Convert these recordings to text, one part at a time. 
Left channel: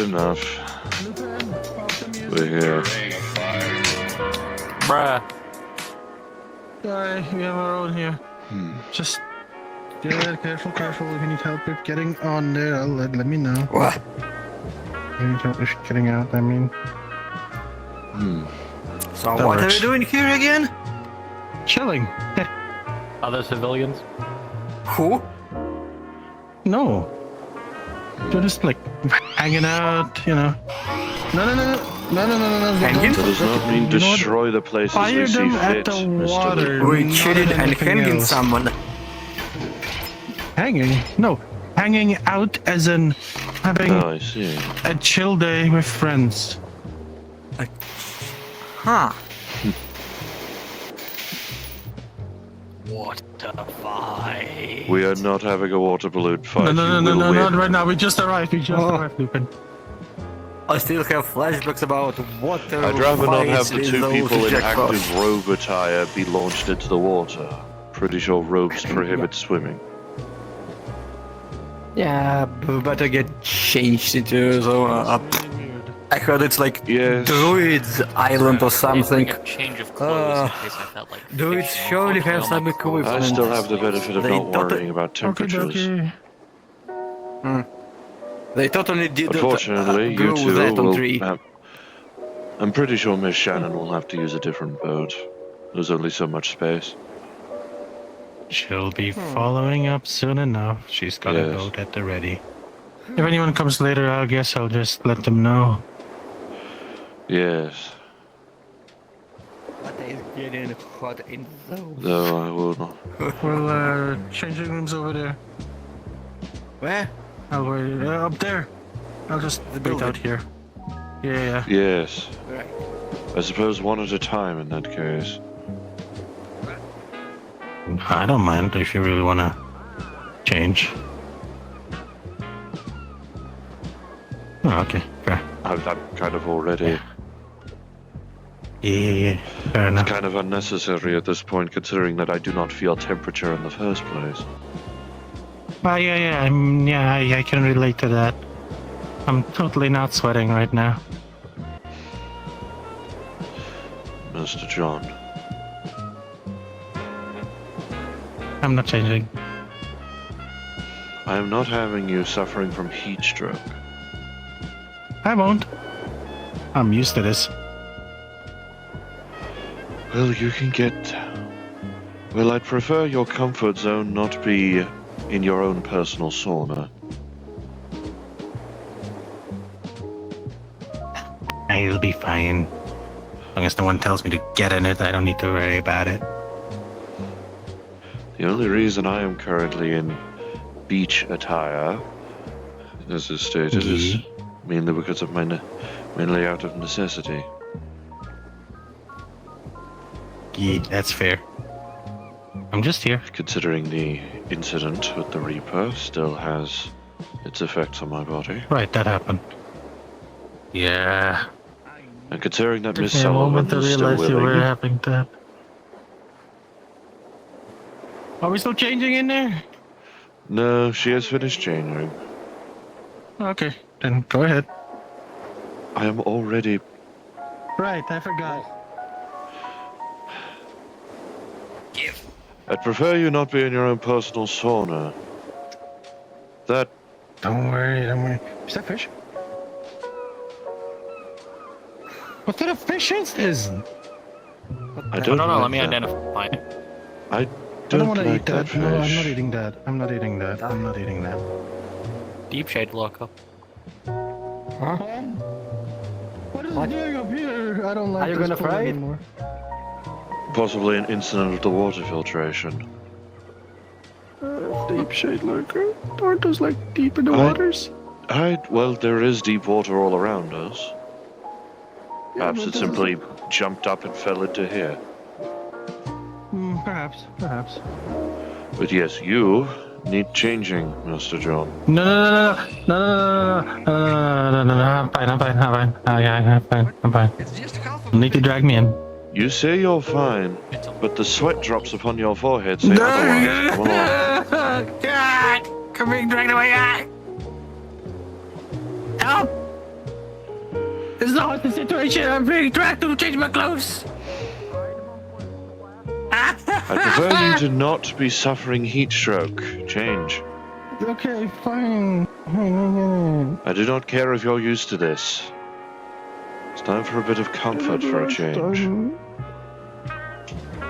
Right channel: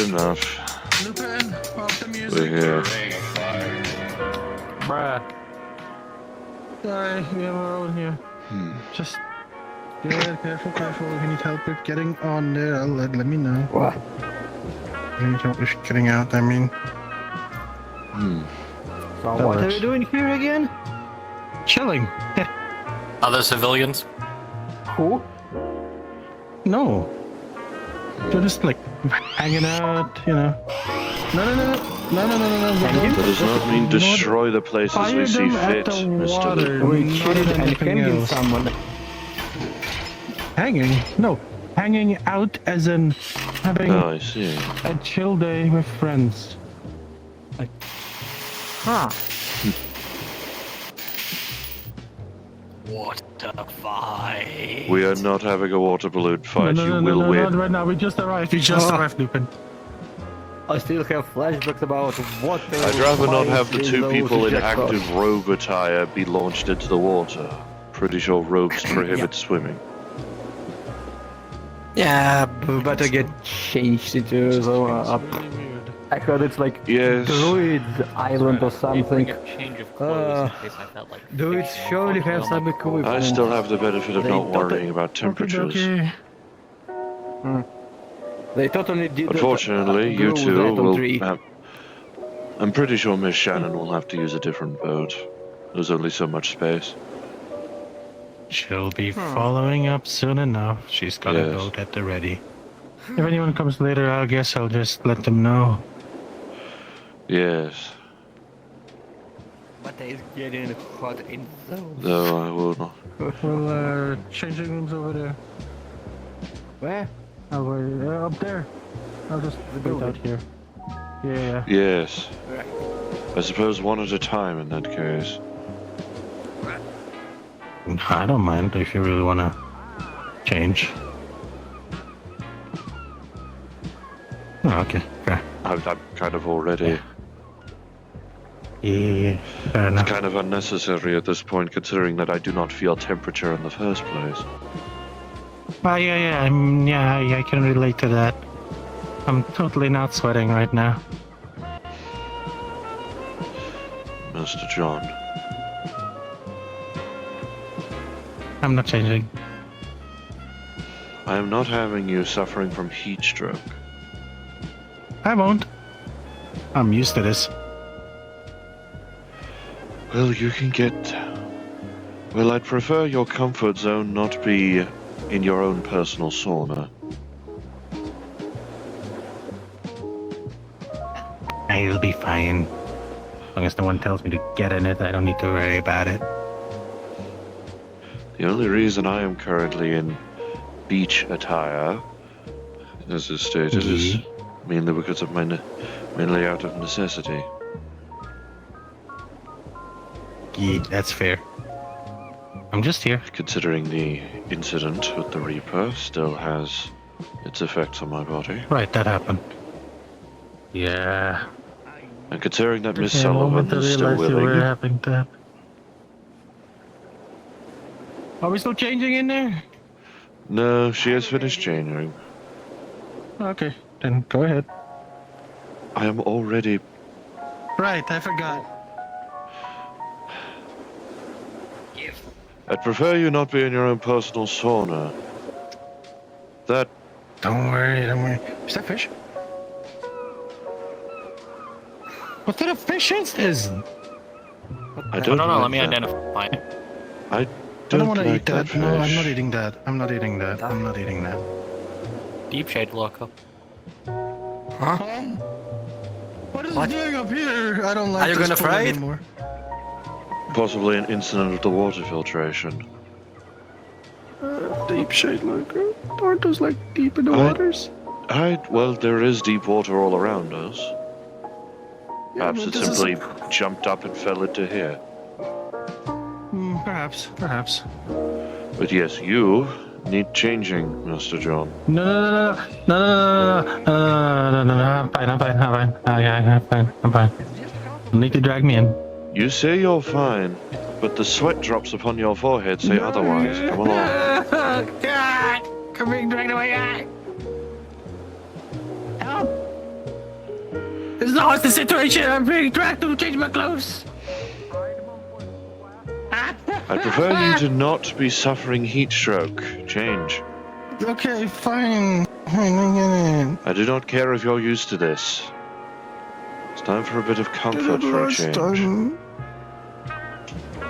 enough. We're here. Bruh. Sorry, we have our own here. Just careful. If you need help with getting on there, let me know. What? If you need help with getting out, I mean. So That what are works. we doing here again? Chilling. Other civilians? Who? No. They're just like hanging out, you know. No. Hanging? That does not mean destroy the places Fire we see them at fit, the Mr. water. Lee. We Not cheated and anything hanging else. someone. Hanging? No. Hanging out as in having Oh, I see. a chill day with friends. Huh. What the fight? We are not having a water balloon fight. No, You will win. not right now. We just arrived. Lupin. I still have flashbacks about what they I'd rather not have the those two people in jackpots. active robe attire be launched into the water. Pretty sure robes prohibit swimming. Yeah, but we better get changed into so Really weird. I heard it's like Yes. Druids Island or something. A change of clothes in case I felt like Druids fishing. surely have some equipment. I still have the benefit of They not don't- worrying about temperatures. Okay. They totally did. Unfortunately, you do two that on will three. have... I'm pretty sure Miss Shannon will have to use a different boat. There's only so much space. She'll be following up soon enough. She's got a Yes. boat at the ready. If anyone comes later, I guess I'll just let them know. Yes, But they getting hot in those. though I will not. We'll, changing rooms over there. Where? Over up there. I'll just wait out here. Yeah. Yes, Right. I suppose one at a time in that case. I don't mind if you really wanna change. Oh, okay, fair. I'm kind of already... Yeah, fair It's enough. kind of unnecessary at this point, considering that I do not feel temperature in the first place. Yeah, I can relate to that. I'm totally not sweating right now. Mr. John, I'm not changing. I am not having you suffering from heat stroke. I won't. I'm used to this. Well, you can get... Well, I'd prefer your comfort zone not be in your own personal sauna. I'll be fine. As long as no one tells me to get in it, I don't need to worry about it. The only reason I am currently in beach attire, as is stated, is mainly because of mainly out of necessity. Yeah, that's fair. I'm just here. Considering the incident with the Reaper still has its effects on my body. Right, that happened. Yeah. And considering that Miss Took me a moment Sullivan to is still realize you were willing, having to happen. Are we still changing in there? no, she has finished changing. Okay, then go ahead. I am already... Right, I forgot. I'd prefer you not be in your own personal sauna. That... Don't worry. Is that fish? What kind of fish is this? I No, don't no, like let me that. identify it. I I don't want to like eat that that. No, I'm not fish. eating that. I'm not eating that. Deep shade loco. What is it doing up here? I don't like Are you this gonna food fry it? anymore. Possibly an incident of the water filtration. Deep shade loco. Aren't those like deep in the I- waters? Well, there is deep water all around us. Yeah, Perhaps but it this is- simply jumped up and fell into here. Perhaps. But yes, you need changing, Mr. John. No. I'm fine. I'm fine. You need to drag me in. You say you're fine, but the sweat drops upon your forehead say otherwise. Come along. God! I'm being dragged away. Help! know what's the situation. I'm being dragged to change my clothes. I prefer you to not be suffering heat stroke. Change. Okay, fine. I do not care if you're used to this. It's time for a bit of comfort for a change.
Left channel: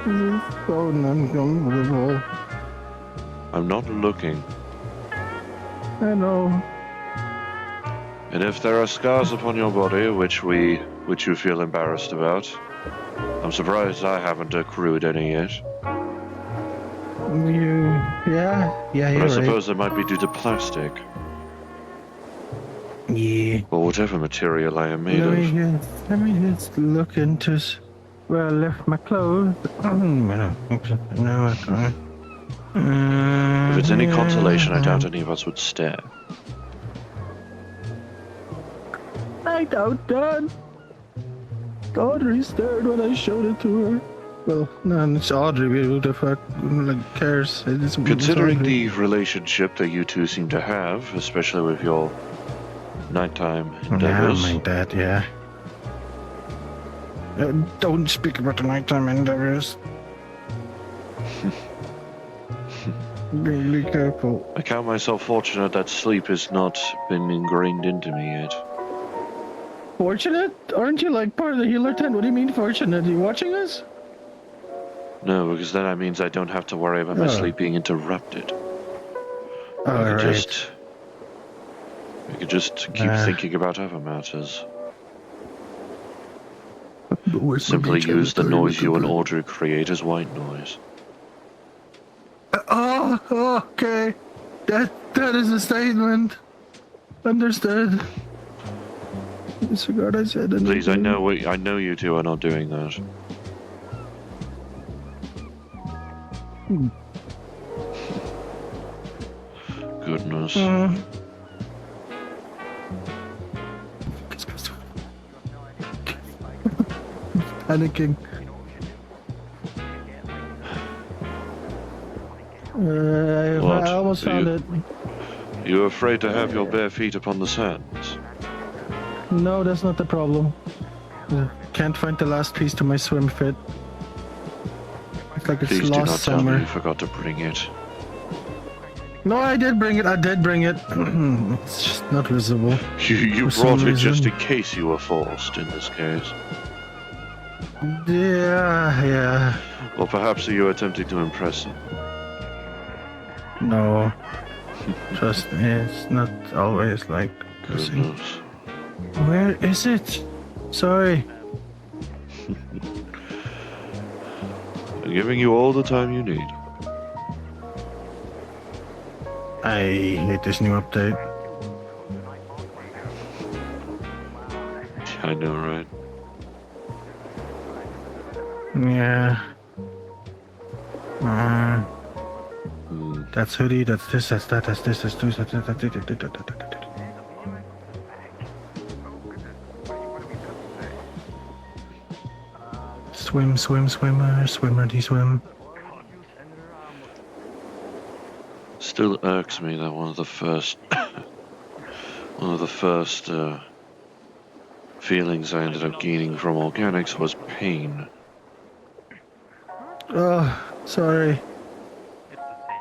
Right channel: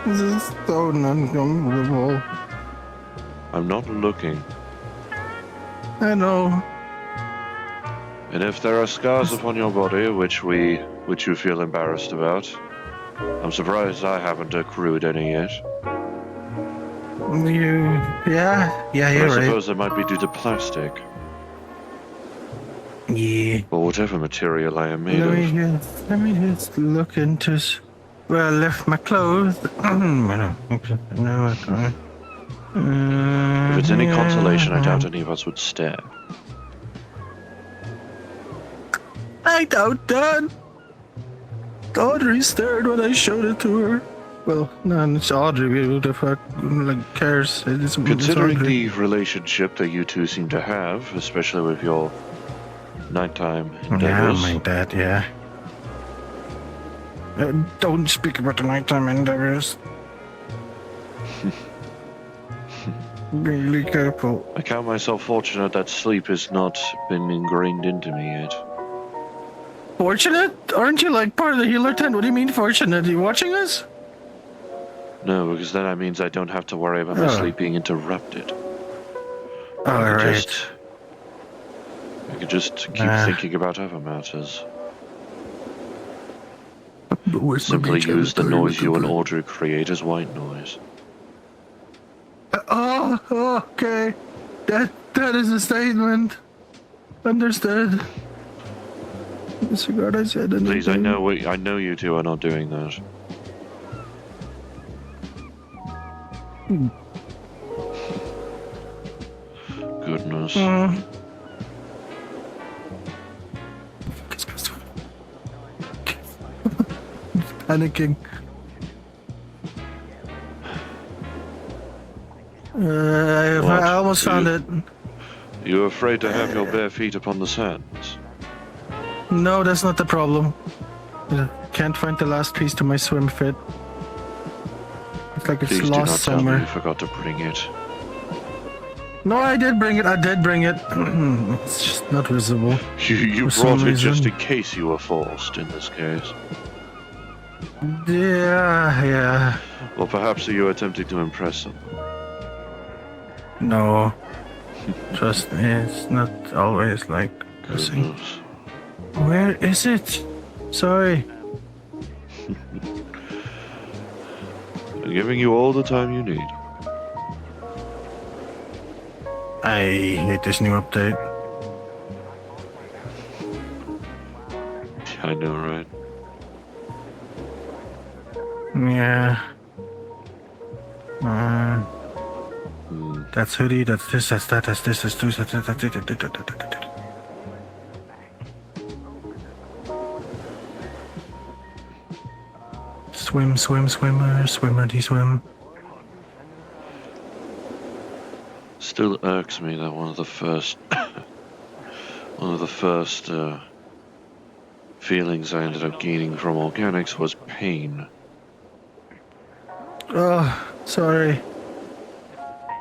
This is so uncomfortable. I'm not looking. I know. And if there are scars upon your body which you feel embarrassed about, I'm surprised I haven't accrued any yet. Yeah, But you're I right. suppose it might be due to plastic. Yeah. Or whatever material I am made of. Let me just look into. Where I left my clothes. No, I can't. If it's any consolation, I doubt any of us would stare. I doubt that. Audrey stared when I showed it to her. Well, no, it's Audrey. Who the fuck cares? Considering the relationship that you two seem to have, especially with your nighttime endeavors. Yeah, my dad, yeah. Don't speak about the nighttime endeavors. Be careful. I count myself fortunate that sleep has not been ingrained into me yet. Fortunate? Aren't you like part of the healer tent? What do you mean fortunate? Are you watching us? No, because then that means I don't have to worry about my sleep being interrupted. I could just keep thinking about other matters. Simply use the noise you and Audrey create as white noise. Okay. That is a statement. Understood. Disregard I said. Please, I know you two are not doing that. Goodness. Panicking. I almost found it. You afraid to have your bare feet upon the sands? No, that's not the problem. Can't find the last piece to my swim fit. It's like it's Please do lost not tell somewhere. me you forgot to bring it. No, I did bring it. It's just not visible. You For brought some it just reason. in case you were forced, in this case. Yeah. Or perhaps you were attempting to impress him. No. Trust me, it's not always like this. Goodness. Where is it? Sorry. I'm giving you all the time you need. I hate this new update. I know, right? Yeah. That's hoodie, that's this, that's that, that's this, that's this, that's that. Swim, swimmerty swim. Still irks me that one of the first feelings I ended up gaining from organics was pain. Oh, sorry.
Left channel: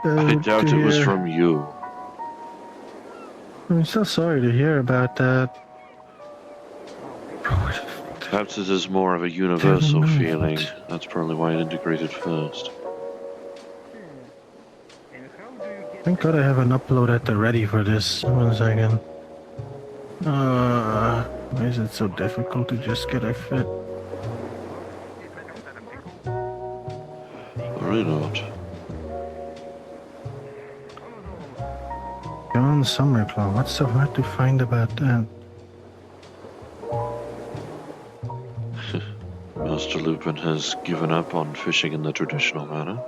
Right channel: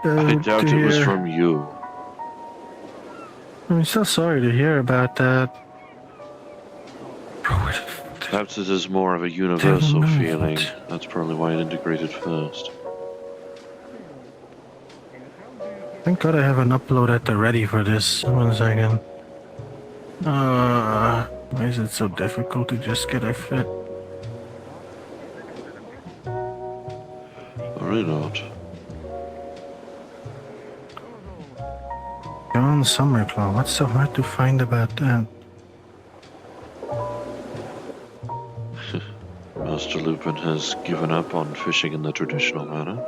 I doubt it was from you. I'm so sorry to hear about that. Perhaps it is more of a universal feeling. That's probably why it integrated first. Thank God I have an upload at the ready for this. 1 second. Why is it so difficult to just get a fit? Worry not. John Summerclaw. What's so hard to find about that? Master Lupin has given up on fishing in the traditional manner.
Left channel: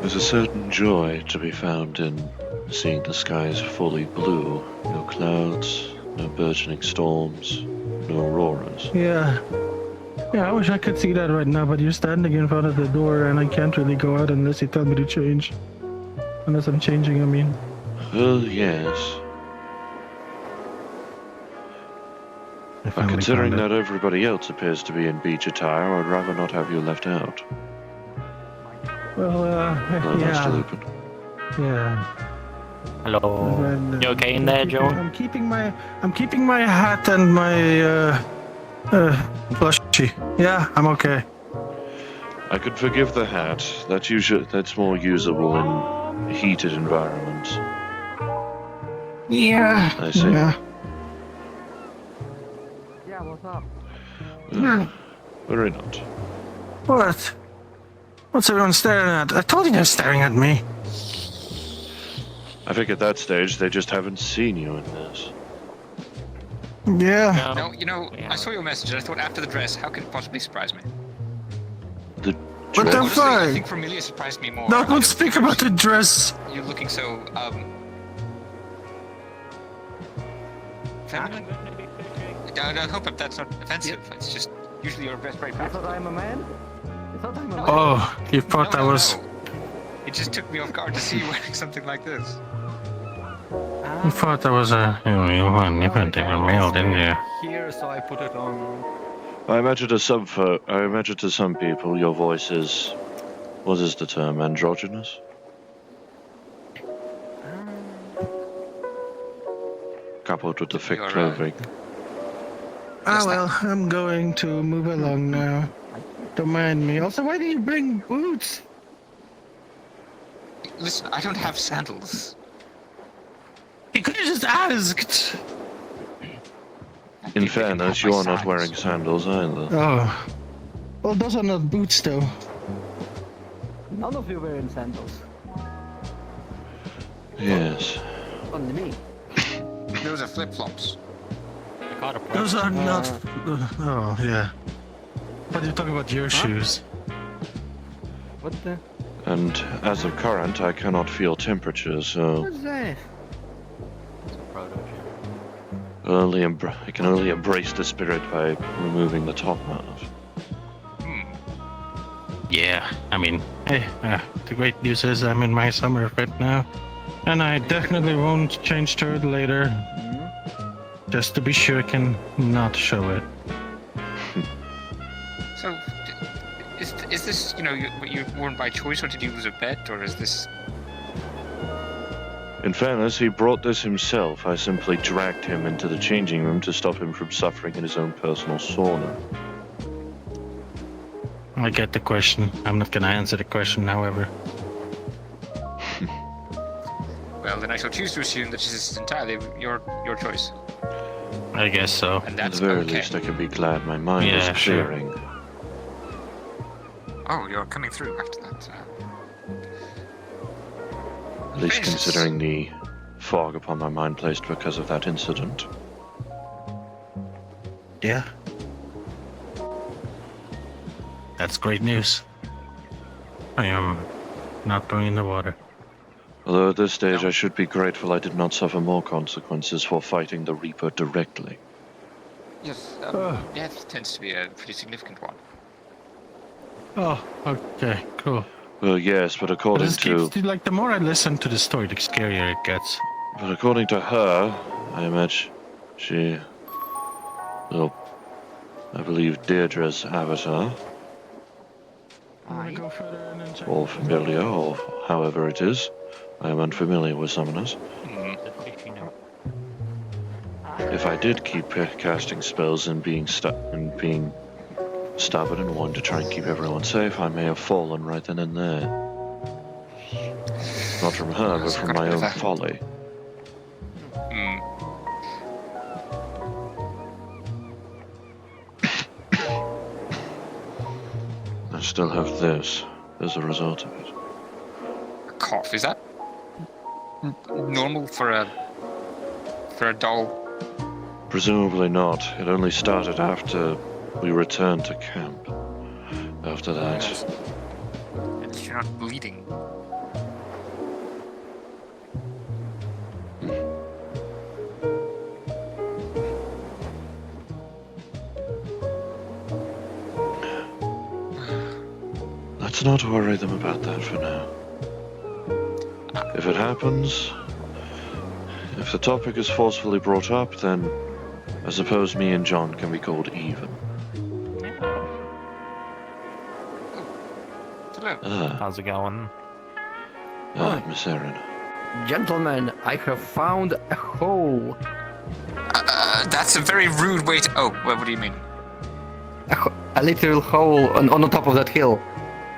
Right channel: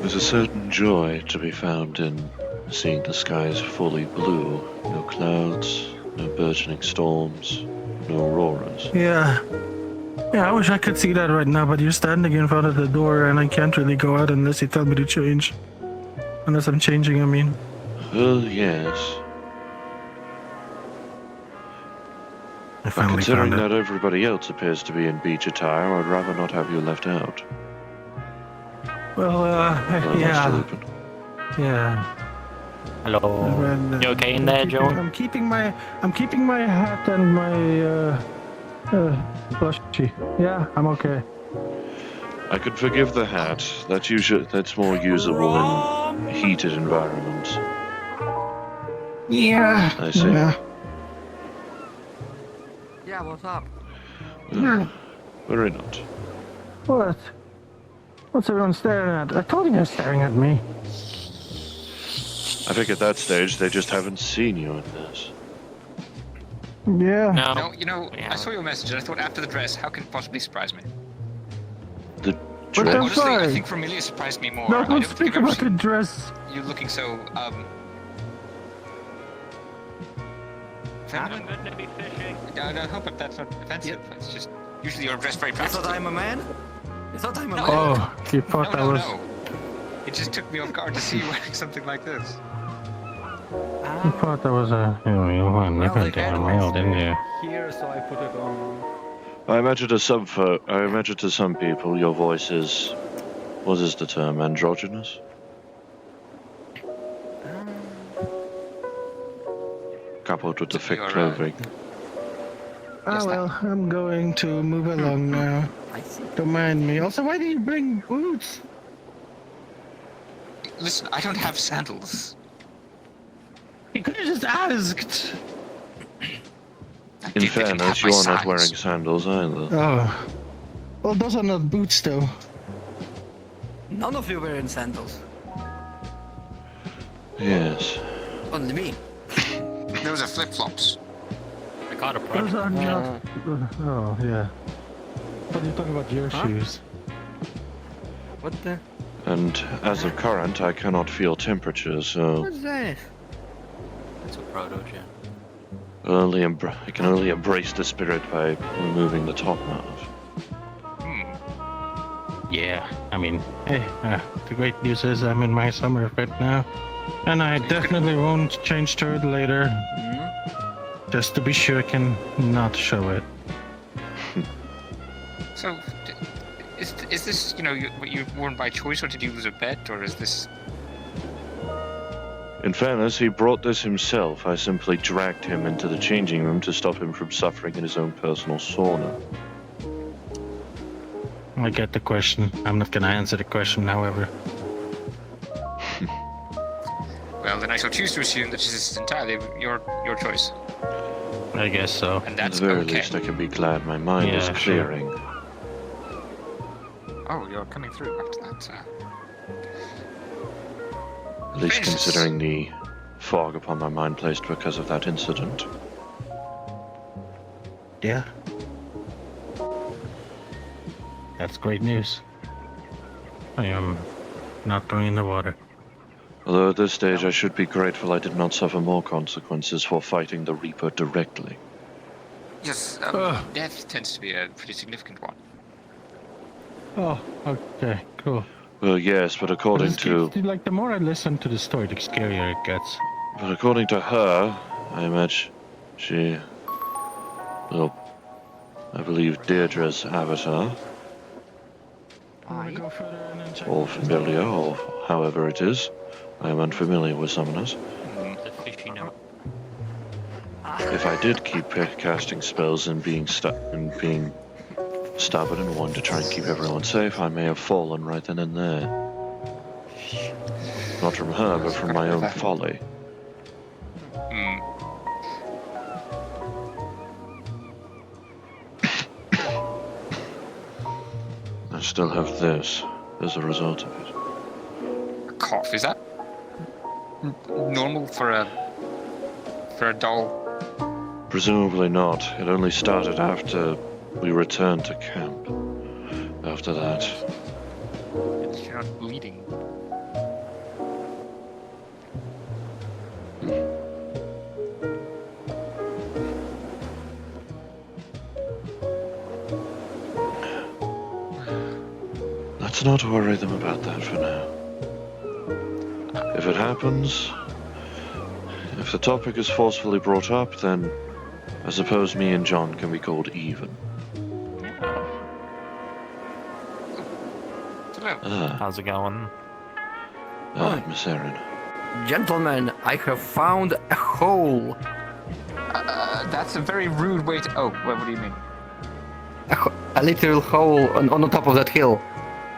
There's a certain joy to be found in seeing the skies fully blue, no clouds, no burgeoning storms, no auroras. Yeah. Yeah, I wish I could see that right now, but you're standing in front of the door and I can't really go out unless you tell me to change. Unless I'm changing, I mean. Well, yes. I But finally considering found it. that everybody else appears to be in beach attire, I'd rather not have you left out. Well, Hello, Master yeah. Lupin. Yeah. Hello. Well, You okay in there, Joe? I'm keeping my hat and my plushie. Yeah, I'm okay. I could forgive the hat. That's more usable in heated environments. Yeah. I see. Yeah. Yeah, what's up? Worry not. What? What's everyone staring at? I told you they're staring at me. I think at that stage they just haven't seen you in this. Yeah. No, you know, I saw your message and I thought after the dress, how could it possibly surprise me? The What dress? the Honestly, I fuck? think Familia surprised me more. No, I don't don't speak think I've about the seen dress. you looking so, feminine? I hope that that's not offensive. It's just, usually you're dressed very I thought practically. I'm a man? I thought I'm a man? Oh, you thought that was. No. It just took me off guard to see you wearing something like this. You thought that was a. You went take a meal, didn't you? Here, so I put it on. I imagine to some people your voice is, what is the term, androgynous? Coupled with the thick You're, clothing. Ah, well, I'm going to move along now. Don't mind me. Also, why do you bring boots? Listen, I don't have sandals. You could have just asked. In fairness, you are not wearing sandals either. Oh. Well, those are not boots, though. None of you were in sandals. Yes. Only me. Those are flip-flops. I got a Those problem. are not. Oh, yeah. But you're talking about your shoes. What the? And as of current, I cannot feel temperature, so What's that? It's a proto gem. I can only embrace the spirit by removing the top half. Yeah, I mean, hey, the great news is I'm in my summer fit now. And I definitely won't change to it later. Just to be sure I can not show it. So, is this, you know, you worn by choice, or did you lose a bet, or is this... In fairness, he brought this himself. I simply dragged him into the changing room to stop him from suffering in his own personal sauna. I get the question. I'm not gonna answer the question, however. Well, then I shall choose to assume that it is entirely your choice. I guess so. And At that's the very okay. least, I can be glad my mind is Yeah, sure. clearing. Oh, you're coming through after that. At least Jesus. considering the fog upon my mind placed because of that incident. Yeah. That's great news. I am not going in the water. Although at this stage I should be grateful I did not suffer more consequences for fighting the Reaper directly. Yes, death tends to be a pretty significant one. Oh, okay, cool. Well, yes, but according to like the more I listen to the story, the scarier it gets. But according to her, I imagine she... Well, I believe Deirdre's avatar, or familiar, or however it is. I am unfamiliar with summoners. The fishy note. If I did keep casting spells and being stubborn and wanting to try and keep everyone safe, I may have fallen right then and there. Not from her, but from my own folly. Hmm. I still have this as a result of it. A cough, is that normal for a doll? Presumably not. It only started after we returned to camp. After that, You're not bleeding. Let's not worry them about that for now. If it happens, if the topic is forcefully brought up, then I suppose me and John can be called even. Hello. How's it going? Miss Erin. Gentlemen, I have found a hole. That's a very rude way to. Oh, what do you mean? A literal hole on the top of that hill.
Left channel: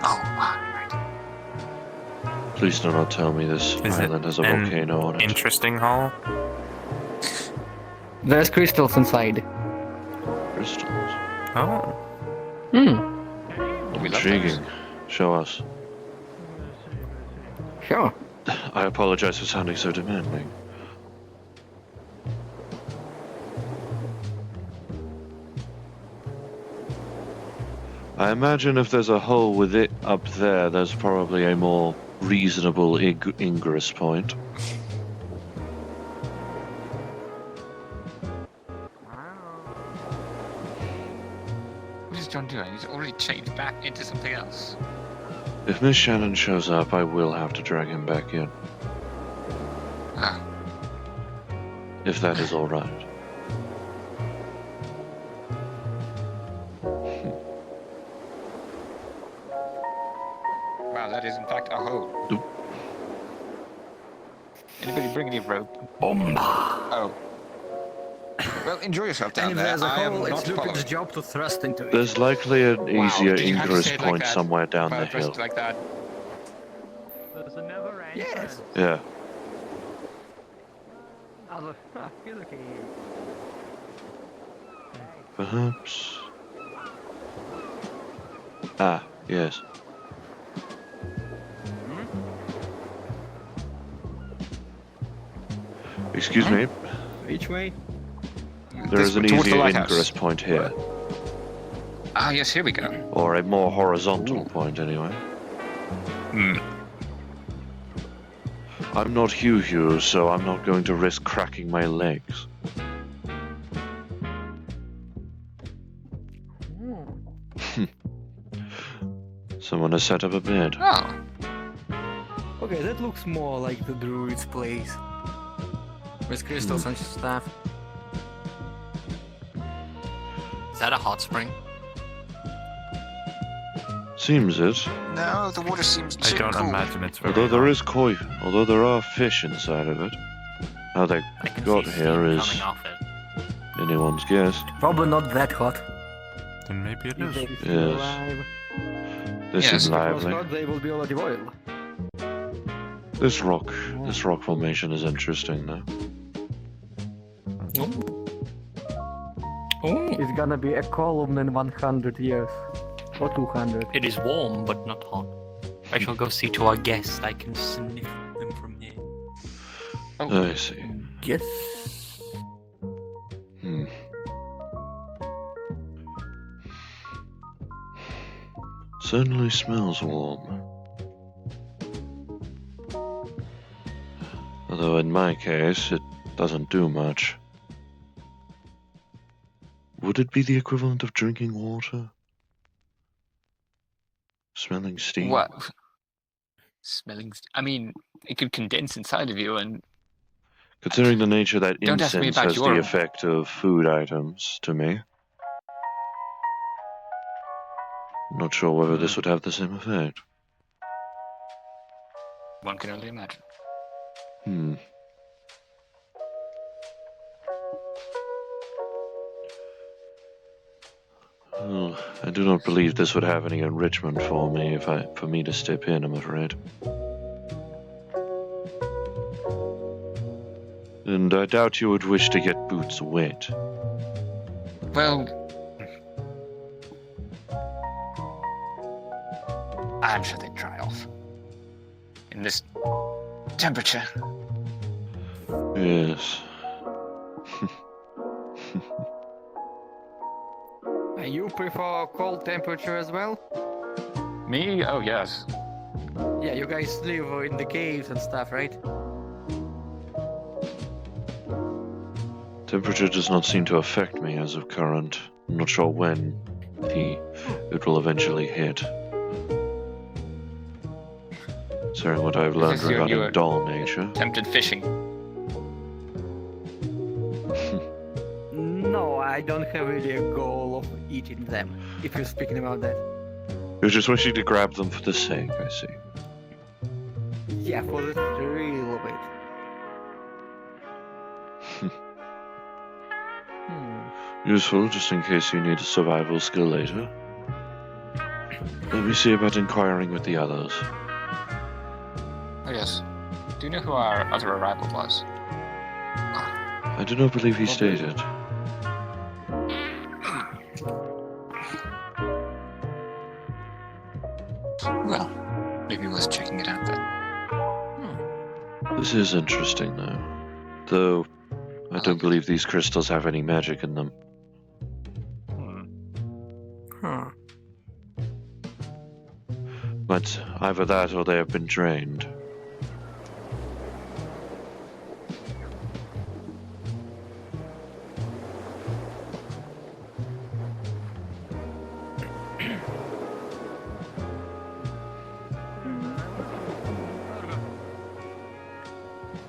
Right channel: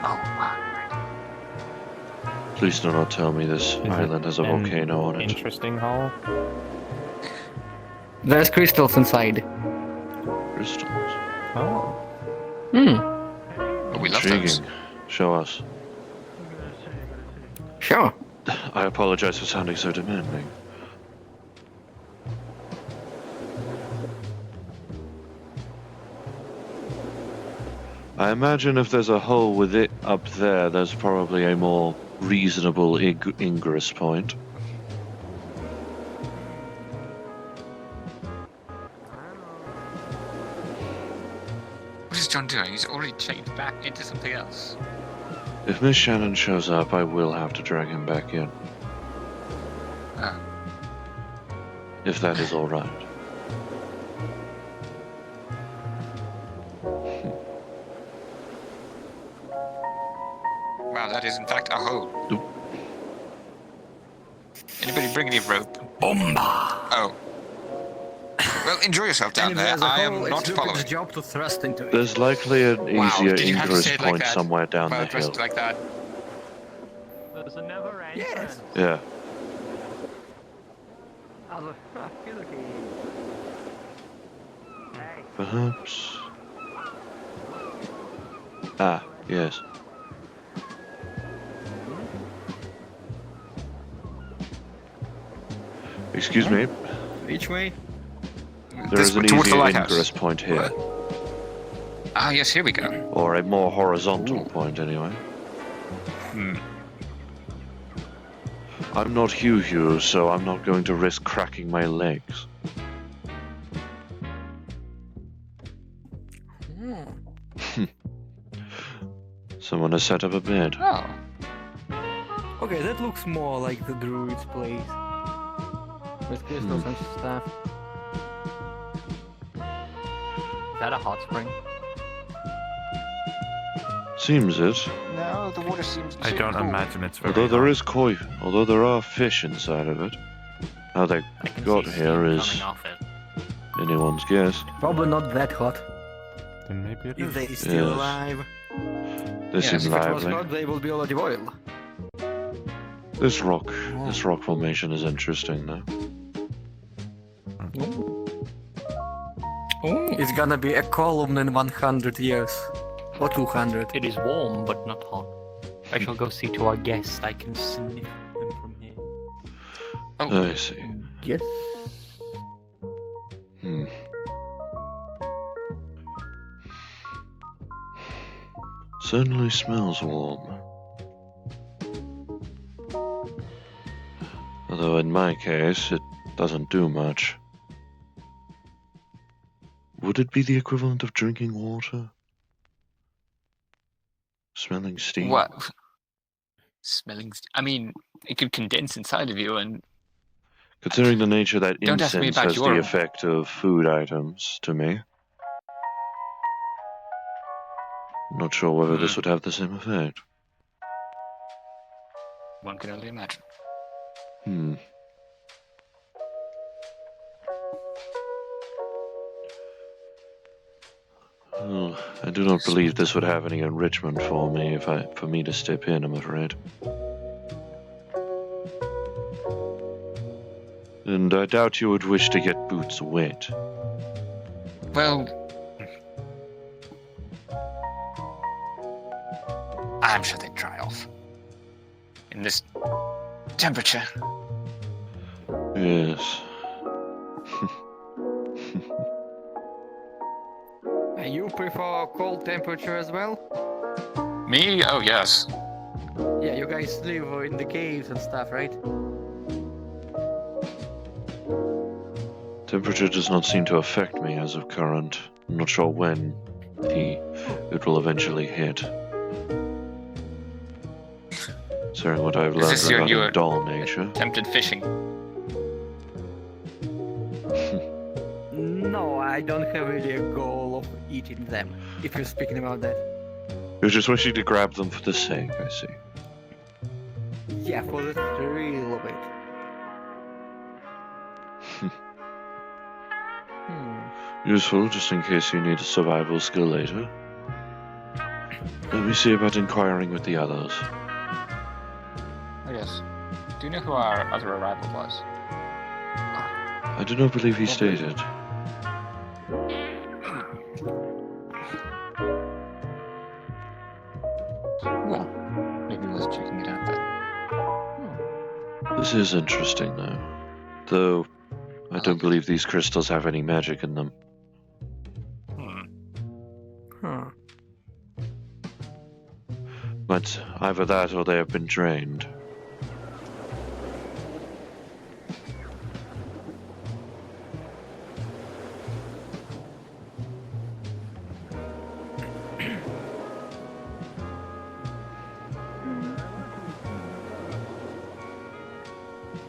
Oh, right. Please do not tell me this island has a volcano on it. Interesting hole. There's crystals inside. Crystals. Oh. We love Intriguing. those. Show us. Sure. I apologize for sounding so demanding. I imagine if there's a hole with it up there, there's probably a more reasonable ingress point. What is John doing? He's already changed back into something else. If Miss Shannon shows up, I will have to drag him back in. Oh. If that is alright. Wow, that is in fact a hole. Oop. Anybody bring any rope? Bomba. Oh. Well, enjoy yourself down And if there. there's a I am hole, not it's Lupin's following. job to thrust into it. There's likely an easier did you have to ingress say it like point that? somewhere down Well, the dressed hill. like that. There's a never end. Yes. Yeah. Okay. Perhaps. Ah, yes. Excuse me, Which way? there is an Towards the easier lighthouse. ingress point here. Ah, yes, here we go. Or a more horizontal point, anyway. Hmm. I'm not Hugh, so I'm not going to risk cracking my legs. Someone has set up a bed. Oh. Okay, that looks more like the druid's place. With crystals and stuff. Is that a hot spring? Seems it. No, the water seems I too don't cool. imagine it's very Although there hot. is koi, although there are fish inside of it. How they I can got see here steam is coming off it. anyone's guess. Probably not that hot. Then maybe it If is. they still Yes. alive. They Yes, seem if it was lively. Hot, they will be already boiled. This rock formation is interesting though. It's gonna be a column in 100 years. Or 200. It is warm, but not hot. I shall go see to our guests. I can sniff them from here. I see. Yes. Hmm. Certainly smells warm. Although in my case, it doesn't do much. Would it be the equivalent of drinking water? Smelling steam? What? Smelling. I mean, it could condense inside of you, and Considering the nature that Don't ask me incense about has your- the effect of food items to me. I'm not sure whether this would have the same effect. one can only imagine. Hmm. Well, I do not believe this would have any enrichment for me for me to step in, I'm afraid. And I doubt you would wish to get boots wet. Well, I'm sure they'd dry off in this temperature. Yes. You prefer cold temperature as well? Me? Oh yes. Yeah, you guys live in the caves and stuff, right? Temperature does not seem to affect me as of current. I'm not sure when it will eventually hit. considering what I've Is learned this your regarding new- doll nature. Attempted fishing. No, I don't have really a goal of eating them, if you're speaking about that. You're just wishing to grab them for the sake, I see. Yeah, for the thrill of it. Useful, just in case you need a survival skill later. Let me see about inquiring with the others. Oh, yes. Do you know who our other arrival was? I do not believe he stated. Well, maybe worth checking it out then. This is interesting, though. Though, I don't believe these crystals have any magic in them. Huh. But either that or they have been drained.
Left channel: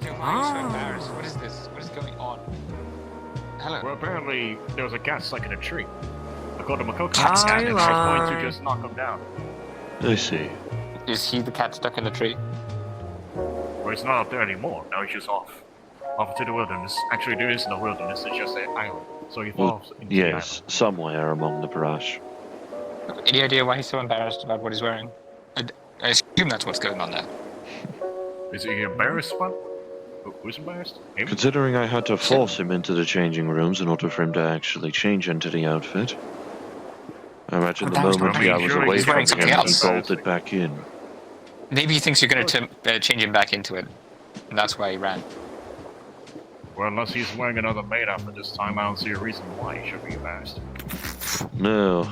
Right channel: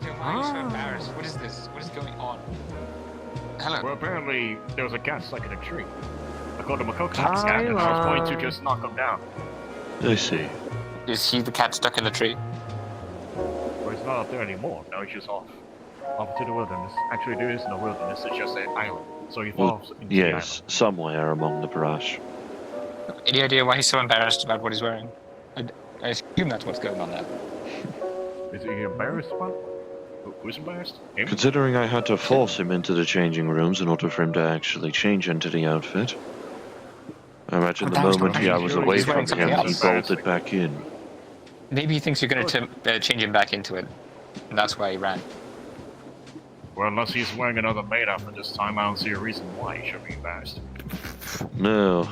Why are you so embarrassed? What is this? What is going on? Hello. Well, apparently there was a cat stuck in a tree. I called him a coconut Hi, cat, and I was going Lon. to just knock him down. I see. You see the cat stuck in the tree? But he's not out there anymore. Now he's just off to the wilderness. Actually, there isn't a wilderness. It's just an island. So he Well, falls into yes, somewhere among the brush. Any idea why he's so embarrassed about what he's wearing? I assume that's what's going on there. the island. Is he embarrassed? What? Who's embarrassed? Him? Considering I had to force him into the changing rooms in order for him to actually change into the outfit. I imagine Oh, the that was moment not- I was Sure, away he's from wearing him, something he else. bolted back in. Maybe he thinks you're going to change him back into it. And that's why he ran. Well, unless he's wearing another maid outfit this time, I don't see a reason why he should be embarrassed. No.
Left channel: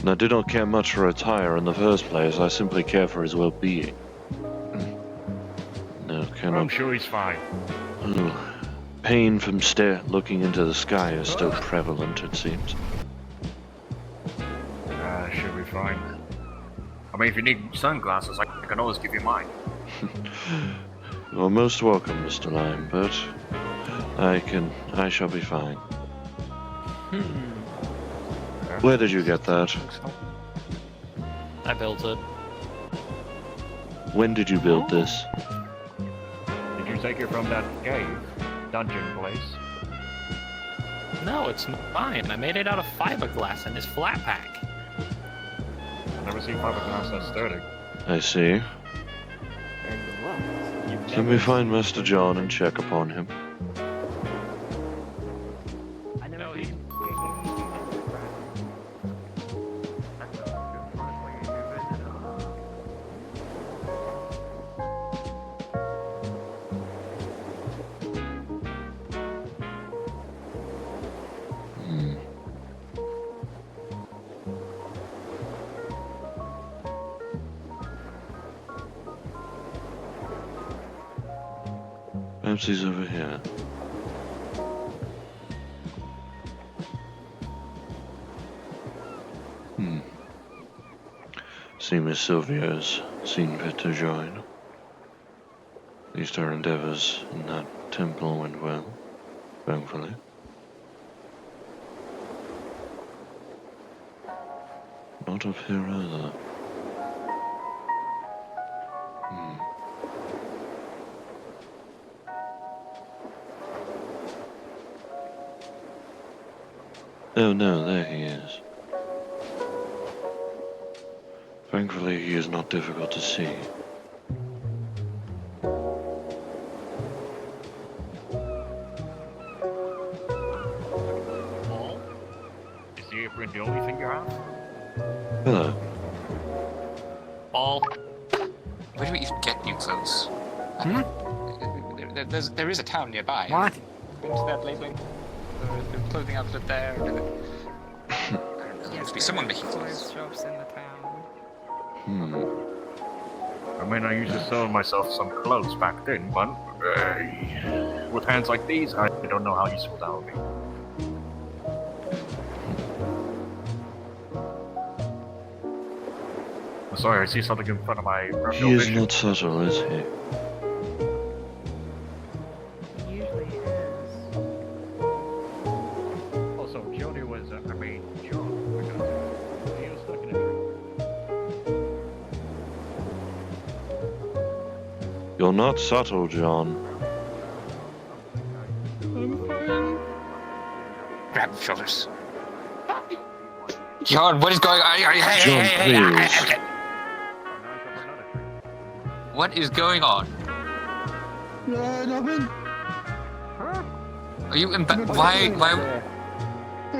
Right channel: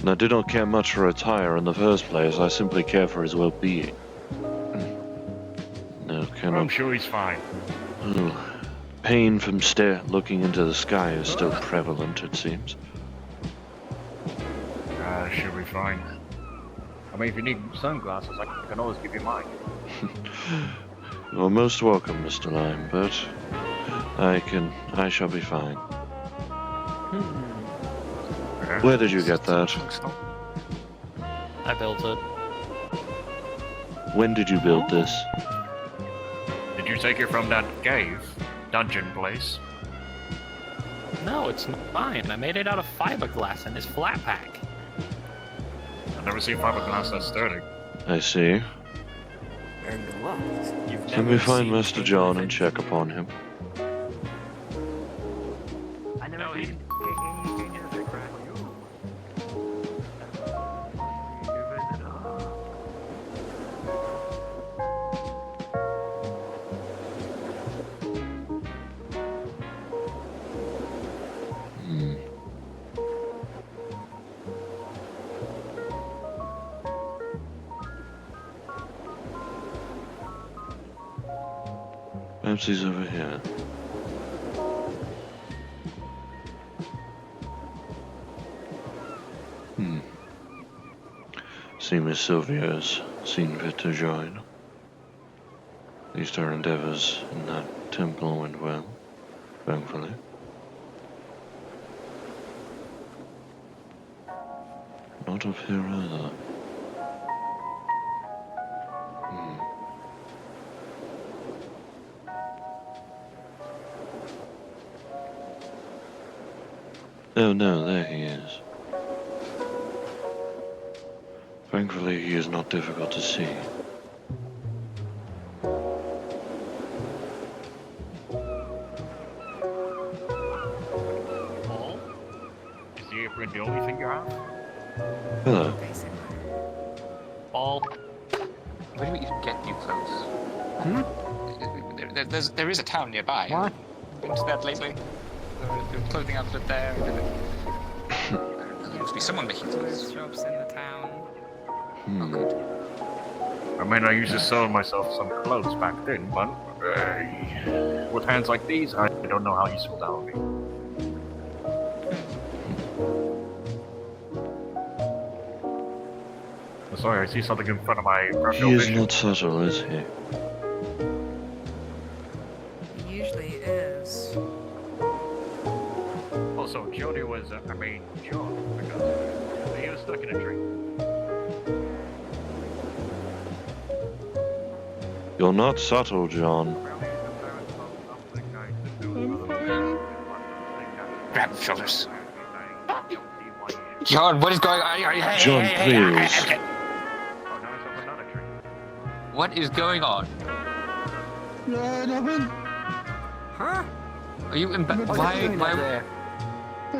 And I do not care much for attire in the first place, I simply care for his well-being. No, I'm cannot... sure he's fine. Oh, pain from looking into the sky is still prevalent, it seems. Should be fine. I mean, if you need sunglasses, I can always give you mine. You're most welcome, Mr. Lime, but I shall be fine. Where did you get that? I built it. When did you build this? Did you take it from that cave, dungeon place? No, it's fine. I made it out of fiberglass and it's flat pack. I've never seen fiberglass that sturdy. I see. Let me find Master John and check upon him. No, he's Hmm. Perhaps he's over here. See Miss Sylvia's seen fit to join. At least our endeavors in that temple went well, thankfully. Not up here either. Oh no, there he is. Thankfully, he is not difficult to see. Paul? Is the apron the only thing you have? Hello. all. Where do we even get new clothes? There is a town nearby. What? Been to that lately? The clothing outfit there. I don't know. There must be someone making clothes. Shops in the town. I mean, I used to sew myself some clothes back then, but with hands like these, I don't know how useful that would be. Sorry, I see something in front of my He peripheral is vision. not subtle, is he? Usually is. Also, Jody was, John, because he was stuck in a tree. You're not subtle, John. Grab the shoulders. John, what is going on? Hey, John, hey, hey, please. hey. What is going on? Nothing. Are you in bed? Why?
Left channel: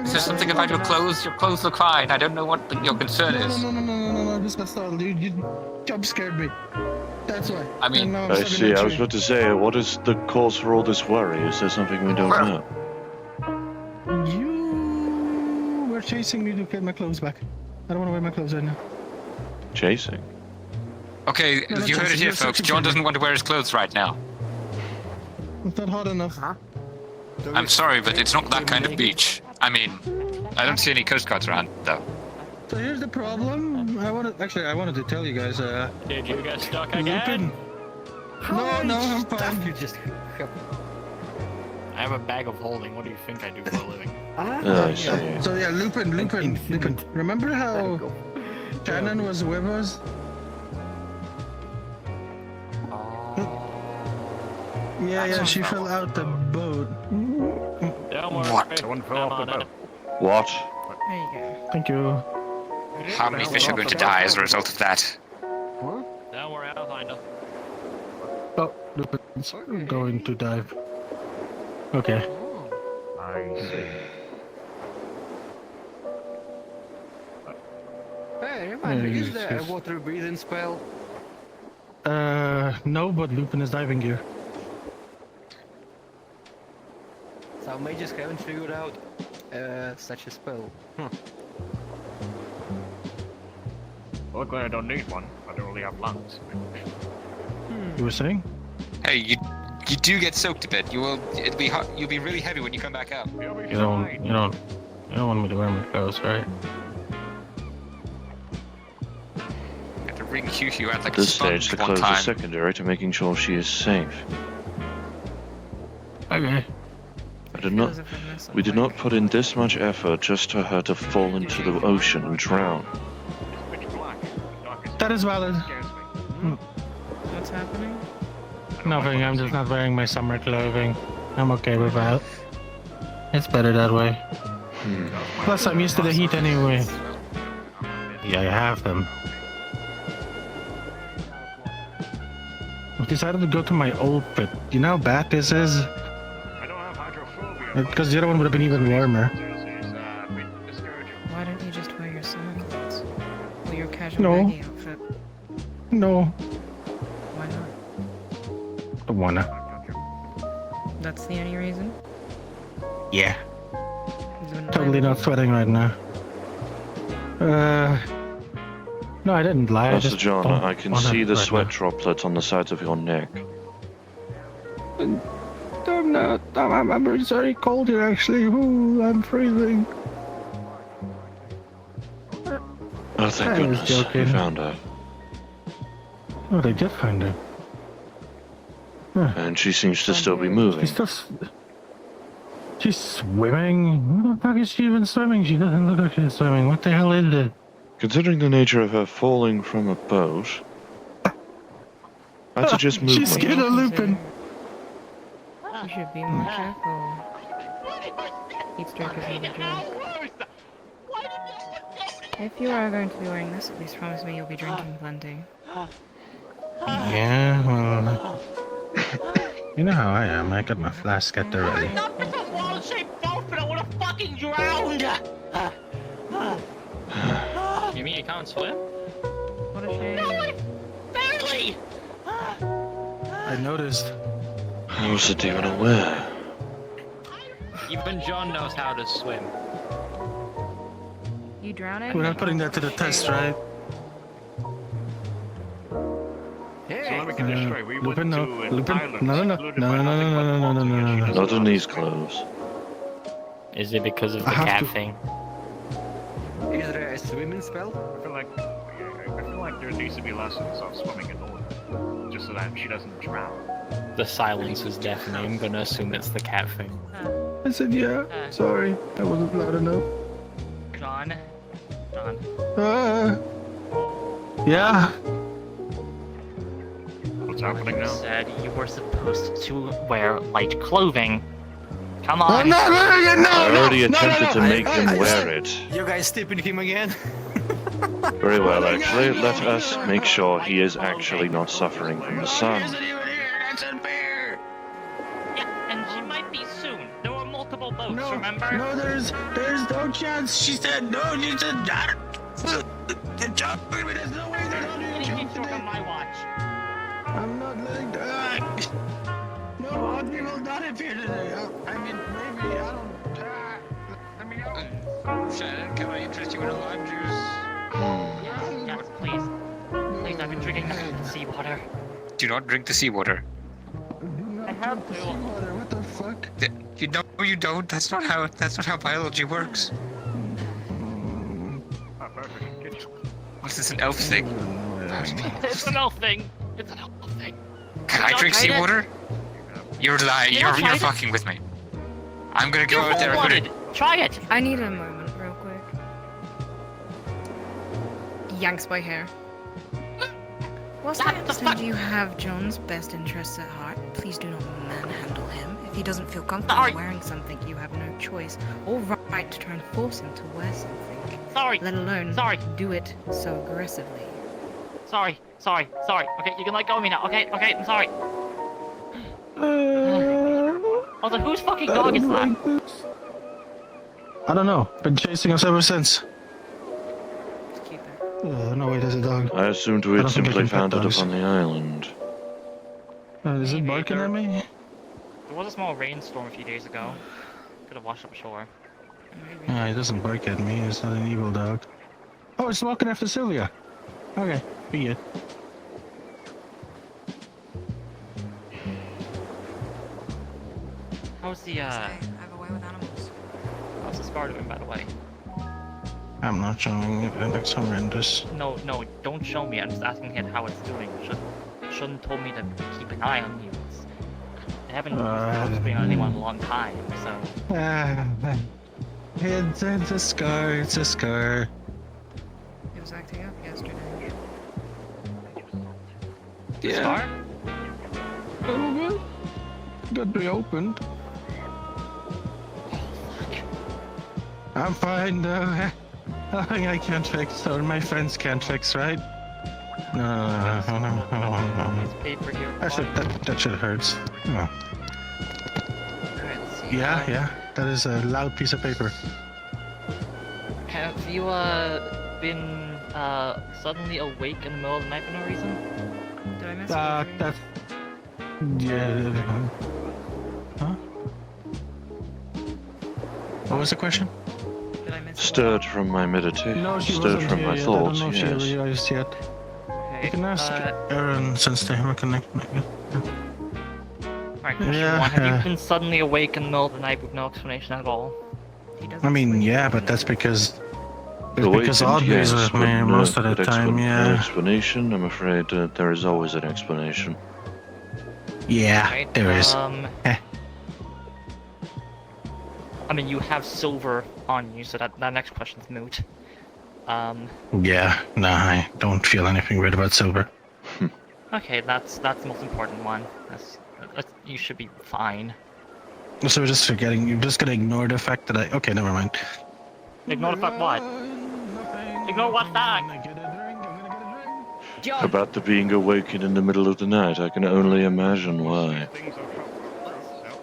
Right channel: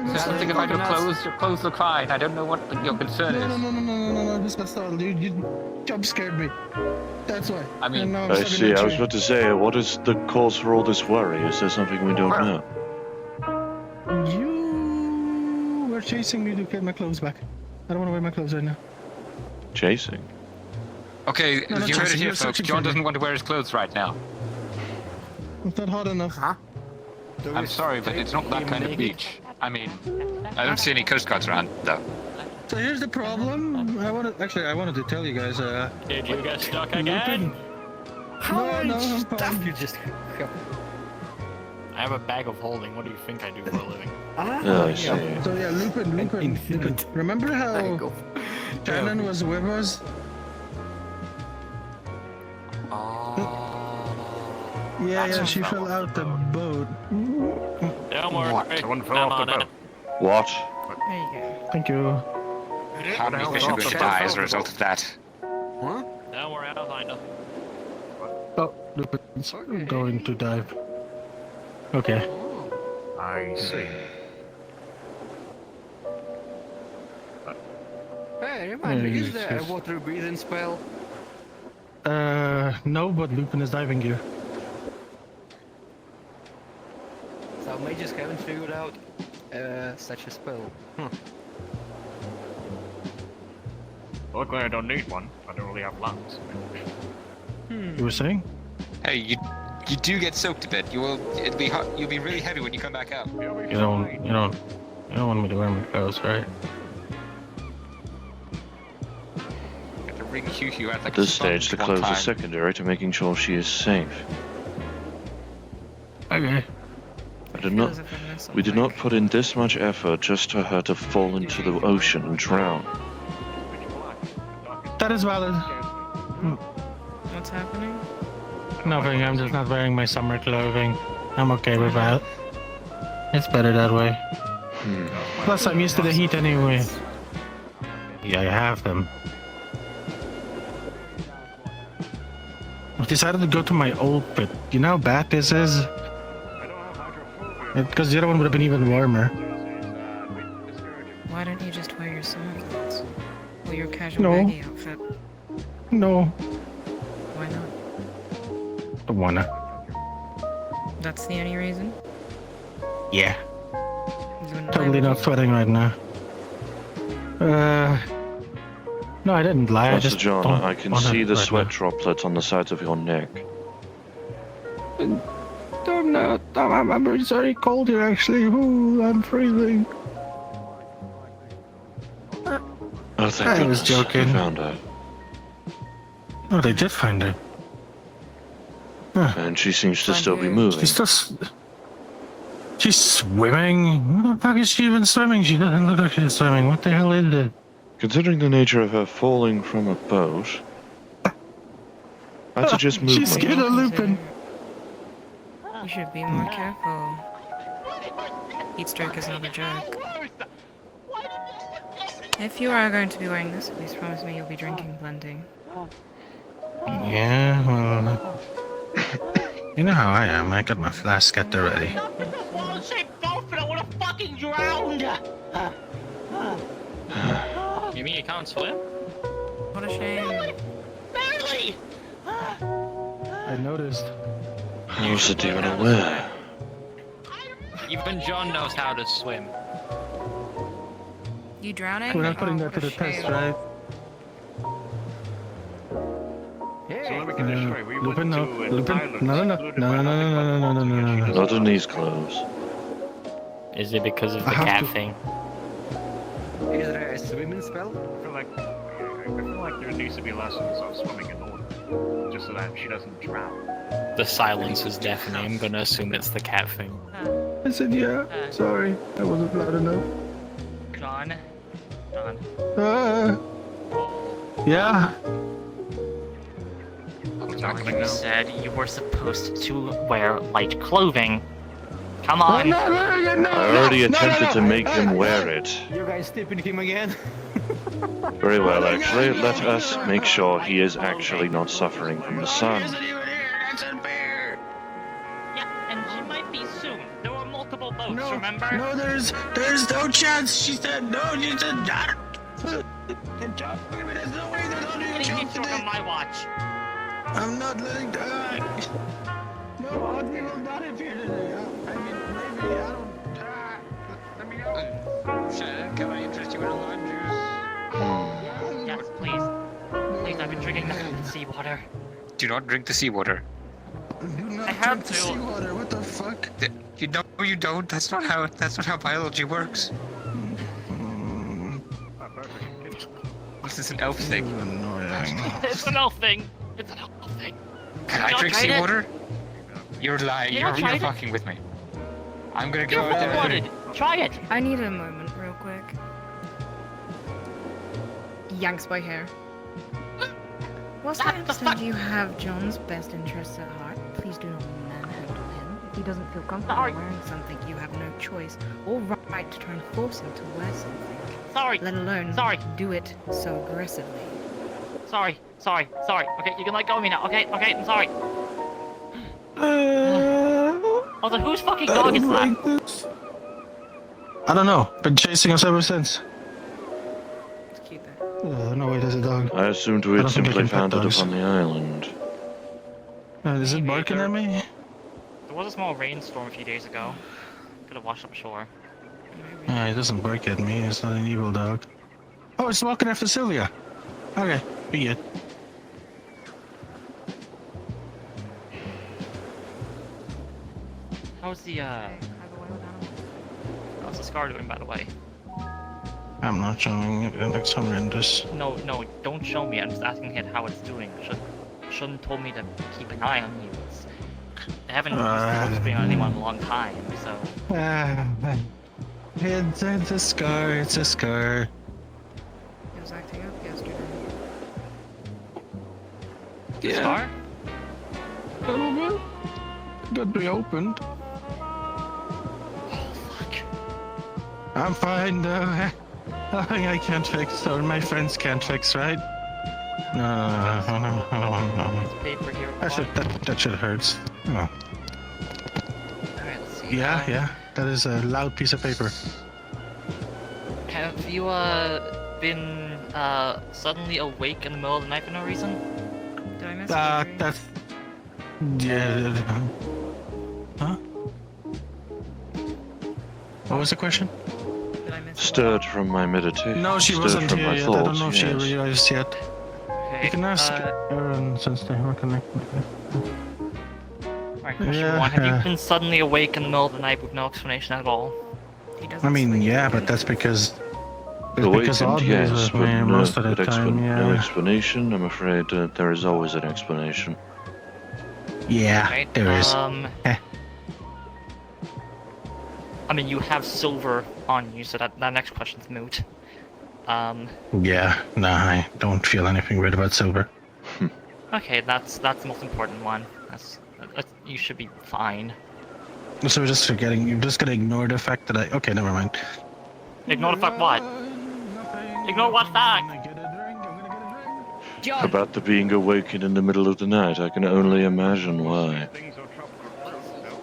Is there something about your clothes? Your clothes look fine. I don't know what your concern is. No, this got startled. You jump scared me. That's why. I mean, And now I'm I stuck in see. a I was tree. about to say, what is the cause for all this worry? Is there something we don't know? You were chasing me to get my clothes back. I don't want to wear my clothes right now. Chasing? okay, No, not you heard it chasing, here, you're folks. searching John for me. doesn't want to wear his clothes right now. It's not hot enough. I'm sorry, but it's not that kind of beach. I mean, I don't see any coast guards around, though. So here's the problem. I wanted to tell you guys. Did you get stuck Lupin. again? No, I'm Stuff fine. you just. I have a bag of holding. What do you think I do for a living? Oh, I see. So yeah, Lupin. Remember how Shannon was with us? Yeah, she fell out the boat. Don't worry. What? Someone fell off the boat. What? There you go. Thank you. How many fish are going to die as a result of that? Don't worry, I'll find them. Oh, Lupin's going to dive. Okay. I see. Hey, remind me, is there a Yes. water breathing spell? No, but Lupin is diving gear. So mages haven't figured out such a spell. Luckily, I don't need one. I don't really have lungs. You were saying? Hey, you do get soaked a bit. It'll be hot. You'll be really heavy when you come back up. You don't want me to wear my clothes, right? I have to ring you out like At this a sponge stage, the one clothes time. are secondary to making sure she is safe. Okay. We did not put in this much effort just for her to fall into the ocean and drown. That is valid. What's happening? Nothing, I'm just not wearing my summer clothing. I'm okay with that. It's better that way. Plus, I'm used to the heat anyway. Yeah, I have them. I decided to go to my old pit. You know how bad this is? Because the other one would have been even warmer. Why don't you just wear your summer clothes? Or your casual No. baggy outfit? No, Why not? don't wanna. That's the only reason? Yeah. Is it Totally not sweating right now. No, I didn't lie. I Master just John, don't I can wanna see the right sweat now. droplets on the sides of your neck. I'm not. I'm very sorry. Cold here, actually. Ooh, I'm freezing. Oh, thank I was goodness. You joking. found her. Oh, they did find her. And she seems to still be moving. She's just. She's swimming. What the fuck is she even swimming? She doesn't look like she's swimming. What the hell is it? Considering the nature of her falling from a boat, I'd suggest She's movement. scared of Lupin. You should be more careful. Heat stroke is not a joke. If you are going to be wearing this, at least promise me you'll be drinking plenty. Yeah, well. You know how I am. I got my flask at the ready. You mean you can't swim? What a shame. I noticed. I wasn't even aware. Even John knows how to swim. You drowning? We're not putting that to the test, right? So let me get this straight. We Lupin, went no. to an Lupin, island no. secluded by nothing but water. Not in these clothes. Is it because of the I have cat to- thing? Is there a swimming spell? I feel like there needs to be lessons of swimming in order, just so that she doesn't drown. The silence is deafening. I'm gonna assume it's the cat thing. I said, yeah. Sorry, I wasn't loud enough. John. John. Yeah. What's happening You now? said you were supposed to wear light clothing. Come on. I already attempted to make him wear it. You guys tipping him again? Very well, actually. Let us make sure he is actually not suffering from the sun. Yeah, and she might be soon. There were multiple boats, No, remember? no, there's no chance. She said no. She said not. There's no way they're not doing it. on my watch. I'm not letting die. No, Audrey will not appear today. I mean, maybe I don't. Let me know. Shannon, can I interest you in a lime juice? Yes, please. Please, I've been drinking nothing but seawater. Do not drink the seawater. I have to. Seawater, what the fuck? You know you don't. That's not how biology works. This is an elf thing. It's an elf thing. It's an elf thing. Can I Y'all drink tried it? seawater? You're lying. You You're tried it? fucking with me. I'm gonna go You're out there. I'm gonna. Try it. I need a moment, real quick. Yanks by hair. Whilst I What the understand fuck? you have John's best interests at heart, please do not manhandle him. If he doesn't feel comfortable Sorry. wearing something, you have no choice or right to try and force him to wear something. Sorry. Let alone Sorry. do it so aggressively. Sorry. Okay, you can let go of me now. Okay, I'm sorry. Although, whose fucking dog is that? I don't know. Been chasing us ever since. Let's keep it. No, wait, there's a dog. I assumed I we had don't think I simply can pet found it dogs. upon the island. Is it Maybe barking they're- at me? There was a small rainstorm a few days ago. Could have washed up shore. It doesn't bark at me. It's not an evil dog. Oh, it's walking after Sylvia. Okay, be good. How's the how's the scar doing, by the way? I'm not showing it. It looks horrendous. No, don't show me. I'm just asking it how it's doing. Shouldn't told me to keep an eye on you. I haven't been on anyone in a long time, so. It's a scar. It's a scar. It was acting up yesterday. Yeah. Scar? A little bit. Got reopened. I'm fine though. Nothing I can't fix or my friends can't fix, right? No. This paper here. That shit hurts. Oh. Alright, let's see. Yeah. That is a loud piece of paper. Have you been suddenly awake in the middle of the night for no reason? Did I miss it? That's. Yeah. Huh? What was the question? Did I miss it? Stirred from my meditation. No, she Stirred wasn't from here my yet. thoughts, I don't know if yes. she realized yet. Okay. You can ask Aaron since they were connected. Alright, question Yeah, one. Have you yeah. been suddenly awake in the middle of the night with no explanation at all? He doesn't I mean, sleep. yeah, but that's because. Awakened, Audrey's yes, with but me most of the time, no yeah. explanation. I'm afraid there is always an explanation. Yeah, Right? there is. I mean, you have silver on you, so that next question's moot. Yeah, nah, I don't feel anything weird about silver. Okay, that's the most important one. You should be fine. So we're just forgetting. You're just gonna ignore the fact that I. Okay, never mind. Ignore the fuck what? Ignore what fact? I'm gonna get a drink. About the being awakened in the middle of the night, I can only imagine why. Things are trouble, so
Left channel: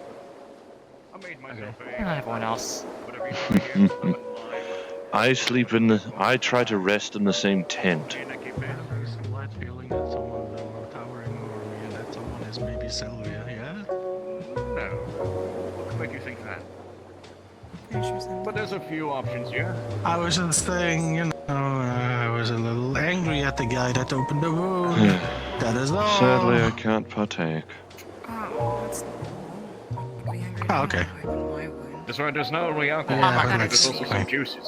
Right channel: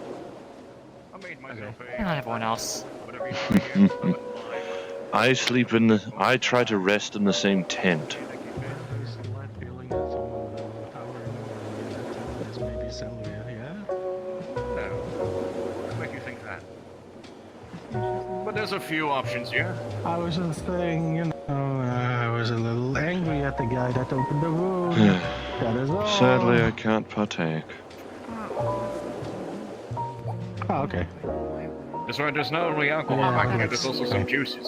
I made myself Not everyone else. whatever you want to hear. I try to rest in the same tent. Maybe Sylvia, yeah? What make you think that? But there's a few options here. I was just saying, you know, I was a little angry at the guy that opened the room. That is all. Sadly, I can't partake. Oh, okay. That's right, there's not only alcohol Yeah, back here, that's- there's also some juices.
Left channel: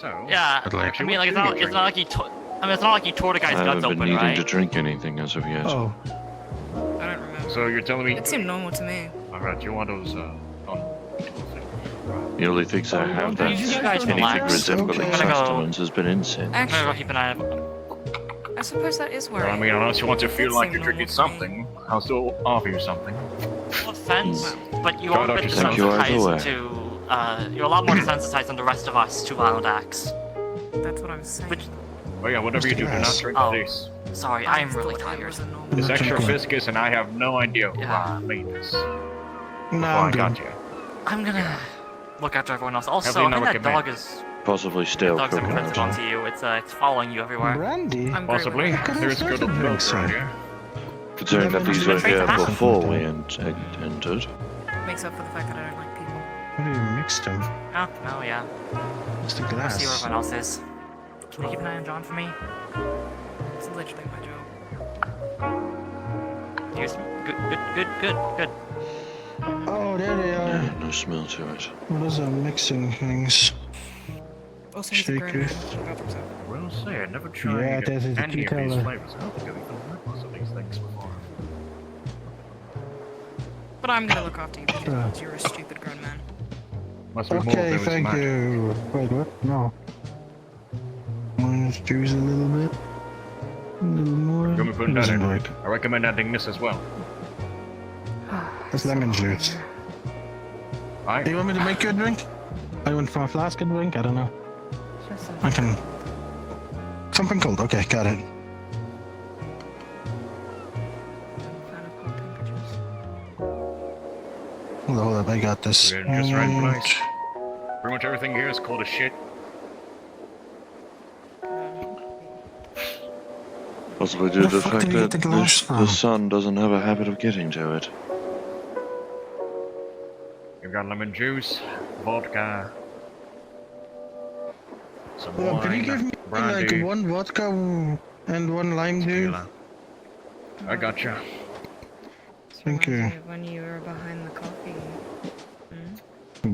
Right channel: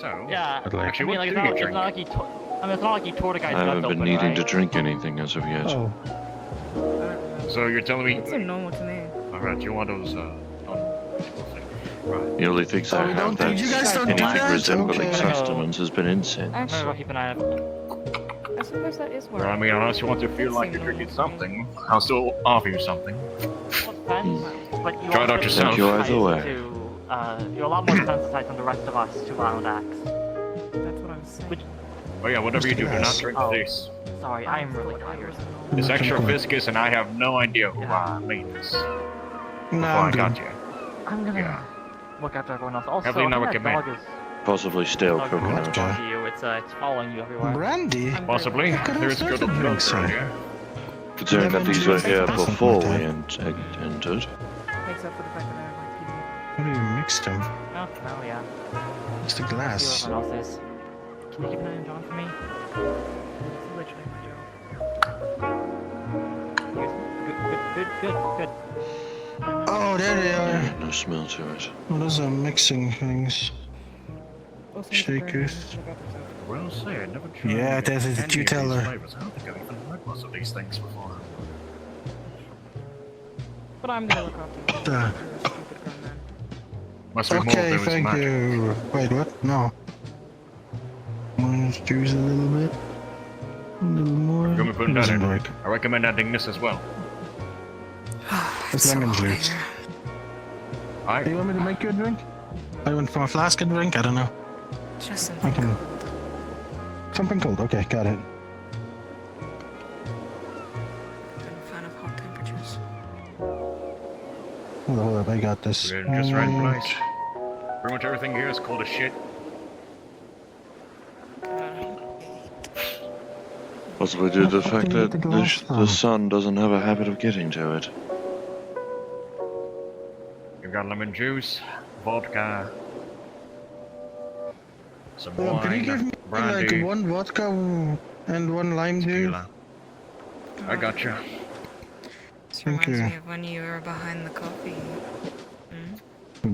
So, Yeah, But, like- I actually, mean, what like, do you it's drink? not like he I mean, it's not like he tore the guy's I guts haven't been open, needing right? to drink anything as of yet. Oh, I don't remember. So you're telling me? It seemed normal to me. Alright, you want those, The only things I have that Did you guys don't anything do that? resembling Okay. sustenance has been incense. I'm gonna go Actually, keep an eye out. I suppose that is where. Well, I mean, unless you want to feel That like seemed you're drinking normal to me. something, I'll still offer you something. No offense, but you Try are not a bit to thank you either way. you're a lot more sensitized than the rest of us to wild acts. That's what I'm saying. Which, But yeah, whatever you do, do not Yes. drink Oh. this. sorry, I'm really tired. It's extra Okay. viscous, and I have no idea who made this before no, I I'm got good. you. I'm gonna Yeah. look after everyone else. Also, Heavily I not think that recommend. dog is Possibly stale dog's a coconut. connection to you. It's following you everywhere. Brandy? I'm Possibly. very well. There's good milk drinks, around sir. here. Considering that these were here Lemon juice. before we entered. Makes up for the fact that I don't like people. How do you mix them? Oh yeah. It's the See where glass. everyone else is. Can you keep an eye on John for me? It's literally my job. Here's good. Oh, there they are. Yeah, no smell to it. Those are mixing things. Also, he's a Shakers. Well, say, I never tried Yeah, that is any the of these teller. flavors. I don't think I've even had most of these things before. But I'm gonna look after you Uh. because you're a stupid grown man. Must be more Okay, than was thank mine. you. Wait, what? No. Orange juice a little bit. A little more. You want me to put that Doesn't in? work. I recommend adding this as well. It's lemon juice. Alright. Do you want me to make you a drink? I want from a flask and drink? I don't know. Just I can. Something cold. Okay, got it. fan of hot temperatures. Hold up, I got this. We're in just right place. Pretty much everything here is cold as shit. Possibly due to the fuck fact did you that get the gloves the from? sun doesn't have a habit of getting to it. You've got lemon juice, vodka, some Oh, can you wine, give me brandy, like one vodka and one lime juice? tequila. I gotcha. This Thank reminds you. me of when you were behind the coffee.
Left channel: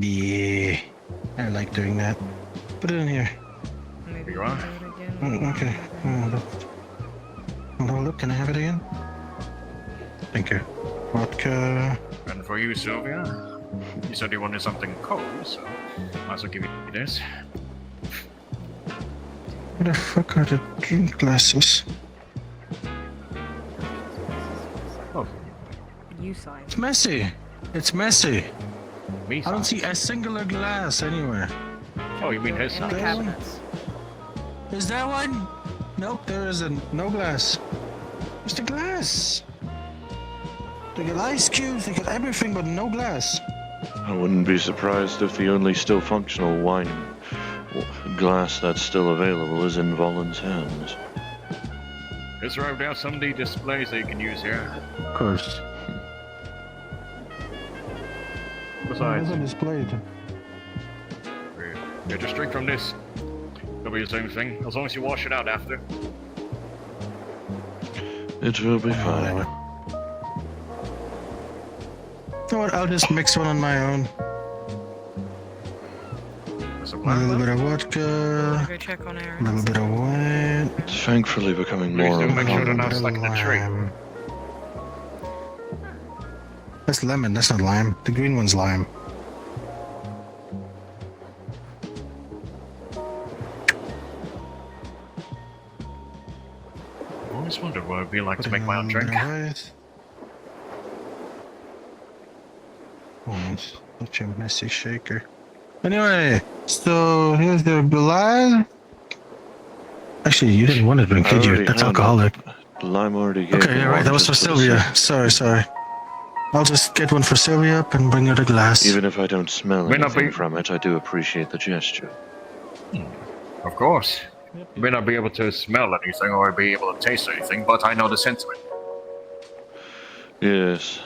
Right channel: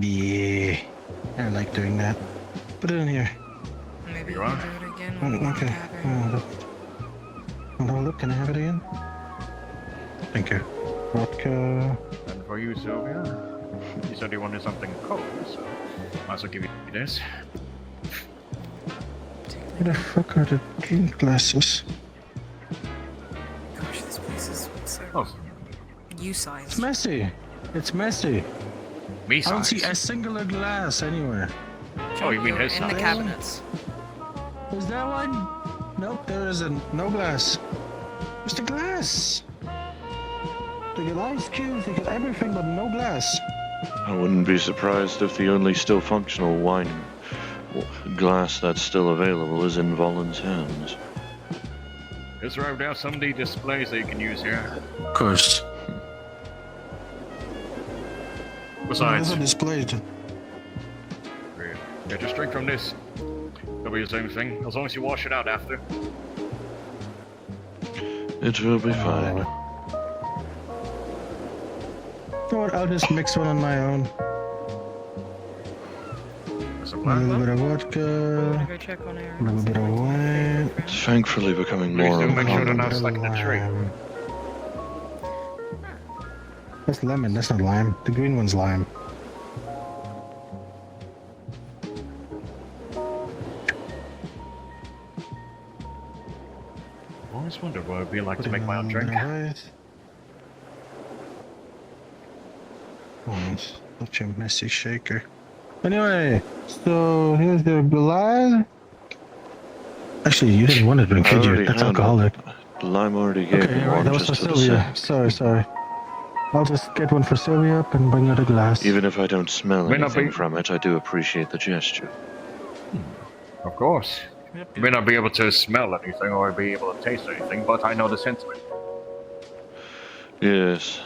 Yeah, I like doing that. Put it in here. Maybe You we are? can do it again. Oh, when we're okay. together. Hold up, can I have it again? Thank you. Vodka. And for you, Sylvia, you said you wanted something cold, so might as well give you this. Where the fuck are the drink glasses? Gosh, this place is so Oh, you-sized. It's messy. It's messy. me I don't see size. a singular glass anywhere. Oh, you mean his In the size? cabinets. Is there one? Nope, there isn't. No glass. Where's the glass? They got ice cubes, they got everything, but no glass. I wouldn't be surprised if the only still functional wine glass that's still available is in Volan's hands. Just right there, some of the displays that you can use here. Of course. Besides, Those are displayed. yeah, just drink from this. It'll be the same thing, as long as you wash it out after. It will be fine. You know what? I'll just mix one on my own. That's a A plan, little man. bit of I'm vodka, gonna go check on Aaron. a little bit of wine. Thankfully becoming Please more do of make a sure they're common. not stuck in the tree. lime. That's lemon, that's not lime. The green one's lime. I always wondered what it would be like to make my own Put a drink. little bit of ice. Oh, such a messy shaker. Anyway, so here's the glass. Actually, you didn't want to drink, I did you? already That's had alcoholic. Lime already gave Okay, me alright, one that was for just the Sylvia. same. Sorry. I'll just get one for Sylvia up and bring her the glass. Even if I don't smell May not anything be- from it, I do appreciate the gesture. Of course. You may not be able to smell anything or be able to taste anything, but I know the sentiment. Yes.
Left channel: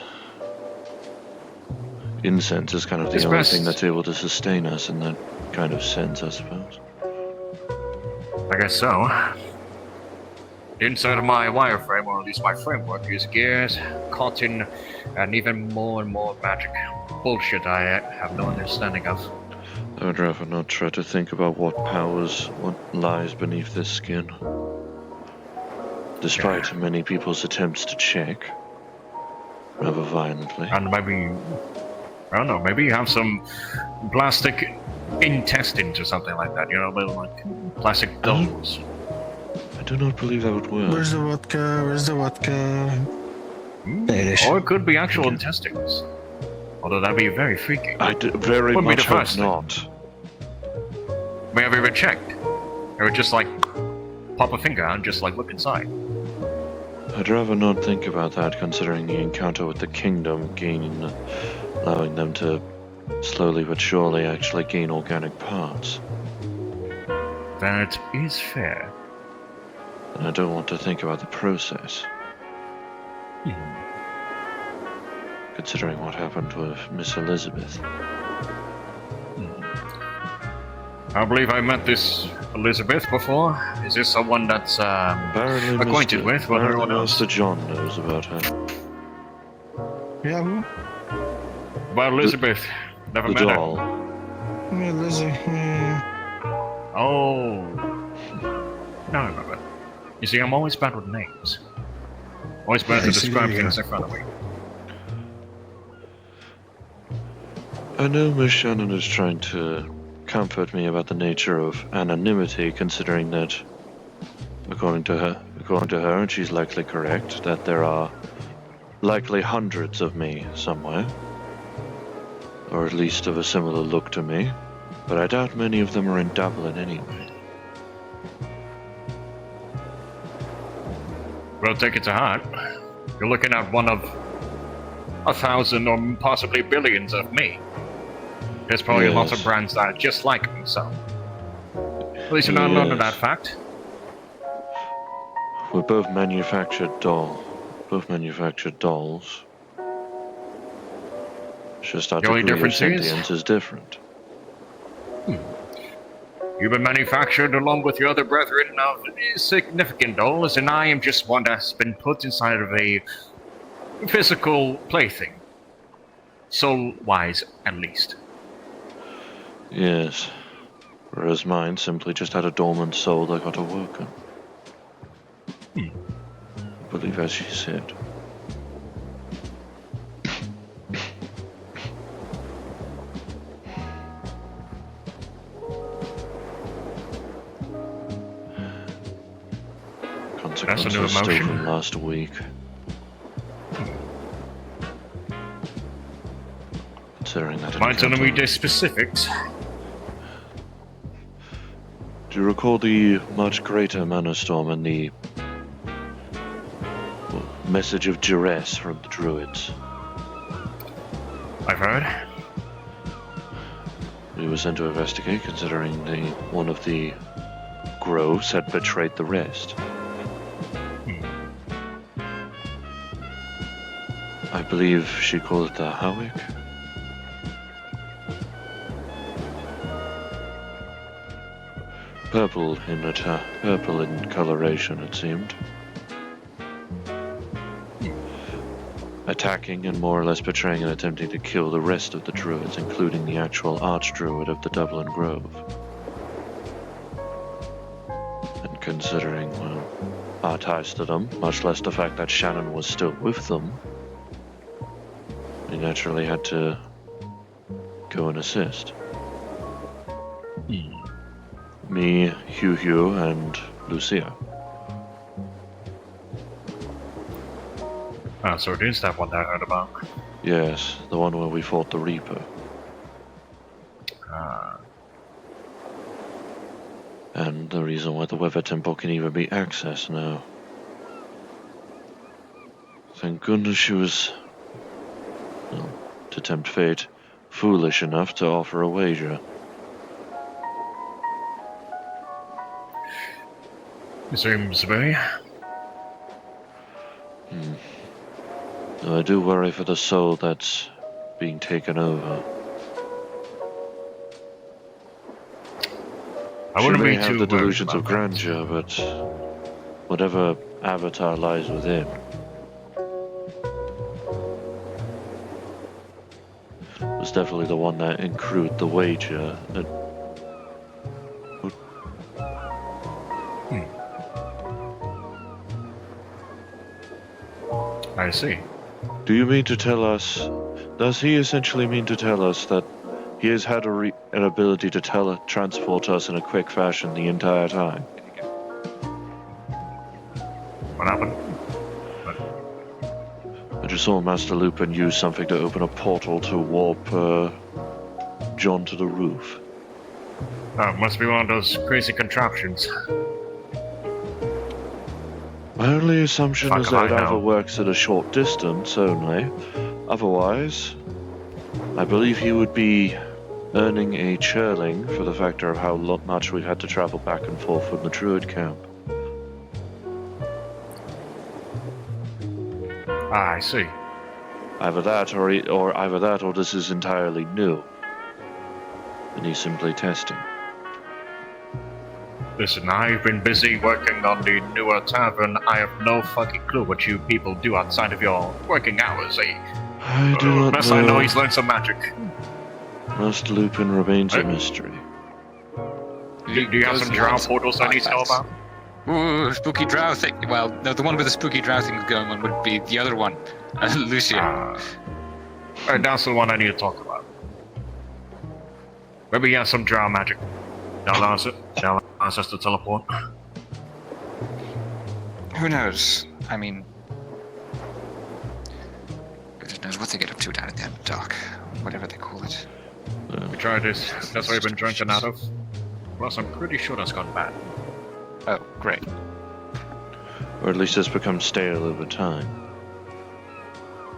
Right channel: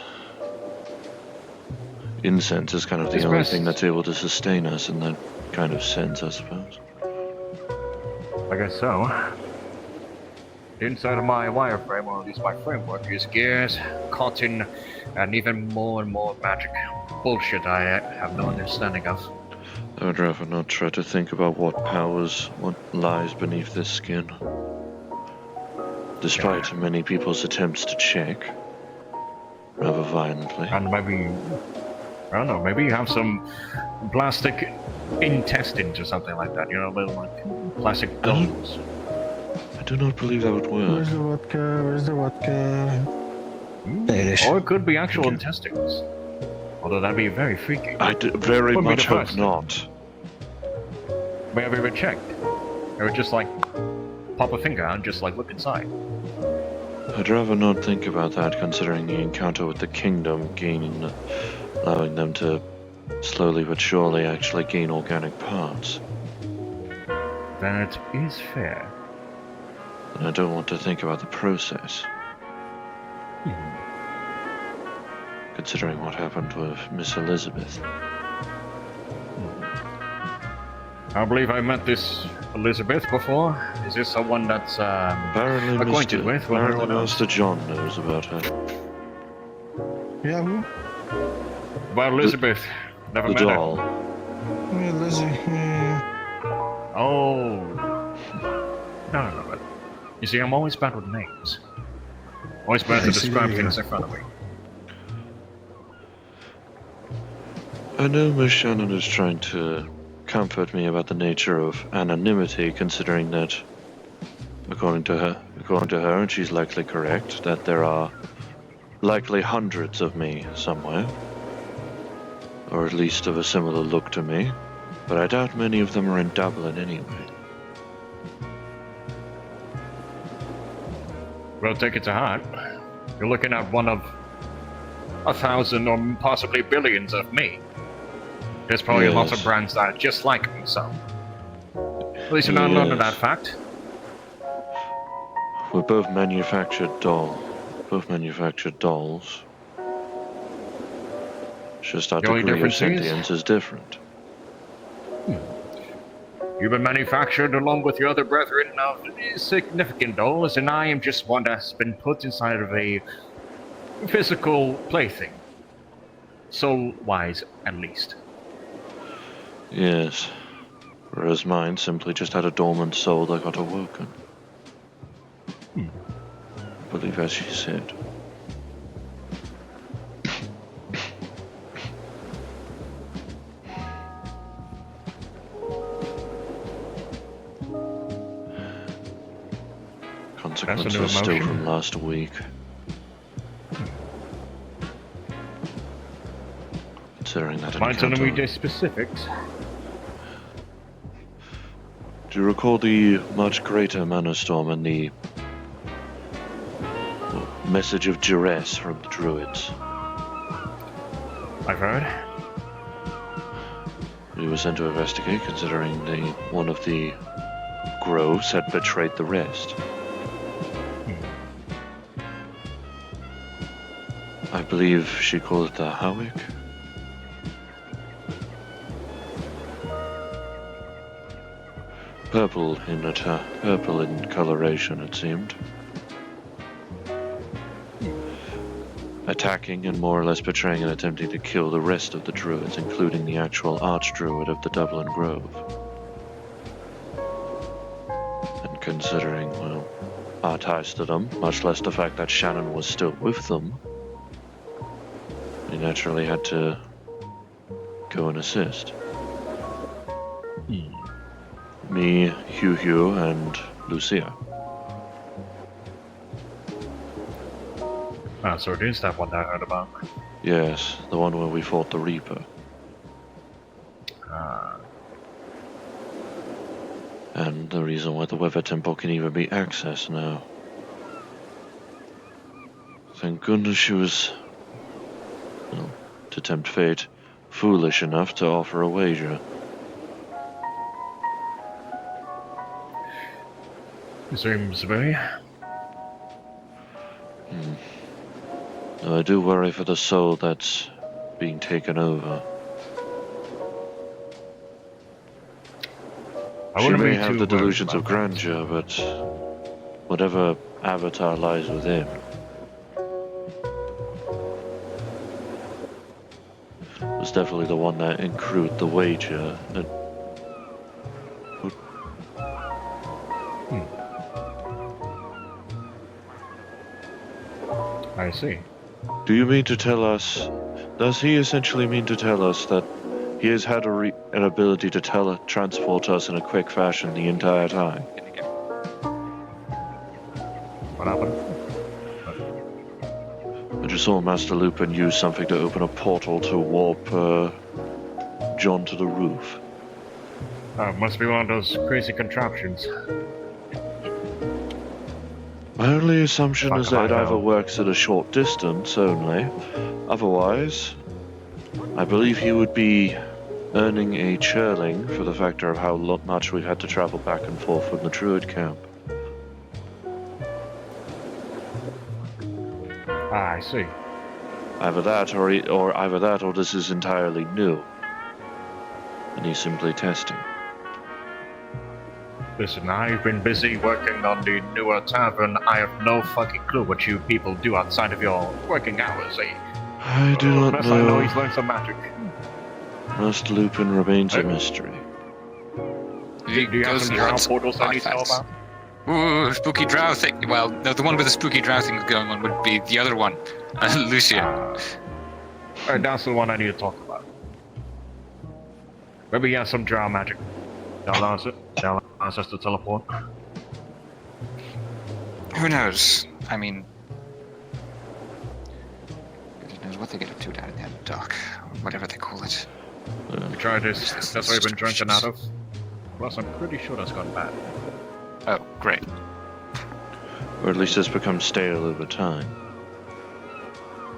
Incense is kind of the It's only best- thing that's able to sustain us in that kind of sense, I suppose. I guess so. The inside of my wireframe, or at least my framework, is gears, cotton, and even more and more magic bullshit I have no understanding of. I would rather not try to think about what lies beneath this skin. Despite many people's attempts to check, rather violently. And maybe, I don't know, maybe you have some plastic intestines or something like that, you know, little like plastic gums. I do not believe that would work. Where's the vodka? Where's the vodka? There it is. Or it could be actual intestines. Although that'd be very freaky. I very Would be much the hope first. not. May have you ever checked? Or would just like pop a finger out and just like look inside. I'd rather not think about that, considering the encounter with the kingdom allowing them to slowly but surely actually gain organic parts. That is fair. And I don't want to think about the process. Considering what happened with Miss Elizabeth. I believe I met this Elizabeth before. Is this someone that's Apparently, acquainted with? Apparently, Master John knows about her. Yeah, who? About Elizabeth. Never The met her. doll. Yeah, Lizzie. Yeah. Oh. No. You see, I'm always bad with names. Always bad to I see, describe yeah. things in front of me. I know Miss Shannon is trying to comfort me about the nature of anonymity, considering that, according to her, and she's likely correct, that there are likely hundreds of me somewhere, or at least of a similar look to me, but I doubt many of them are in Dublin anyway. Well, take it to heart. You're looking at one of 1,000 or possibly billions of me. There's probably lots of Yes. brands that are just like me, so... At least you're not alone in that fact. We're both manufactured dolls. It's just our The only degree of difference is- sentience is different. You've been manufactured along with your other brethren of significant dolls, and I am just one that's been put inside of a physical plaything. Soul-wise, at least. Yes. Whereas mine simply just had a dormant soul that got awoken. I believe as she said. Consequences still emotion. from last week. Considering that Mind telling me encounter. the specifics? Do you recall the much greater mana storm and the message of duress from the druids? I've heard. We were sent to investigate, considering one of the groves had betrayed the rest. I believe she called it the Howick. Purple in coloration, it seemed. Attacking and more or less betraying and attempting to kill the rest of the druids, including the actual archdruid of the Dublin Grove. And considering, well, our ties to them, much less the fact that Shannon was still with them, we naturally had to go and assist. Me, Hugh, and Lucia. Ah, so it is that one that I heard about. Yes, the one where we fought the Reaper. And the reason why the Weather Temple can even be accessed now. Thank goodness she was, well, to tempt fate, foolish enough to offer a wager. Seems very. Though I do worry for the soul that's being taken over. I She wouldn't may be have too the worried delusions of about that. grandeur, but whatever avatar lies within. Was was definitely the one that accrued the wager. I see. Do you mean to tell us... Does he essentially mean to tell us that he has had an ability to teletransport us in a quick fashion the entire time? What happened? I just saw Master Lupin use something to open a portal to warp John to the roof. Must be one of those crazy contraptions. My only assumption Fuck is if that I it either know. works at a short distance only. Otherwise, I believe he would be earning a churling for the factor of how much we've had to travel back and forth from the Druid camp. Ah, I see. Either that, or this is entirely new, and he's simply testing. Listen, I've been busy working on the newer tavern. I have no fucking clue what you people do outside of your working hours, eh? I do not Best I know know. he's learned some magic. Master Lupin remains a mystery. Do you have some drow portals I need to know about? Ooh, spooky drow thing. Well, no, the one with the spooky drow thing going on would be the other one, Lucia. That's the one I need to talk about. Maybe he has some drow magic. They'll answer. They'll ask us to teleport. Who knows? I mean, who knows what they get up to down at the end of the dock, whatever they call it. We tried this. That's what I've been drinking out of. Plus, I'm pretty sure that's gone bad. Oh, great. Or at least it's become stale over time.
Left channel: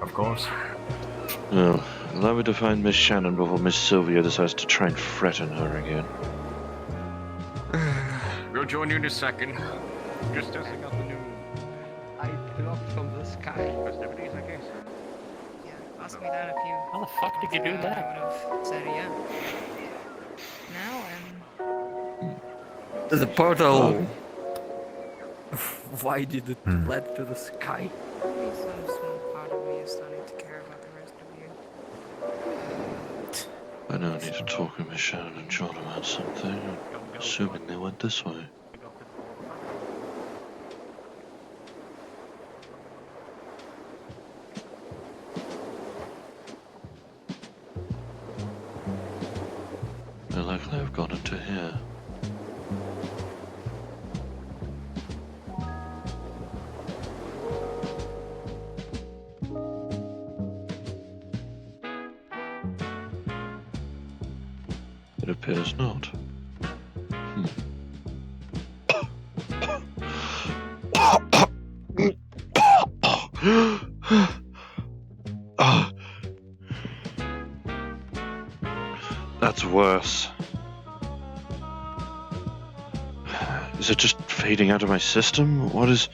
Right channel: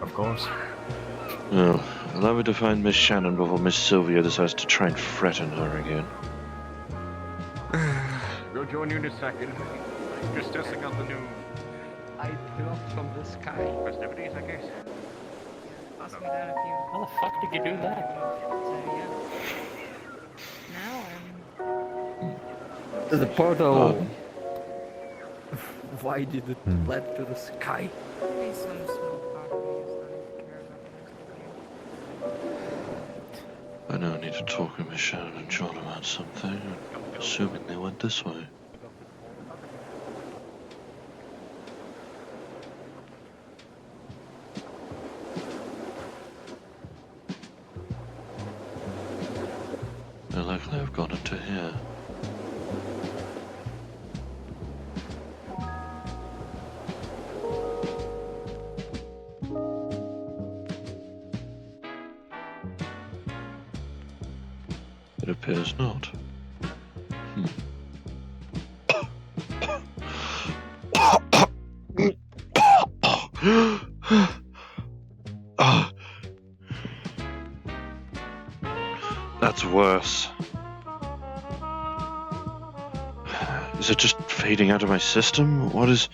Of course. Well, allow me to find Miss Shannon before Miss Sylvia decides to try and threaten her again. We'll join you in a second. Just testing out the new... I dropped from the sky. festivities, I guess. Ask me that if you. How the fuck did you do that? Said yeah. Now The portal. Why did it lead to the sky? some small part of me is starting to care about the next review. I now need to talk with Miss Shannon and John about something, assuming they went this way. They're likely have gone into here. It appears not. That's worse. Is it just fading out of my system? What is...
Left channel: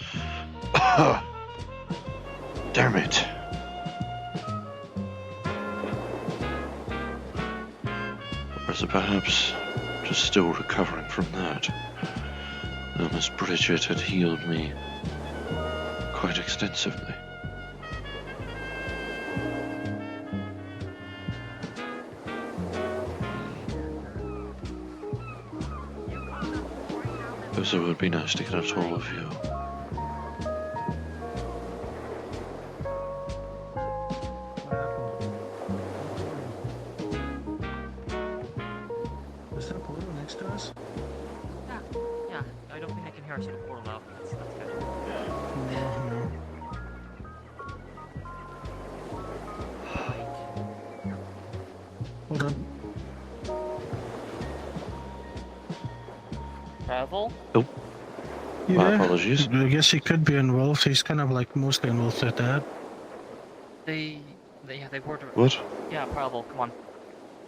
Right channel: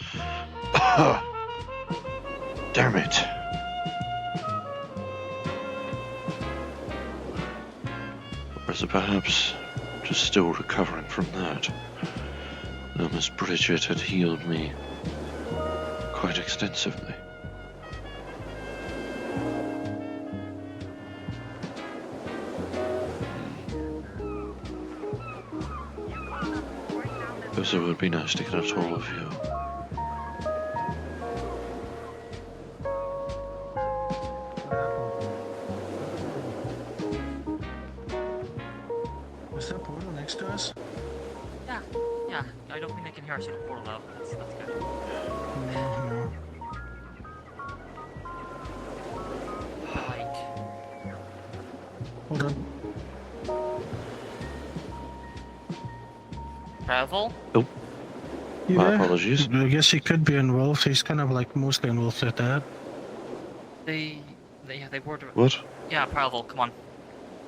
Damn it. Or is it perhaps just still recovering from that? Though Miss Bridget had healed me quite extensively. Guess it would be nice to get a taller view. Was that portal next to us? Yeah, I don't think they can hear us in the portal though. That's not good. No. Hold on. Prehevil? My apologies. I guess he could be involved. He's kind of like mostly involved with that. They were. What? Yeah, Prehevil, come on.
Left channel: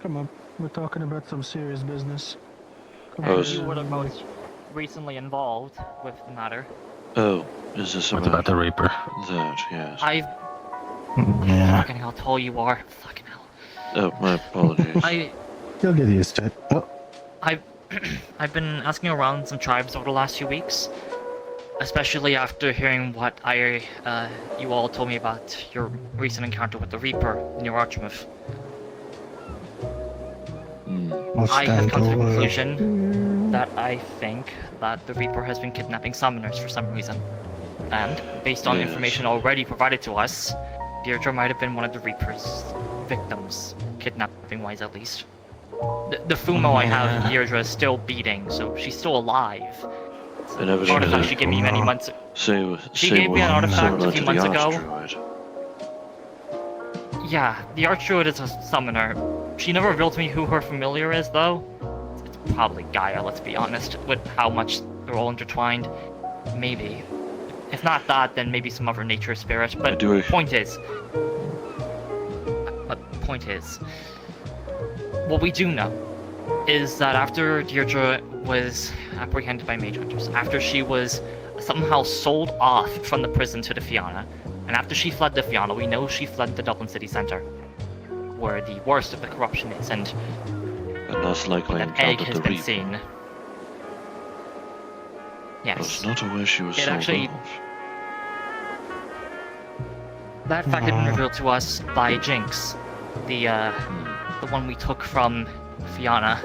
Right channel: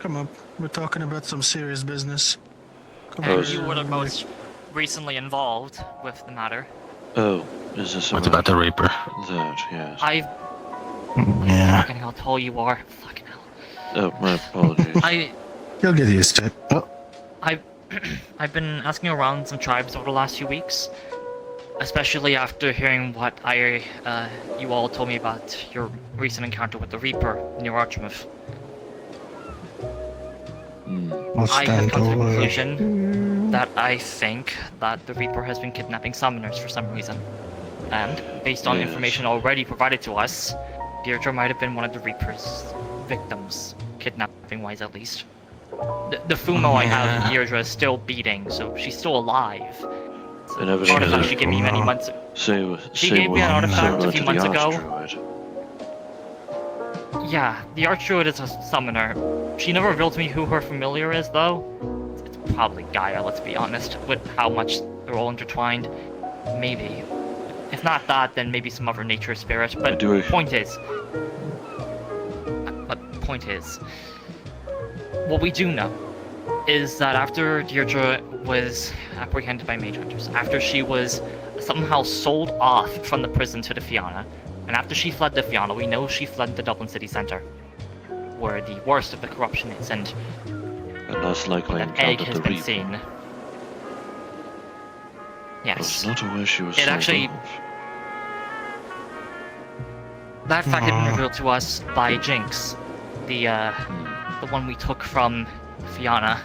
Come on, we're talking about some serious business. Come Oh, on, is- You were the most recently involved with the matter. Oh, is this What about about the Reaper? that? Yes. Yeah, Fucking how tall you are. Fucking hell. Oh, my apologies. you'll get used to it. Oh, I've been asking around some tribes over the last few weeks, especially after hearing what you all told me about your recent encounter with the Reaper in your Archmouth. What's I have that come to the over? conclusion that I think that the Reaper has been kidnapping summoners for some reason. And, based on Yes. information already provided to us, Deirdre might have been one of the Reaper's victims, kidnapping-wise at least. The Fumo I have, Deirdre is still beating, so she's still alive. And The artifact evidently, she gave me many months she gave me an artifact similar a few to the months ago. Archdruid. Yeah, the Archdruid is a summoner. She never revealed to me who her familiar is, though. It's probably Gaia, let's be honest, with how much they're all intertwined. Maybe. If not that, then maybe some other nature spirit. But point is, what we do know is that after Deirdre was apprehended by mage hunters, after she was somehow sold off from the prison to the Fianna, and after she fled the Fianna, we know she fled the Dublin city centre, where the worst of the corruption is, and most likely that egg encountered has the been Reaper. seen. I was Yes. not aware she was It sold actually- off. That fact had been revealed to us by Jinx, the one we took from Fianna.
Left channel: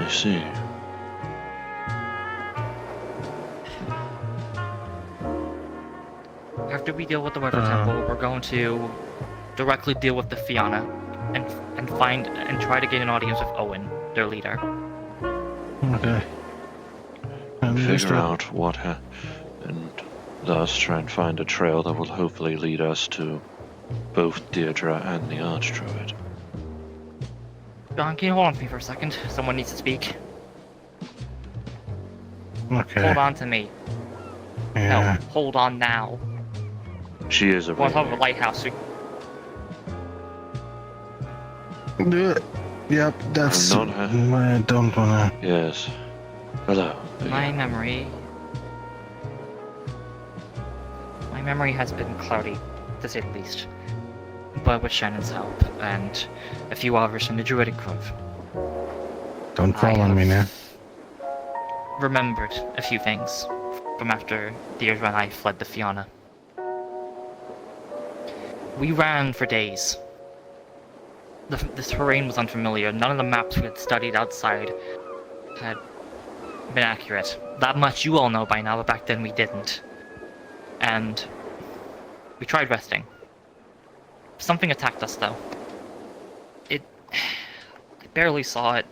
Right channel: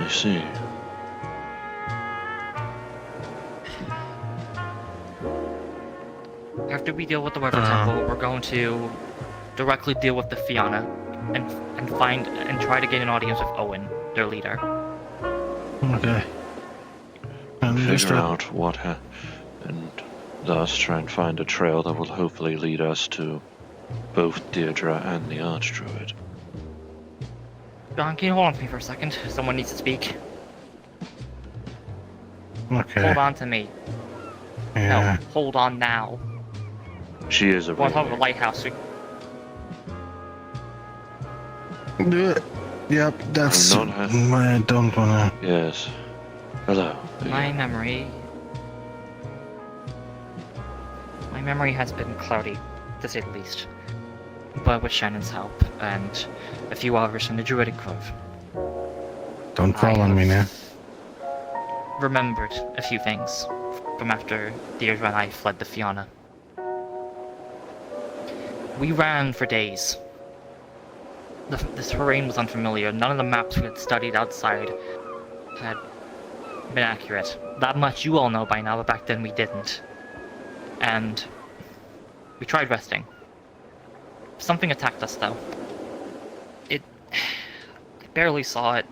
I see. After we deal with the River Temple, we're going to directly deal with the Fianna and find and try to gain an audience with Owen, their leader. Okay. Figure out what and thus try and find a trail that will hopefully lead us to both Deirdre and the Archdruid. John, can you hold on to me for a second? Someone needs to speak. Okay. Hold on to me. Yeah. No, hold on now. She is a We're on top of a Reaper. lighthouse. Yep, that's. I'm not I don't wanna. Yes. Hello. My memory has been cloudy, to say the least. But with Shannon's help, and a few others from the Druidic Grove, Don't fall on me now. remembered a few things from after Deirdre and I fled the Fianna. We ran for days. The terrain was unfamiliar. None of the maps we had studied outside had been accurate. That much you all know by now, but back then we didn't. And we tried resting. Something attacked us, though. I barely saw it.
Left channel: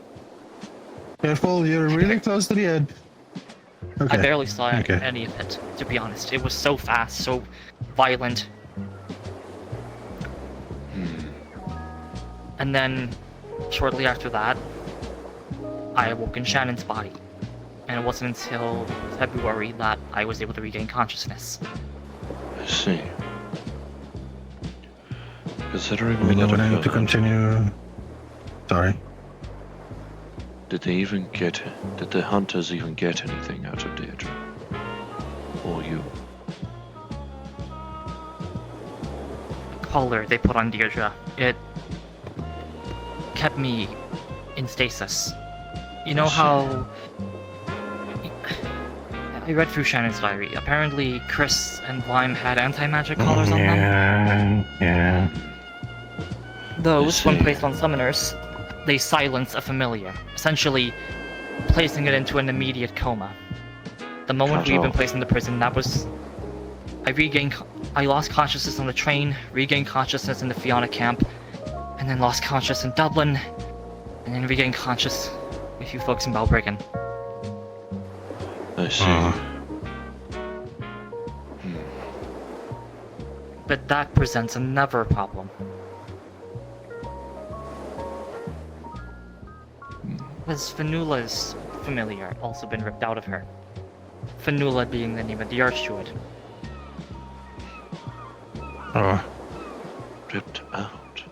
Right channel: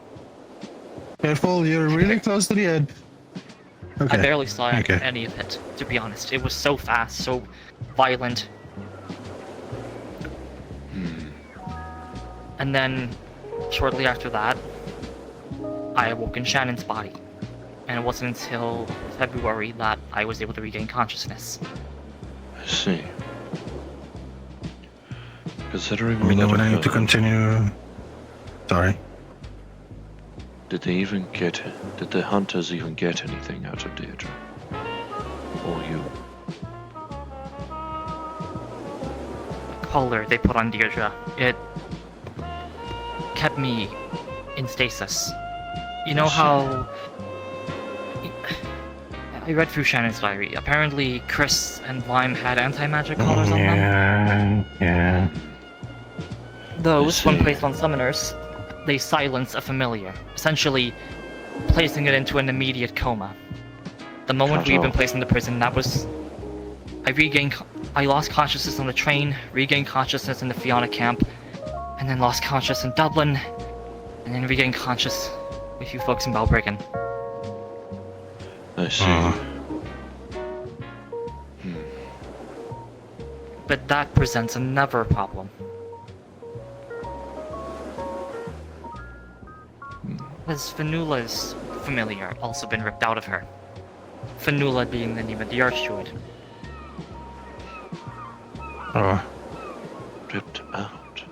Careful, you're really close to the edge. Okay. I barely saw Okay. any of it, to be honest. It was so fast, so violent. And then, shortly after that, I awoke in Shannon's body. And it wasn't until February that I was able to regain consciousness. I see. Considering We all know that when I have to occurred, continue. Sorry. did the hunters even get anything out of Deirdre? Or you? The collar they put on Deirdre, it kept me in stasis. You know how... I read through Shannon's diary. Apparently, Chris and Lime had anti-magic collars on them. Yeah. Those, when see. placed on summoners, they silence a familiar, essentially placing it into an immediate coma. The moment Cut we had been off. placed in the prison, that was... I lost consciousness on the train, regained consciousness in the Fianna camp, and then lost consciousness in Dublin, and then regained conscious with you folks in Balbriggan. I see. But that presents another problem. Has Fanula's familiar also been ripped out of her? Fanula being the name of the Archdruid. Ripped out.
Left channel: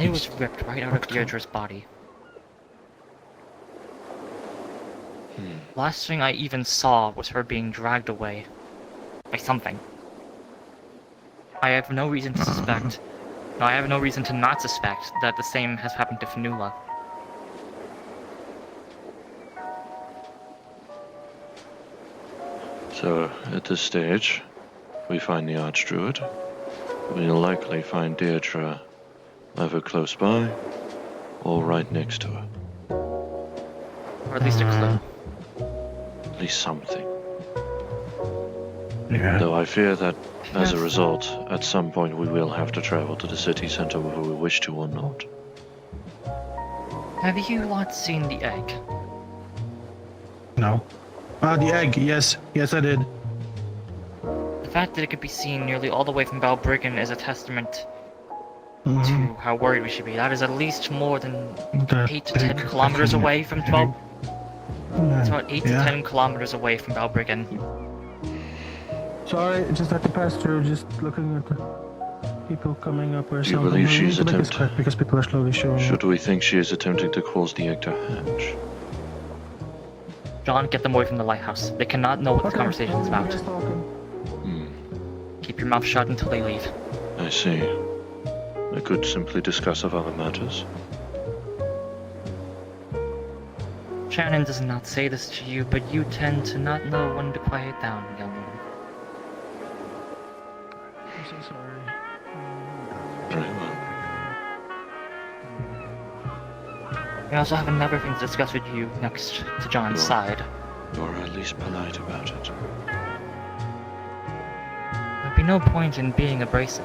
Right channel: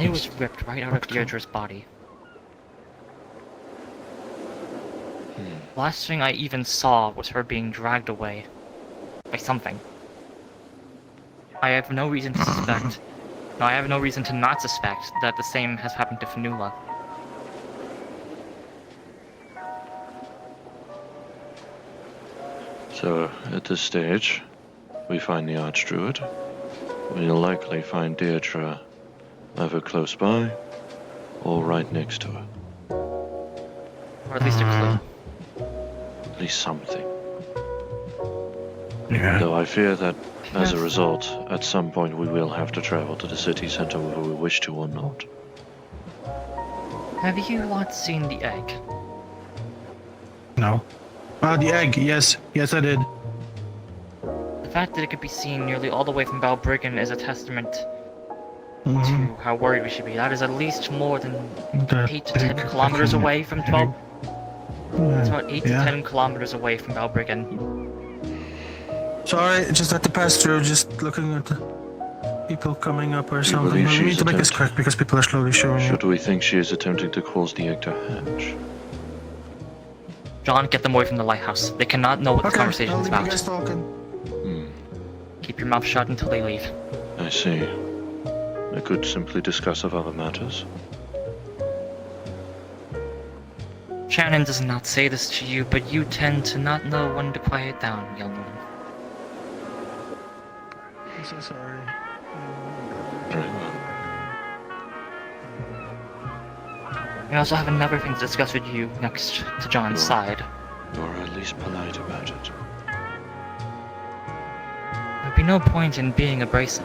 It was ripped right out of Deirdre's body. Last thing I even saw was her being dragged away by something. I have no reason to suspect. No, I have no reason to not suspect that the same has happened to Fanula. So, at this stage, we find the Archdruid. We'll likely find Deirdre either close by or right next to her. Or at least a clue. At least something. Yeah. Though I fear that, as a Yes. result, at some point we will have to travel to the city center whether we wish to or not. Have you lot seen the egg? No. Ah, the egg. Yes. Yes, I did. The fact that it could be seen nearly all the way from Balbriggan is a testament Mhm. to how worried we should be. That is at least more than That 8 to 10 big kilometers fucking away from egg. 12. It's about 8 Yeah. to 10 kilometers away from Balbriggan. Sorry, just had to pass through, just looking at the people coming up or Do you something. believe We she's need to make this attempting- quick because people are slowly showing up. Should we think she is attempting to cause the egg to hatch? John, get them away from the lighthouse. They cannot know what this Okay, conversation I'll is leave you about. guys talking. Hmm, Keep your mouth shut until they leave. I see. I could simply discuss of other matters. Shannon does not say this to you, but you tend to not know when to quiet down, young woman. I'm so sorry. Very well. I also have another thing to discuss with you next to John's Sure. side. You're at least polite about it. There'd be no point in being abrasive.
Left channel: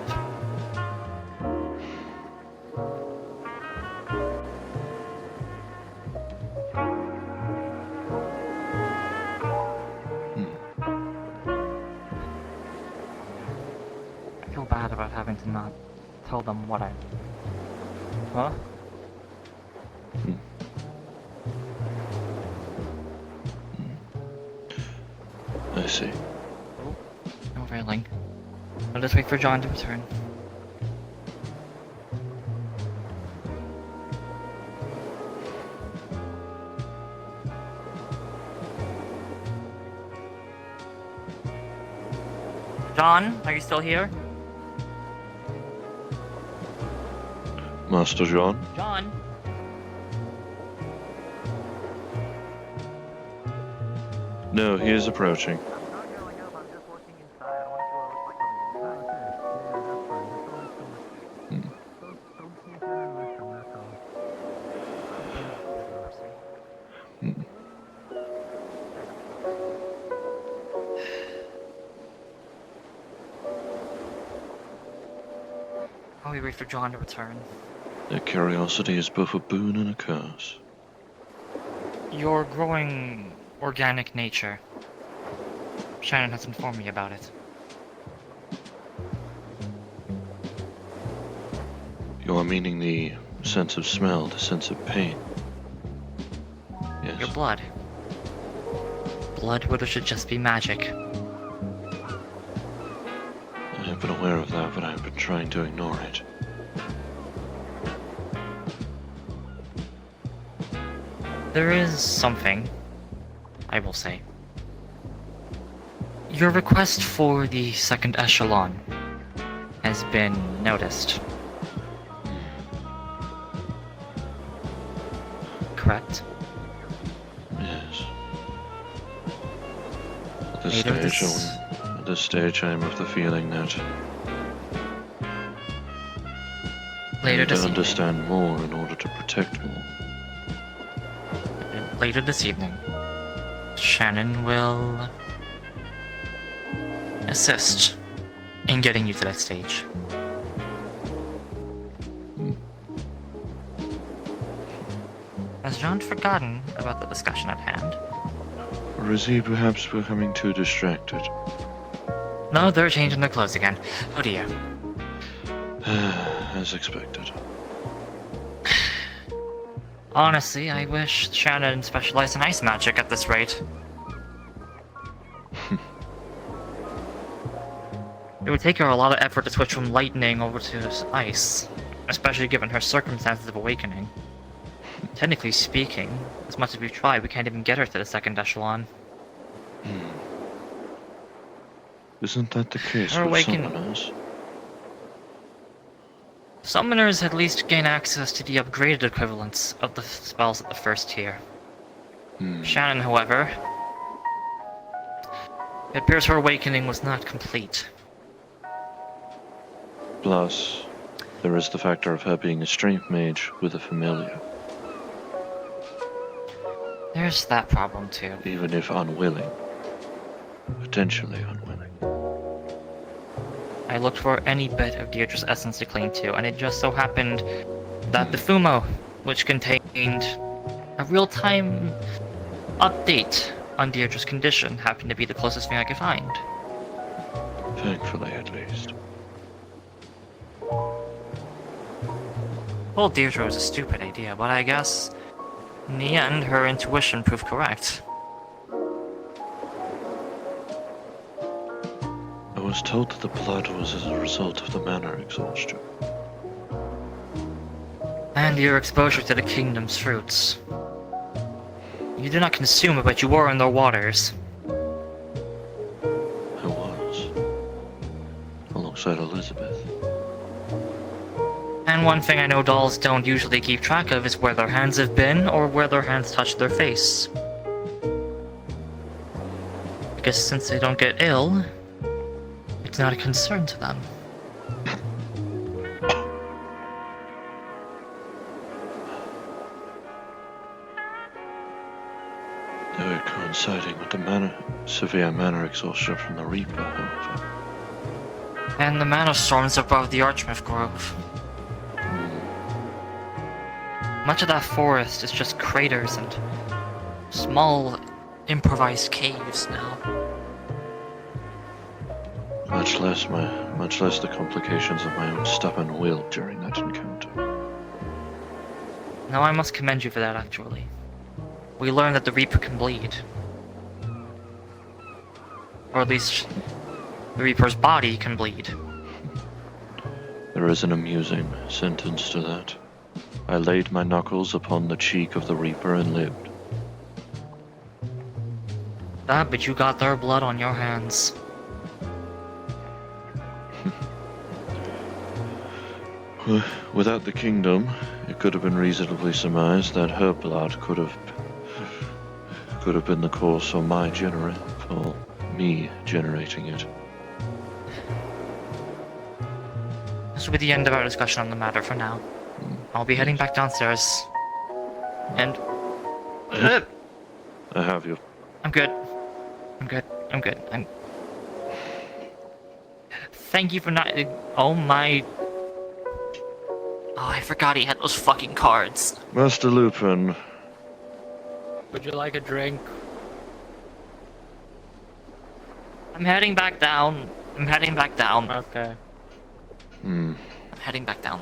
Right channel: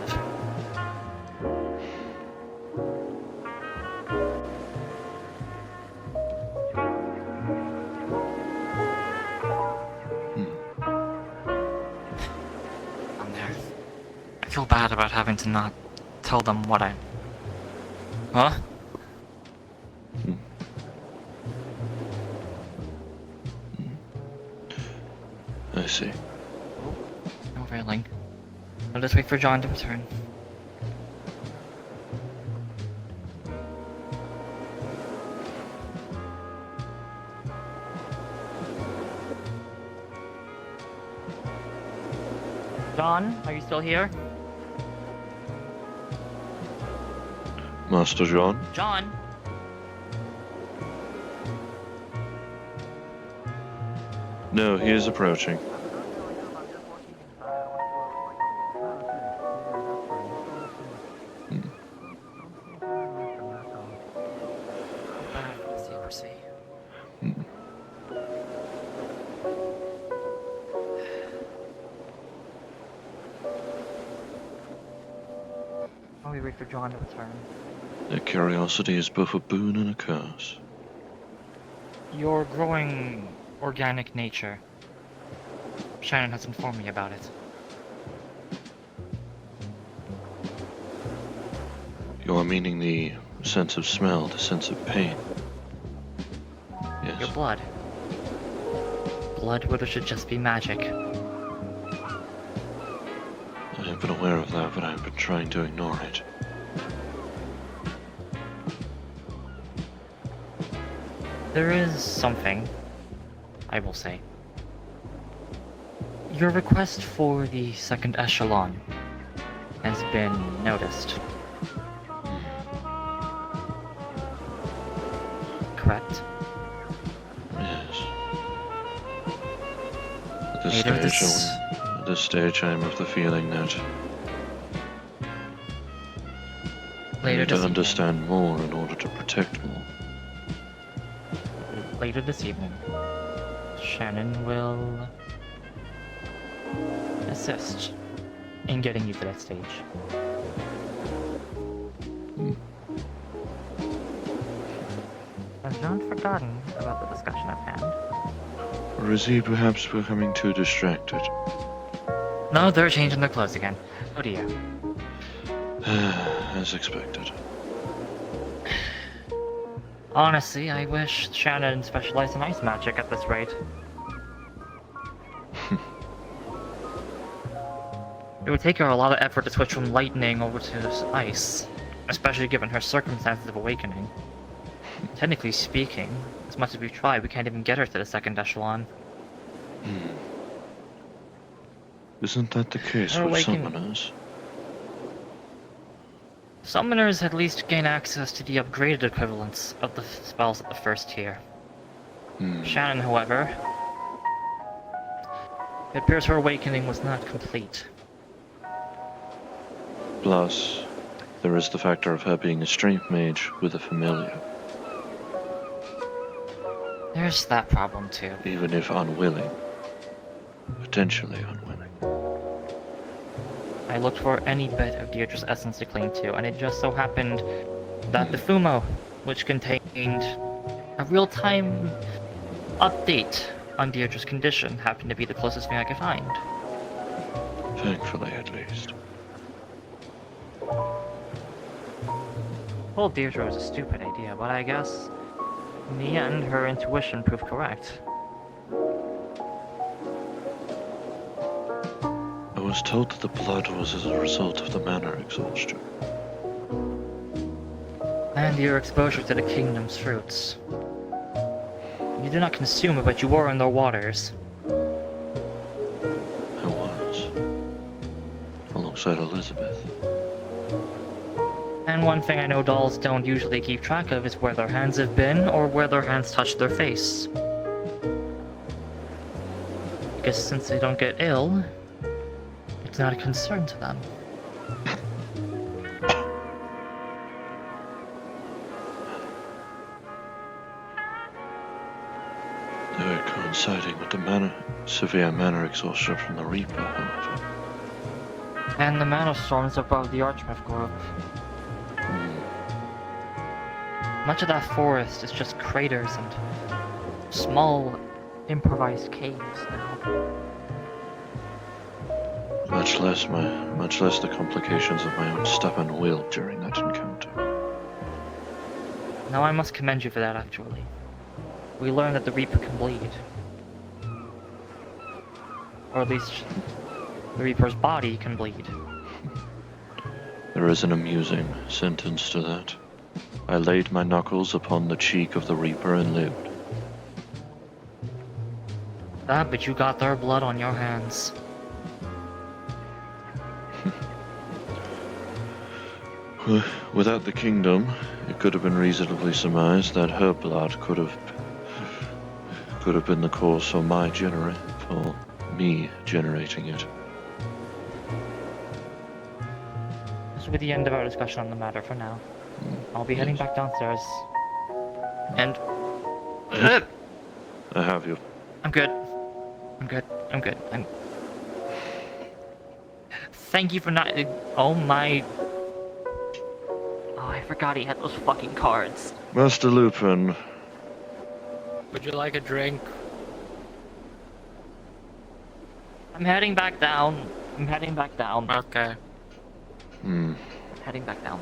I feel bad about having to not tell them what I... Huh? I see. No railing. I'll just wait for John to return. John, are you still here? Master John? John? No, he is approaching. Hmm. While we wait for John to return. Their curiosity is both a boon and a curse. Your growing organic nature. Shannon has informed me about it. You are meaning the sense of smell, the sense of pain. Your Yes. blood. Blood where there should just be magic. I have been aware of that, but I have been trying to ignore it. There is something, I will say. Your request for the second echelon has been noticed. Correct? Yes. At this Later stage, this- at this stage, I am of the feeling that I Later need to this understand more in order to protect more. Later this evening, Shannon will assist in getting you to that stage. Has John forgotten about the discussion at hand? Or is he perhaps becoming too distracted? No, they're changing their clothes again. Oh dear. As expected. Honestly, I wish Shannon specialized in ice magic at this rate. It would take her a lot of effort to switch from lightning over to ice, especially given her circumstances of awakening. Technically speaking, as much as we try, we can't even get her to the second echelon. Isn't that the case Her with awakening- summoners? Summoners at least gain access to the upgraded equivalents of the spells at the first tier. Shannon, however, it appears her awakening was not complete. Plus, there is the factor of her being a strength mage with a familiar, There's that problem too. even if unwilling. Potentially unwilling. I looked for any bit of Deirdre's essence to cling to, and it just so happened that the Fumo, which contained a real-time update on Deirdre's condition, happened to be the closest thing I could find. Thankfully, at least. Well, Deirdre was a stupid idea, but I guess in the end, her intuition proved correct. I was told that the blood was as a result of the mana exhaustion. And your exposure to the kingdom's fruits. You did not consume it, but you were in their waters. I was. Alongside Elizabeth. And one thing I know dolls don't usually keep track of is where their hands have been, or where their hands touched their face. Because since they don't get ill, it's not a concern to them. They were coinciding with the severe mana exhaustion from the Reaper, however. And the mana storms above the Archmyth group. Much of that forest is just craters and small improvised caves now. Much less the complications of my own stubborn will during that encounter. Now I must commend you for that, actually. We learned that the Reaper can bleed. Or at least, the Reaper's body can bleed. There is an amusing sentence to that. I laid my knuckles upon the cheek of the Reaper and lived. That, but you got their blood on your hands. Without the kingdom, it could have been reasonably surmised that her blood could have been the cause for me generating it. This will be the end of our discussion on the matter for now. I'll be heading back downstairs. And... I have you. I'm good. Thank you for not... Oh my... Oh, I forgot he had those fucking cards. Master Lupin. Would you like a drink? I'm heading back down. Okay. Heading back down.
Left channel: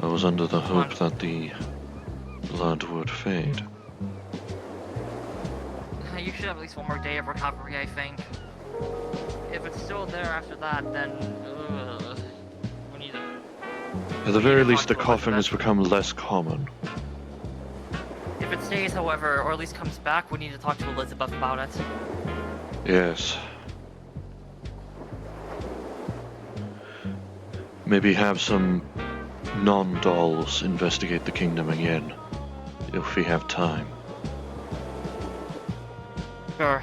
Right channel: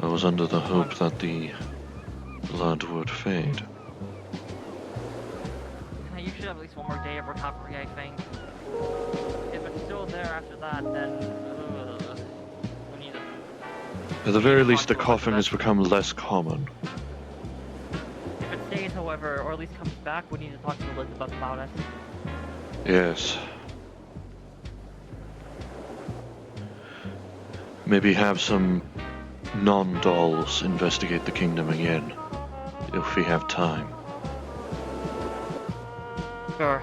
I was under the hope that the blood would fade. You should have at least one more day of recovery, I think. If it's still there after that, then... we need to... At the very least, the coughing has become less common. If it stays, however, or at least comes back, we need to talk to Elizabeth about it. Yes. Maybe have some non-dolls investigate the kingdom again, if we have time. Sure.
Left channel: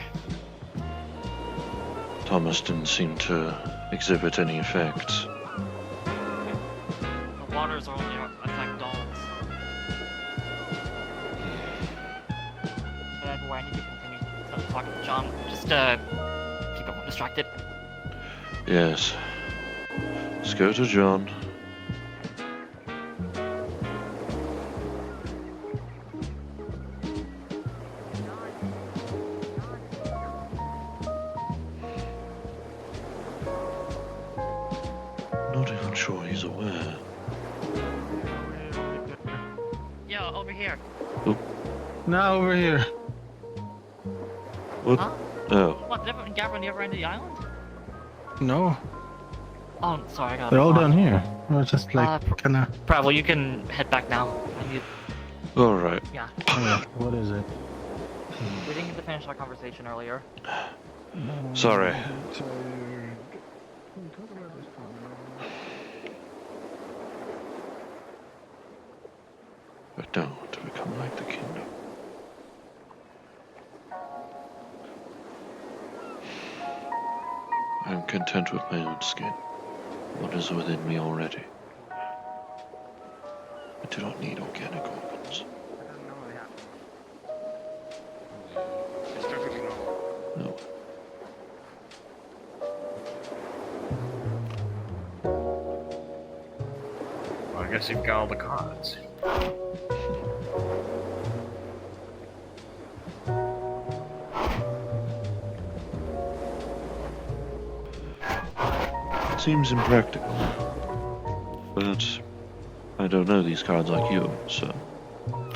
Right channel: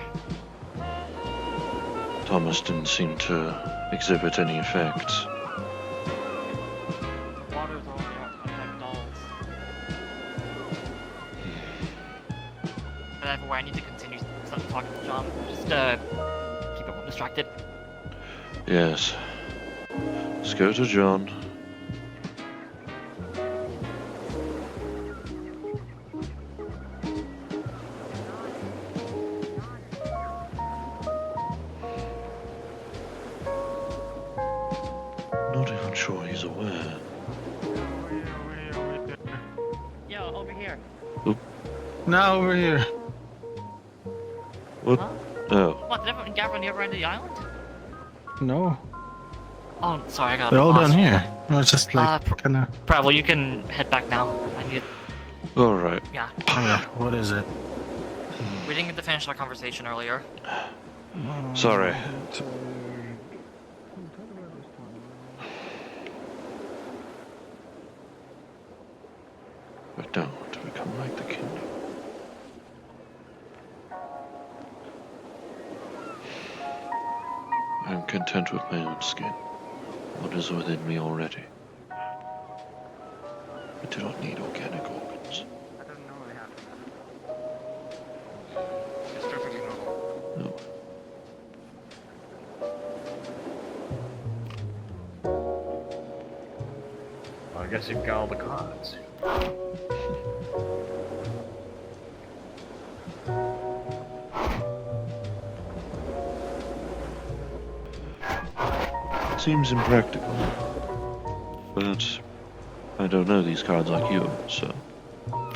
Thomas didn't seem to exhibit any effects. Waters are only affect dolls. And anyway, I need to continue talking to John. Just, keep him distracted. Yes. Let's go to John. Not even sure he's aware. Yo, over here. No, over here. What? Huh? Oh. What, did everyone gather on the other end of the island? No, Oh, sorry, I got they're all lost. down here. It was just like kind of. Prehevil, you can head back now. I need... Alright. Yeah. What is it? We didn't get to finish our conversation earlier. Sorry. I don't want to become like the kingdom. I'm content with my own skin. What is within me already. I do not need organic organs. It's perfectly normal. No. Well, I guess you've got all the cards. Seems impractical. But I don't know these cards like you, so. I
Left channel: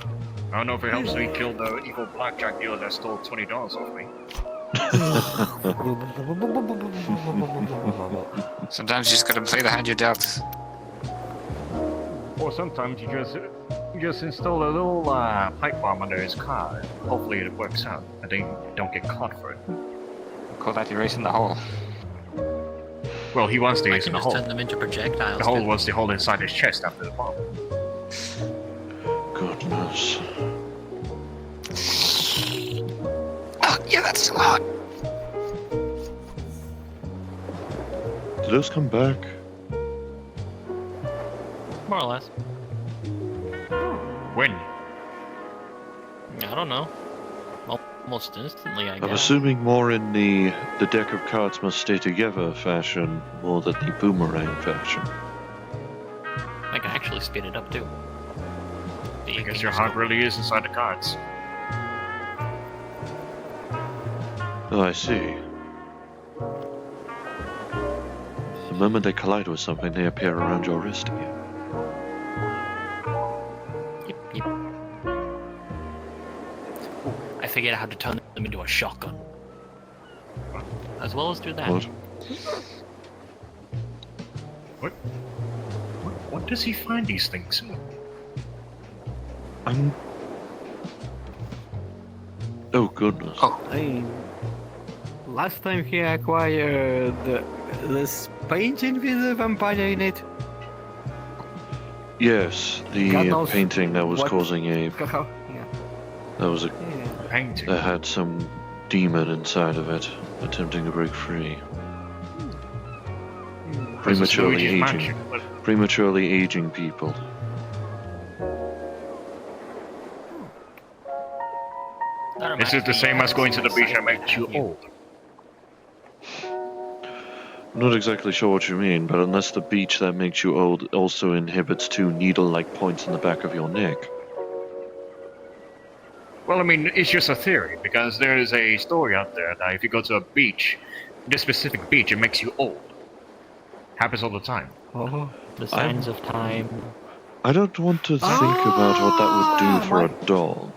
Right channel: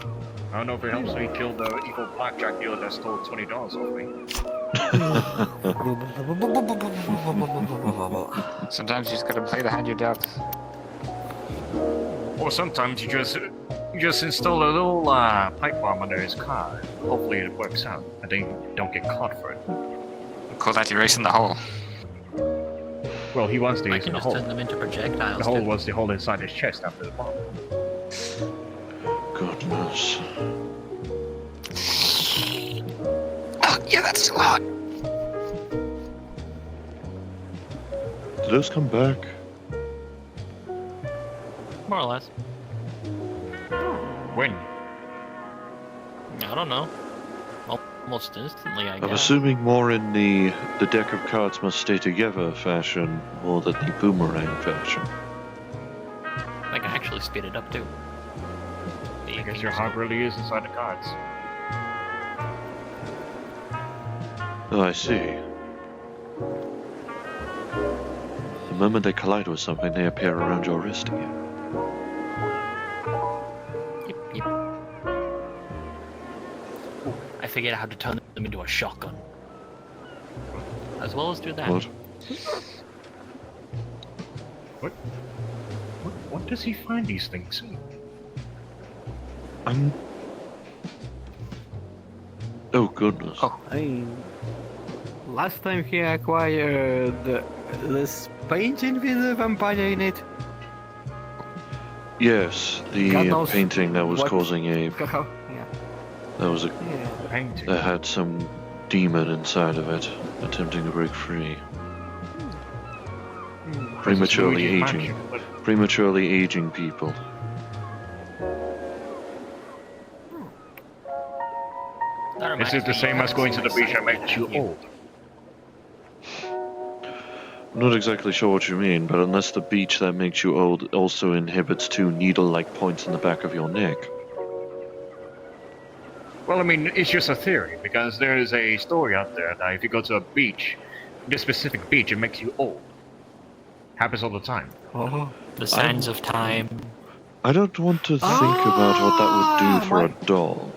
don't know if it helps me kill the evil blackjack dealer that stole $20 off me. Sometimes you just gotta play the hand you're dealt. Or sometimes you just install a little pipe bomb under his car. Hopefully it works out, and they don't get caught for it. Call that erasing the hole. Well, he wants to I use can the just hole. turn them into projectiles. The hole too. was the hole inside his chest after the bomb. Goodness. Oh, yeah, that's a lot. Did those come back? More or less. When? I don't know. Almost instantly, I guess. I'm assuming more in the deck of cards must stay together fashion more than the boomerang fashion. I can actually speed it up too. I guess your heart really is inside the cards. Oh, I see. The moment they collide with something, they appear around your wrist again. Yep, yep. Ooh, I figured out how to turn them into a shotgun. As well as do that. What? What does he find these things in? Oh, goodness. Last time he acquired this painting with a vampire in it. Yes, the God knows painting that was what- causing a... Yeah. That was a... Yeah. Painting. That had some demon inside of it, attempting to break free. Prematurely aging. Prematurely aging people. That reminds Is it the me, same you as going to haven't the seen beach my that makes site you yet, have old? I'm not exactly sure what you mean, but unless the beach that makes you old also inhibits two needle-like points in the back of your neck. Well, I mean, it's just a theory, because there is a story out there that if you go to a beach, this specific beach, it makes you old. Happens all the time. Oh. The signs of time. I don't want to think about what that would do for a doll.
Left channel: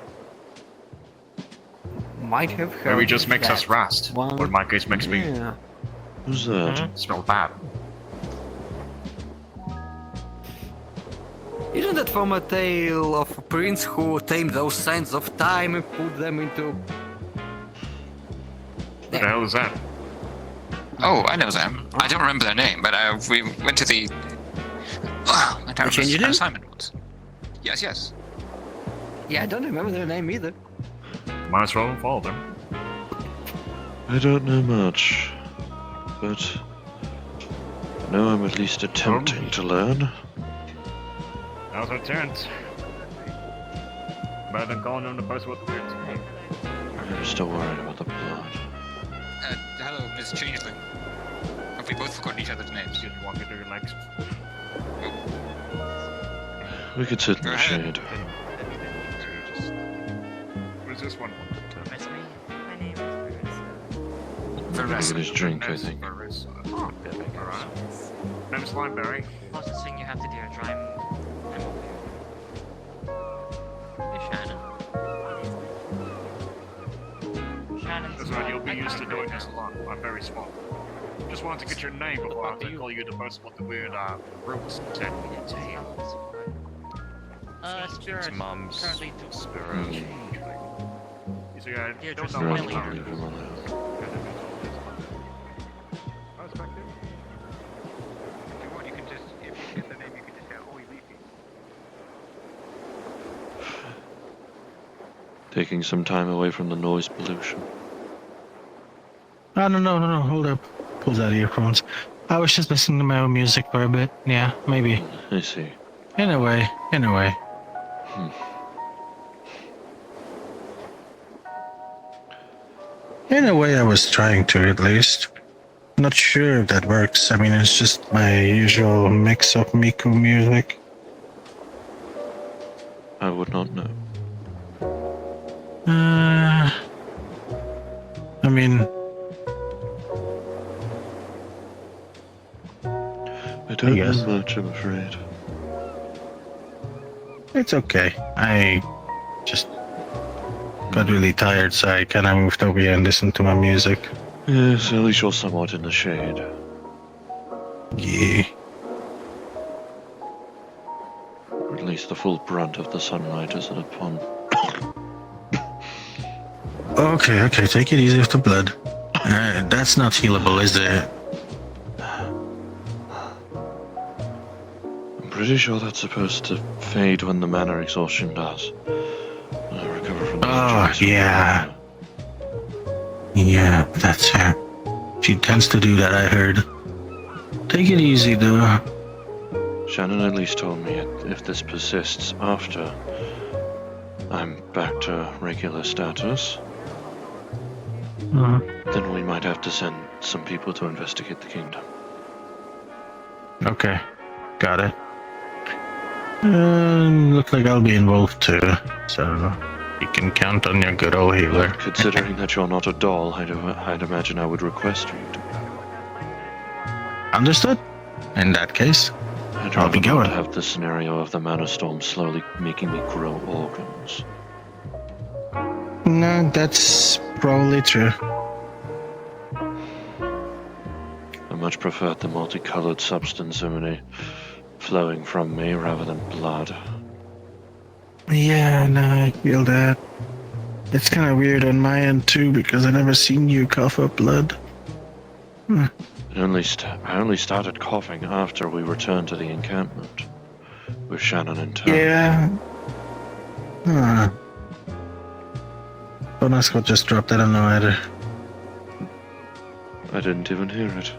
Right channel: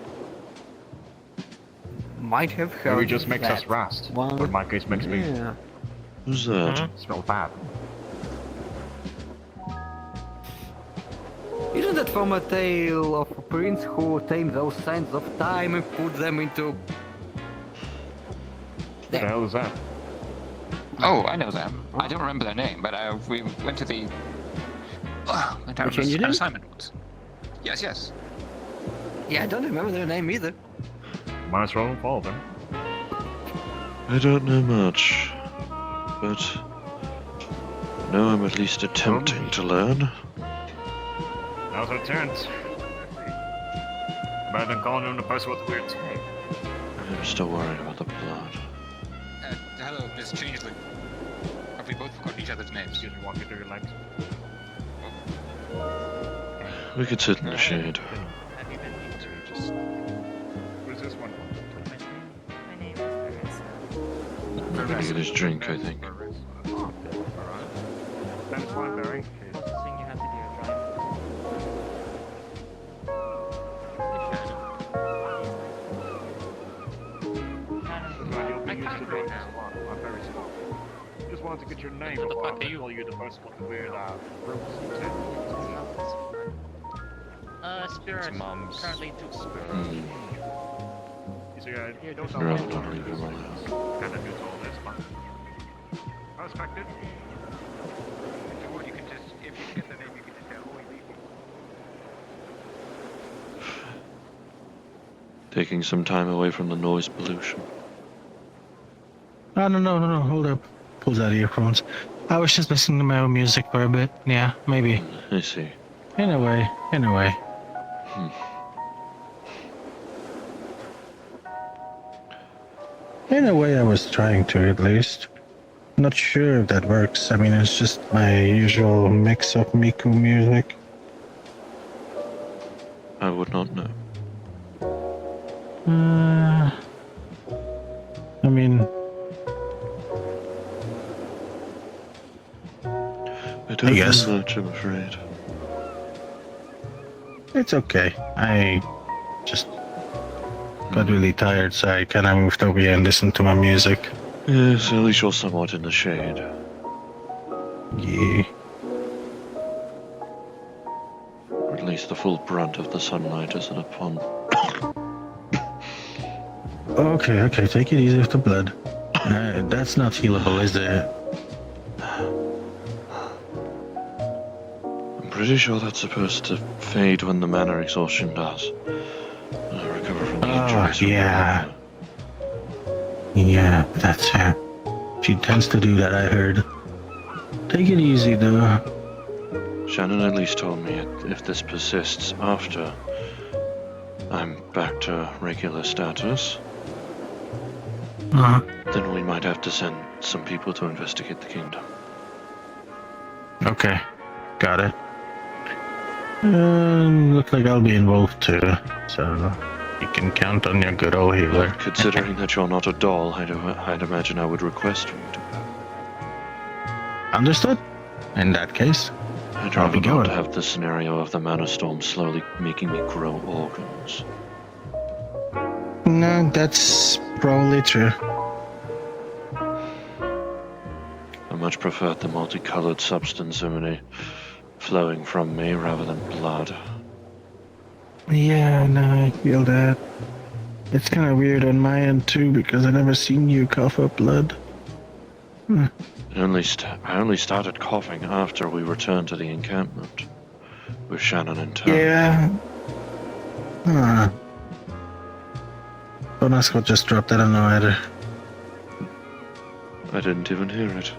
Might have heard Maybe it just makes that. us rust. One- Or in my case, makes me Yeah. Who's that? smell bad. Isn't that from a tale of a prince who tamed those signs of time and put them into... What the hell is that? Oh, I know them. I don't remember their name, but we went to the... They changed it in? assignment once. Yes, yes. Yeah, I don't remember their name either. Might as well follow them. I don't know much, but I know I'm at least attempting to learn. Now's our turns. Better than calling him the person with the weird name. I'm still worried about the blood. Hello, Miss Changeling. Have we both forgotten each other's names? Excuse me, walking through your legs. We could sit in the shade. Who's this one? I'm gonna get his drink, I think. I'm Slimeberry. What's the thing you have to do to drive? That's right, you'll be used to doing this a lot. I'm very small. Just wanted to get your name before I call you the person with the weird roots and tattoos. Spirit. Mom's Currently do... Hmm. You see, I Here, don't just know Rather what not leave him alone. I respect it. If you want, you can just... If you get the name, you can just say, oh, you Taking some time away from the noise pollution. No, hold up. pulls out earphones. I was just listening to my own music for a bit. Yeah, maybe. I see. In a way. In a way, I was trying to, at least. Not sure if that works. I mean, it's just my usual mix of Miku music. I would not know. I mean, I don't guess. know much, I'm afraid. it's okay. I just got really tired, so I kind of moved over here and listened to my music. Yes, at least you're somewhat in the shade. Yeah. Or at least the full brunt of the sunlight isn't upon. Okay, take it easy with the blood. That's not healable, is it? I'm pretty sure that's supposed to fade when the mana exhaustion does. I recover from the injuries. Yeah. Yeah, that's her. She tends to do that, I heard. Take it easy, though. Shannon at least told me if this persists after I'm back to regular status, then we might have to send some people to investigate the kingdom. Okay, got it. Looks like I'll be involved too, so you can count on your good old healer. Considering that you're not a doll, I'd imagine I would request for you to go. Understood. In that case, I'd I'll be rather not going. have the scenario of the mana storm slowly making me grow organs. No, that's probably true. I much preferred the multicolored substance flowing from me rather than blood. Yeah, no, I feel that. It's kind of weird on my end too, because I never seen you cough up blood. I only started coughing after we returned to the encampment with Shannon in tow. Yeah. Don't ask what just dropped, I don't know either. I didn't even hear it.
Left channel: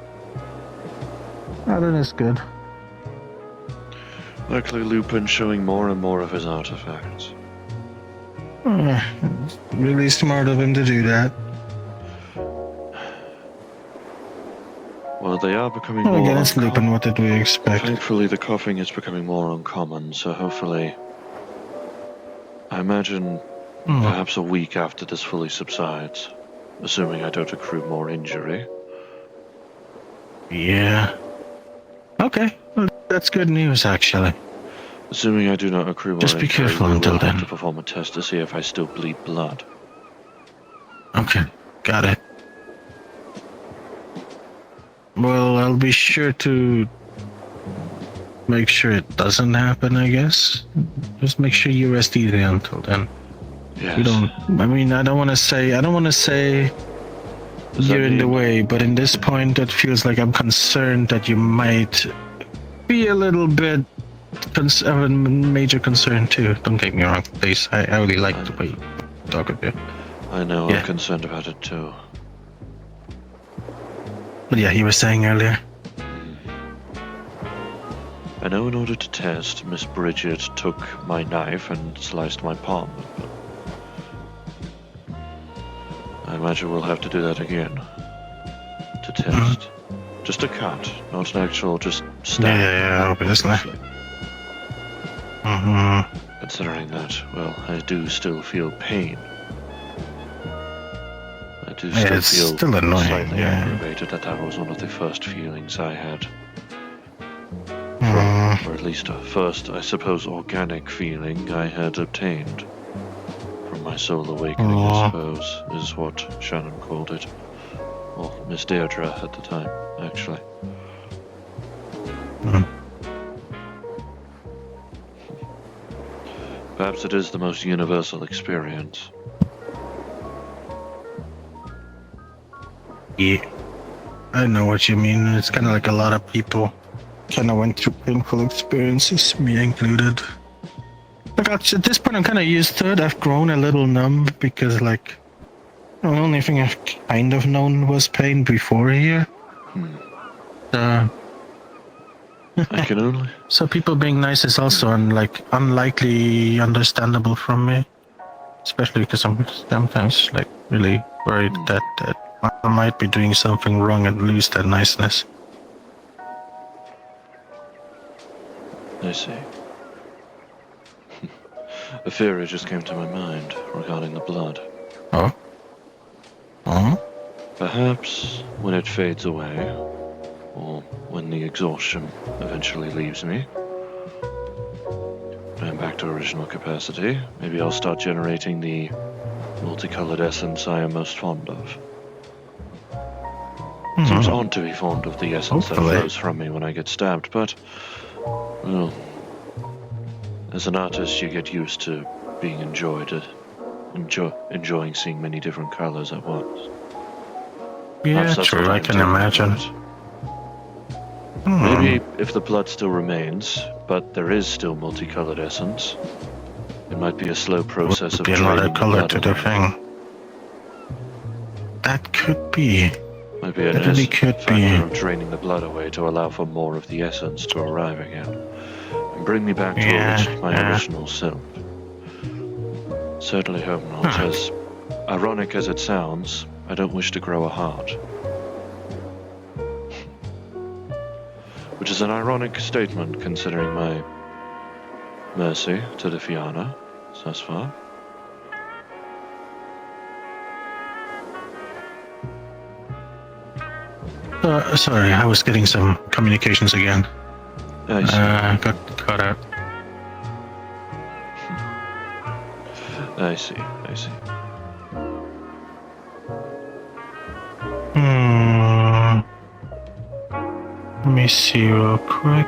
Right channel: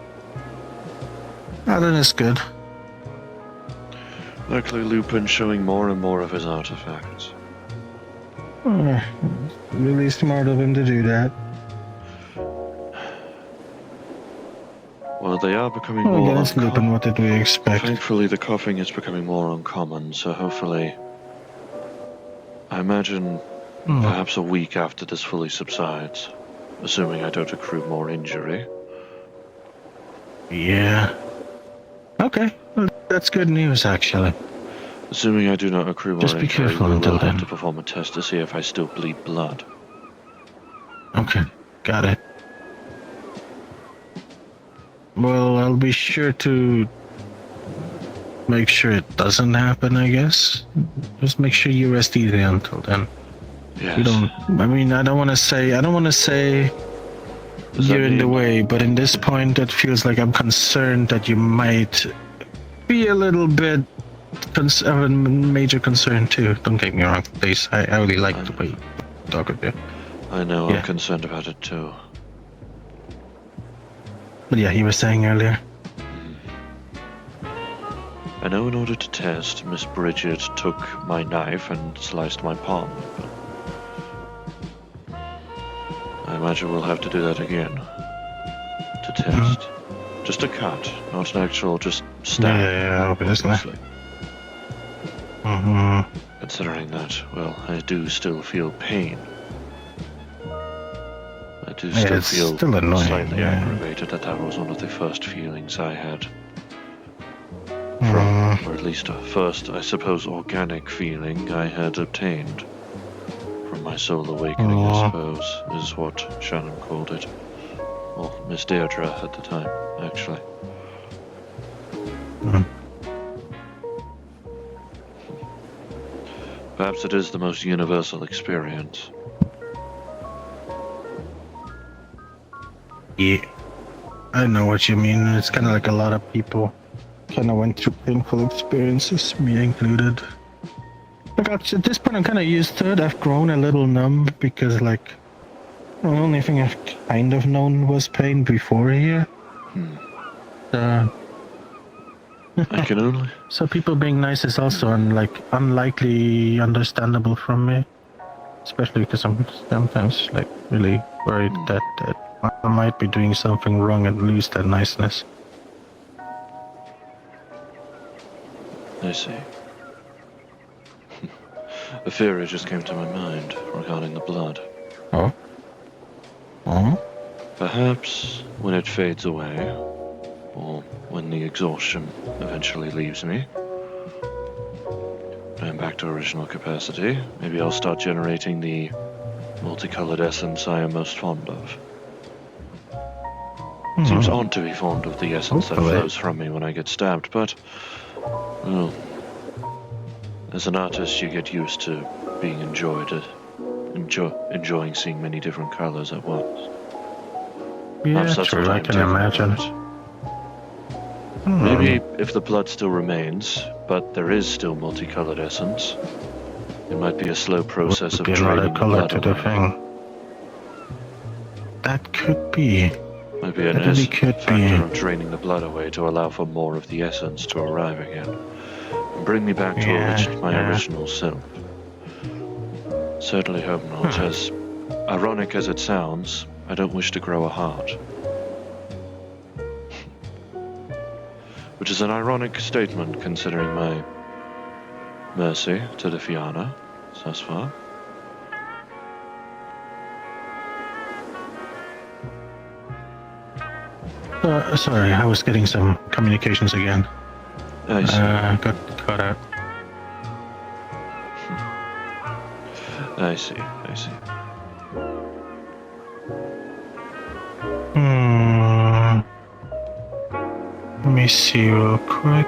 Oh, that is good. Likely Lupin showing more and more of his artifacts. Really smart of him to do that. Well, they are becoming Oh, more that's Lupin, uncommon. what did we expect? Thankfully, the coughing is becoming more uncommon, so hopefully... I imagine perhaps a week after this fully subsides, assuming I don't accrue more injury. Yeah. Okay, well, that's good news, actually. Assuming I do not accrue more Just be injury, careful we will until have then. to perform a test to see if I still bleed blood. Okay, got it. Well, I'll be sure to make sure it doesn't happen, I guess. Just make sure you rest easy until then. Yes. You don't, I mean, I don't want to say Does that you're in the mean- way, but in this point, it feels like I'm concerned that you might be a little bit of a major concern too. Don't take me wrong, please. I really like the way you talk with you. I know, Yeah. I'm concerned about it too. But yeah, you were saying earlier. I know in order to test, Miss Bridget took my knife and sliced my palm open. I imagine we'll have to do that again. To test. Just a cut, not an actual just stab. Yeah, obviously. obviously. Mm-hmm. Considering that, well, I do still feel pain. I do Yeah, still it's feel still annoying, slightly yeah. aggravated that was one of the first feelings I had. From, or at least a first, I suppose, organic feeling I had obtained from my soul awakening, I suppose, is what Shannon called it. Or Miss Deirdre at the time, actually. Perhaps it is the most universal experience. Yeah, I know what you mean. It's kind of like a lot of people kind of went through painful experiences, me included. Like at this point, I'm kind of used to it. I've grown a little numb because, like, the only thing I've kind of known was pain before here. I can only... So people being nice is also unlikely understandable from me, especially because I'm sometimes really worried that I might be doing something wrong and lose that niceness. I see. A theory just came to my mind regarding the blood. Oh? Oh? Perhaps when it fades away, or when the exhaustion eventually leaves me, and I'm back to original capacity, maybe I'll start generating the multicolored essence I am most fond of. Seems odd to be fond of the essence that flows from me when I get stabbed, but, well, as an artist you get used to being enjoying seeing many different colors at once. Yeah, Perhaps that's true, what I I'm can taking imagine. from it. Maybe if the blood still remains, but there is still multicolored essence, it might be a slow process of draining the blood away. That could be. Might be an factor of draining the blood away to allow for more of the essence to arrive again, and bring me back to my original self. Certainly hope not. As ironic as it sounds, I don't wish to grow a heart. Which is an ironic statement considering my mercy to the Fianna thus far. Sorry, I was getting some communications again. I see. Got cut out. I see. Let me see real quick.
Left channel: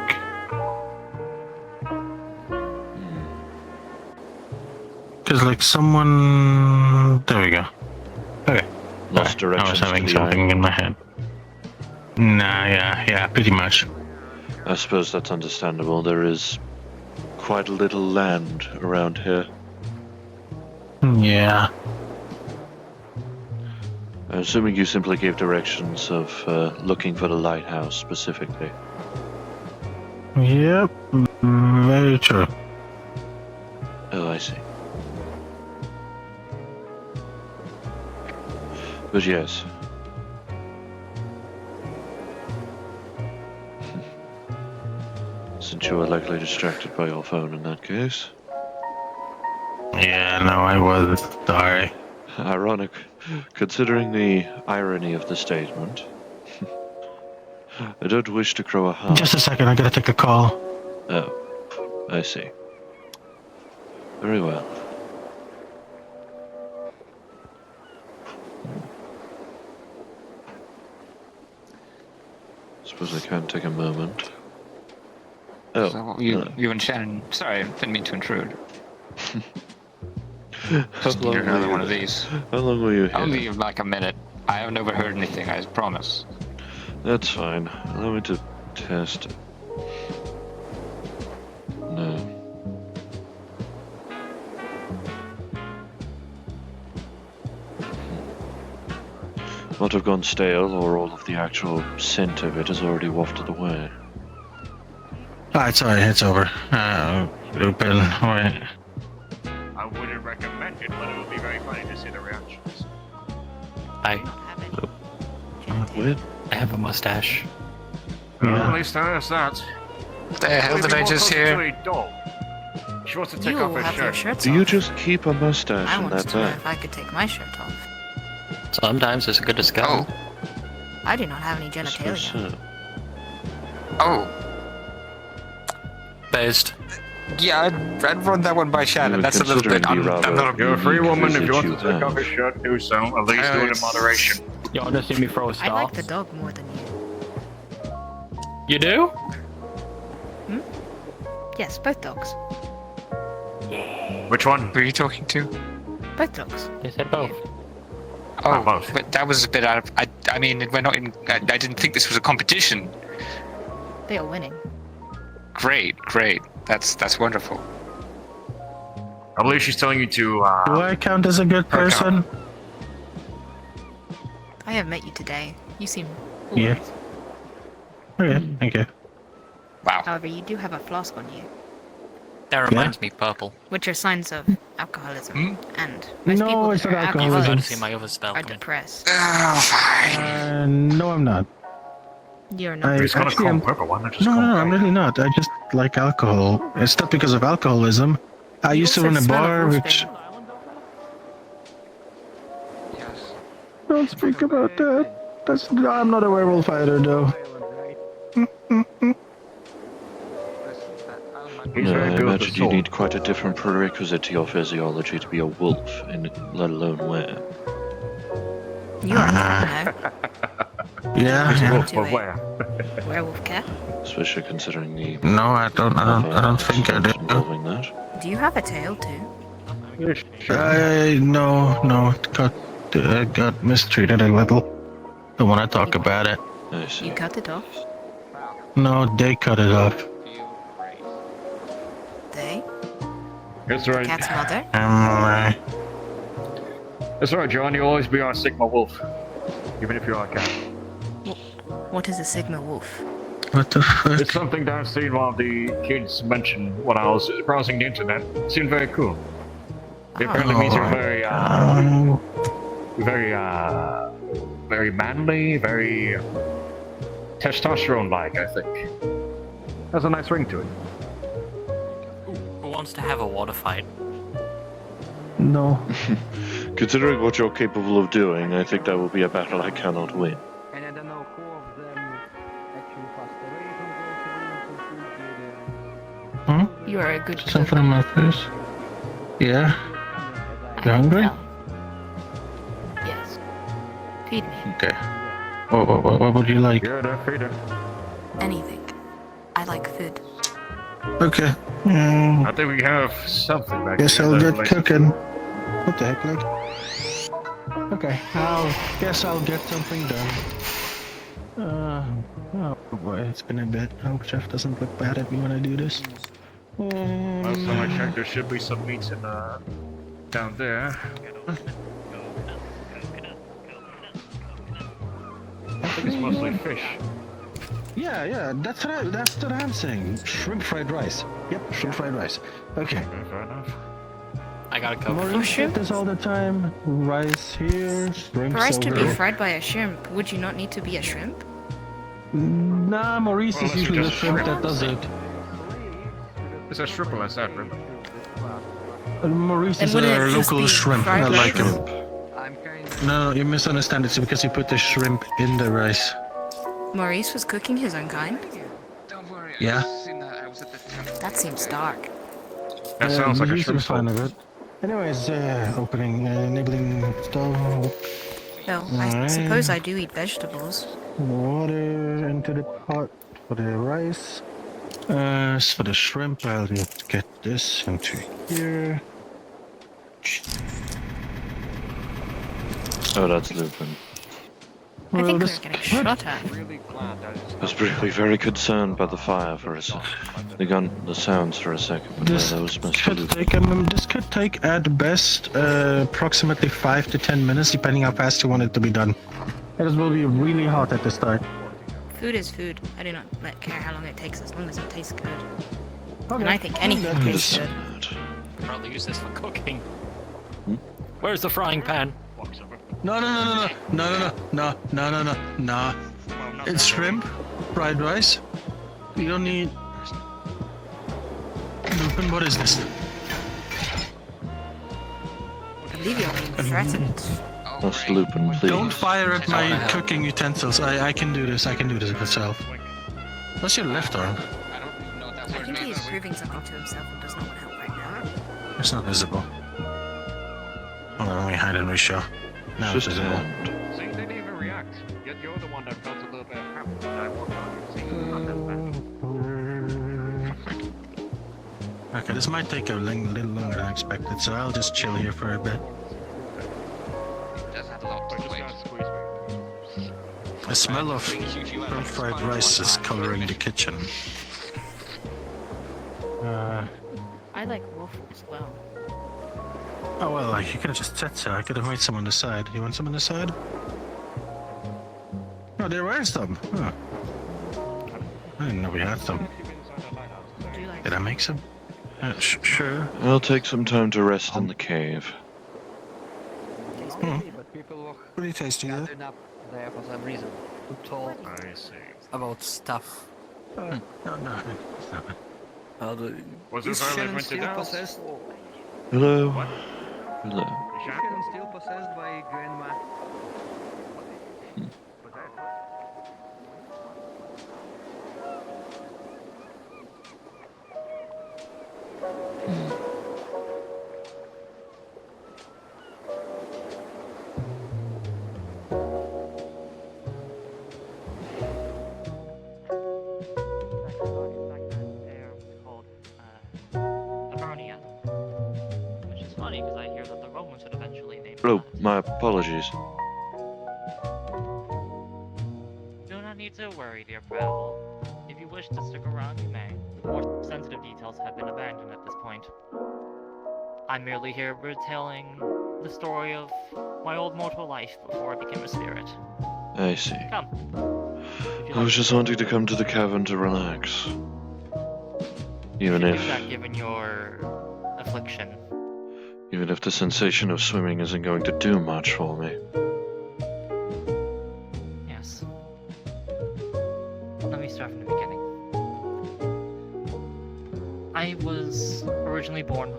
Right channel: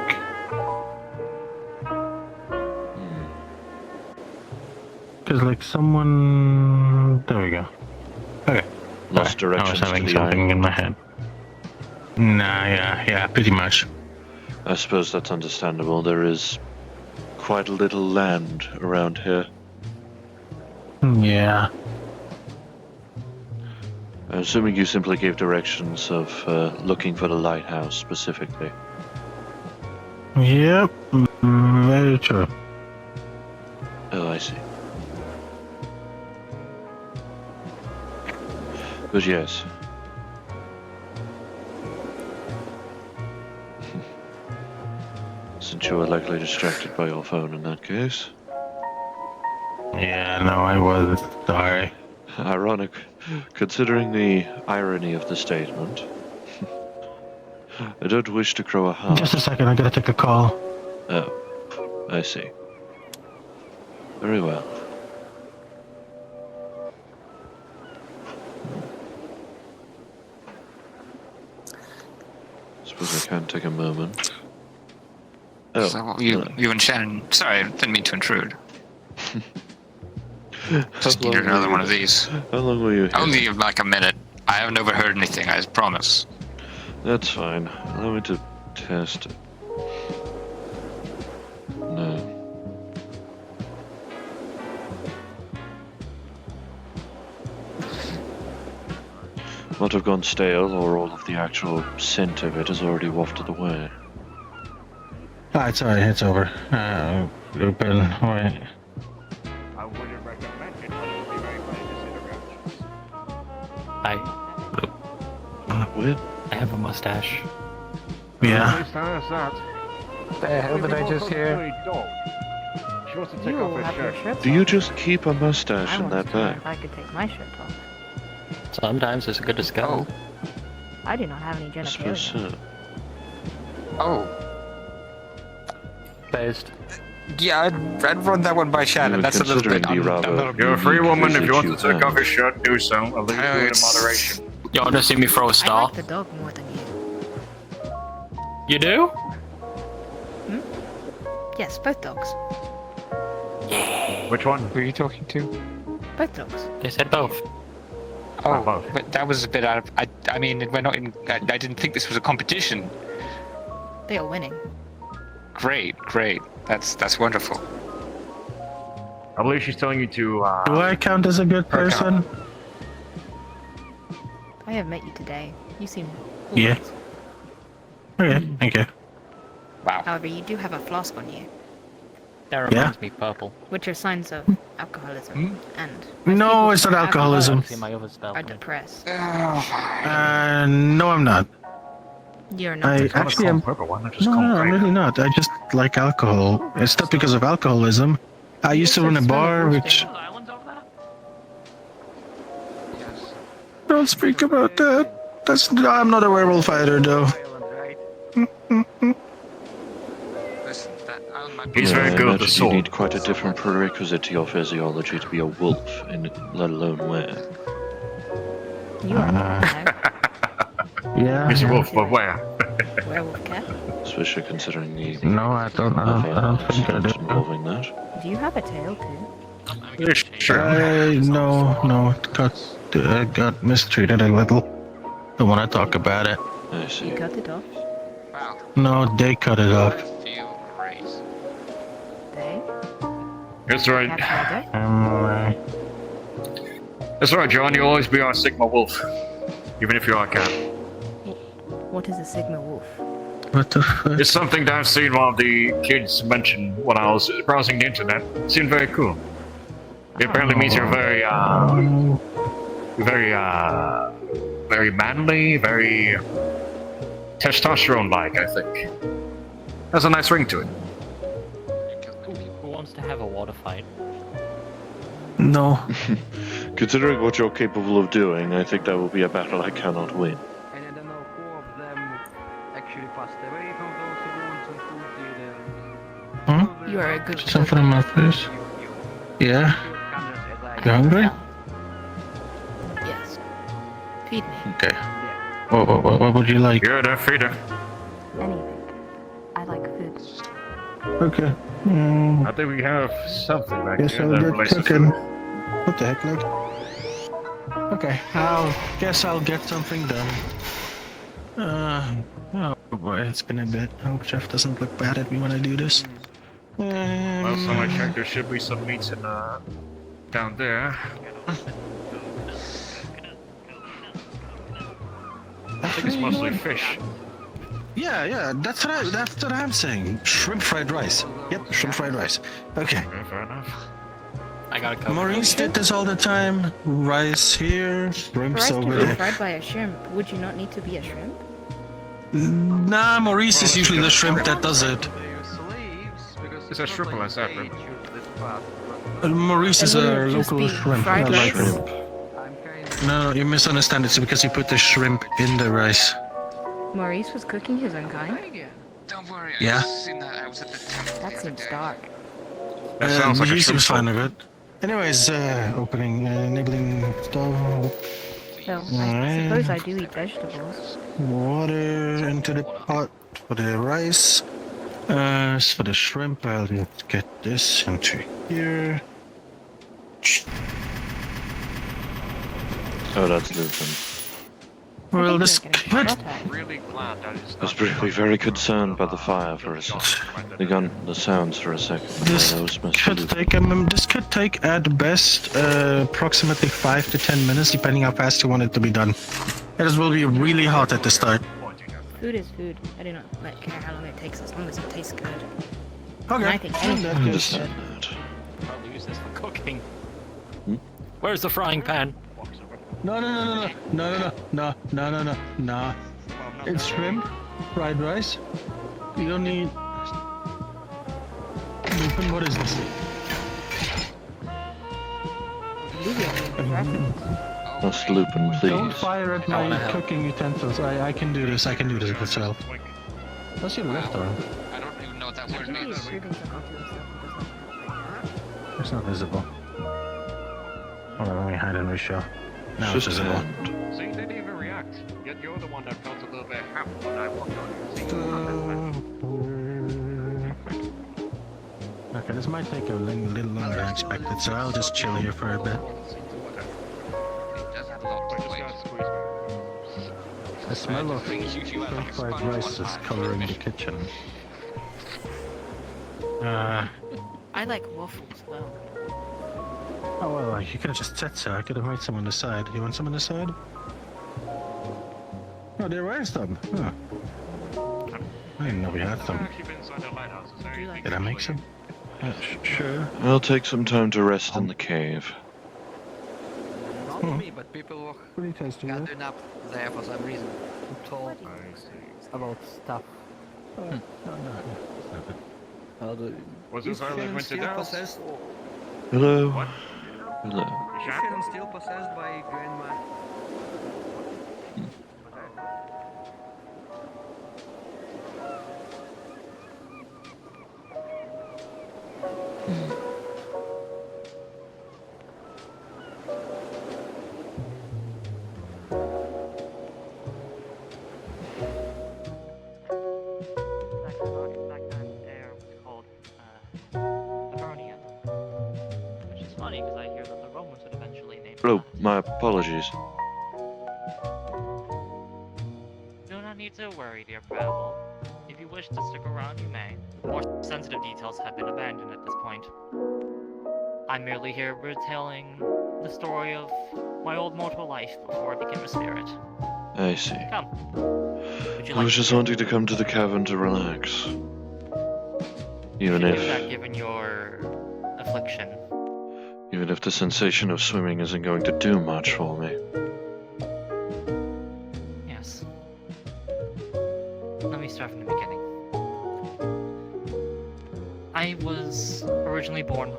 Because someone... There we go. Okay. Lost directions I was having to the something in my head. Nah, yeah, pretty much. I suppose that's understandable. There is quite a little land around here. Yeah. I'm assuming you simply gave directions of looking for the lighthouse specifically. Yep, very true. Oh, I see. But yes. Since you were likely distracted by your phone in that case. Yeah, no, I was sorry. Ironic, considering the irony of the statement. I don't wish to grow a heart. Just a second, I gotta take a call. Oh, I see. Very well. Suppose I can take a moment. Oh, So you and Shannon. Sorry, I didn't mean to intrude. Just needed another one of these. How long were you here? Only like a minute. I haven't overheard anything, I promise. That's fine. Allow me to test it. No. Might have gone stale, or all of the actual scent of it has already wafted away. It's alright, it's over. Open, wait. I wouldn't recommend it, but it would be very funny to see the reactions. What? I have a mustache. At least I asked that. What the hell did I just hear? She wants to take You off all her have your shirt. shirts Do you off. just keep a mustache I in once that told her bag? if I could take my shirt off. Sometimes it's good to scout. Oh, I do not have any I suppose genitalia. so. oh. Based. Yeah, I'd run that one by Shannon. That's a little Considering bit. the rather You're a free unique woman. If visit you want to you take off have. your shirt, do so. At least do it in It's- moderation. You want to see me throw a I star? like the dog more than you. You do? Yes, both dogs. Which one? Who are you talking to? Both dogs. They said both. Oh, both. but that was a bit out of. I mean, we're not in. I didn't think this was a competition. They are winning. Great. That's wonderful. I believe she's telling you to. Do I count as a good person? I have met you today. You seem Yeah. alright. Okay, thank you. Wow. However, you do have a flask on you, That reminds me, purple. which are signs of alcoholism. And No, most it's people not that are alcoholism. See my other spell are come in. depressed. No, I'm not. You're not. I It's not a actually call am. purple one. I just No, call I'm really not. I just like alcohol. It's not because of alcoholism. I used to run a bar, which. Don't speak about that. I'm not a werewolf either, though. He's No, very I good with the imagine you sword. need quite a different prerequisite to your physiology to be a wolf, let alone where. You are no Yeah. He's a yeah. wolf, but where? werewolf care. Especially considering the No, I don't think I incident do. involving that. Do you have a tail too? Sure. No. Got mistreated a little. Don't want to talk about it. I see. You cut it off. No, they cut it off. They? That's right. Cat's mother? That's right, John. You'll always be our Sigma wolf. Even if you are a cat. What is a Sigma wolf? What the fuck? It's something that I've seen one of the kids mention when I was browsing the internet. It seemed very cool. It apparently means you're very manly, very testosterone-like, I think. There's a nice ring to it. Who wants to have a water fight? No. Considering what you're capable of doing, I think that will be a battle I cannot win. And I don't know who of them actually passed away from those wounds and who did. Huh? You are a good cook. Something on my face? Yeah. You hungry? Well, yes. Feed me. Okay. What would you like? You're the feeder. Anything. I like food. Okay. I think we have something back Guess here. I'll that get relates to cooking. food. What the heck, like? Okay, guess I'll get something done. Oh boy, it's been a bit. I hope Jeff doesn't look bad at me when I do this. Well, so I checked there should be some meats in down there. I think it's mostly fish. Yeah, that's what I'm saying. Shrimp fried rice. Yep, shrimp fried rice. Okay. Okay, fair enough. I got a coke. Maurice did this all the time. Rice here, shrimp For us to be over. fried by a shrimp, would you not need to be a shrimp? Nah, Maurice Well, is let's usually get the it. shrimp that does it. It's as triple as that, right? Maurice is And a wouldn't it just local be shrimp. fried not a rice? shrimp. No, you misunderstand. It's because you put the shrimp in the rice. Maurice was cooking his own kind? Don't worry, Yeah. I was at the That seems dark. That sounds like a he seems shrimp. fine with it. Anyways, enabling stove, Though, I Alright. suppose I do eat vegetables. water into the pot for the rice. As for the shrimp, I'll just get this into here. Oh, that's Lupin. I Well, think this we're getting shot at. I was really very concerned by the fire for a second. The sounds for a second, but This that was Mr. could Lupin. take this could take at best approximately 5 to 10 minutes, depending how fast you want it to be done. It will be really hot at the start. Food is food. I do not care how long it takes as long as it tastes good. Okay. And I think in anything that I case, understand that. I'll use this for cooking. Hmm? Where's the frying pan? No. It's shrimp, fried rice. You don't need. What is this? I believe you're being threatened. Mr. Lupin, Don't please. fire at my cooking utensils. I can do this. I can do this myself. That's your left arm. I don't even know what that I word think means. he's proving something to himself and does not help right now. It's not visible. Hold on, let me hide and reshow. Now Just it's a visible. hand. See, they didn't even react. Yet you're the one that felt a little bit happy when I walked on you. See, it's not that bad. Okay, this might take a little longer than expected, so I'll just chill here for a bit. The smell of fried rice is coloring the kitchen. I like waffles as well. Oh well, you could have just said so. I could have made some on the side. You want some on the side? Oh, there were some. Huh. I didn't know we had some. Would you like Did I make some? Sure. I'll take some time to rest in the cave. Not me, but people were Pretty tasty. gathering up there for some reason to talk about stuff. No. Was Is it finally Shannon went to still house? possessed? Hello. What? Hello. Is Shannon still possessed by Grandma? Which is funny because I hear that the Romans would eventually name Oh, that. my apologies. Do not need to worry, dear Prehevil. If you wish to stick around, you may. More sensitive details have been abandoned at this point. I'm merely here retelling the story of my old mortal life before I became a spirit. I see. Come. Would you I was like just to wanting to come to the cavern to relax. Even do that if, given your affliction? even if the sensation of swimming isn't going to do much for me. Yes. Let me start from the beginning. I was originally born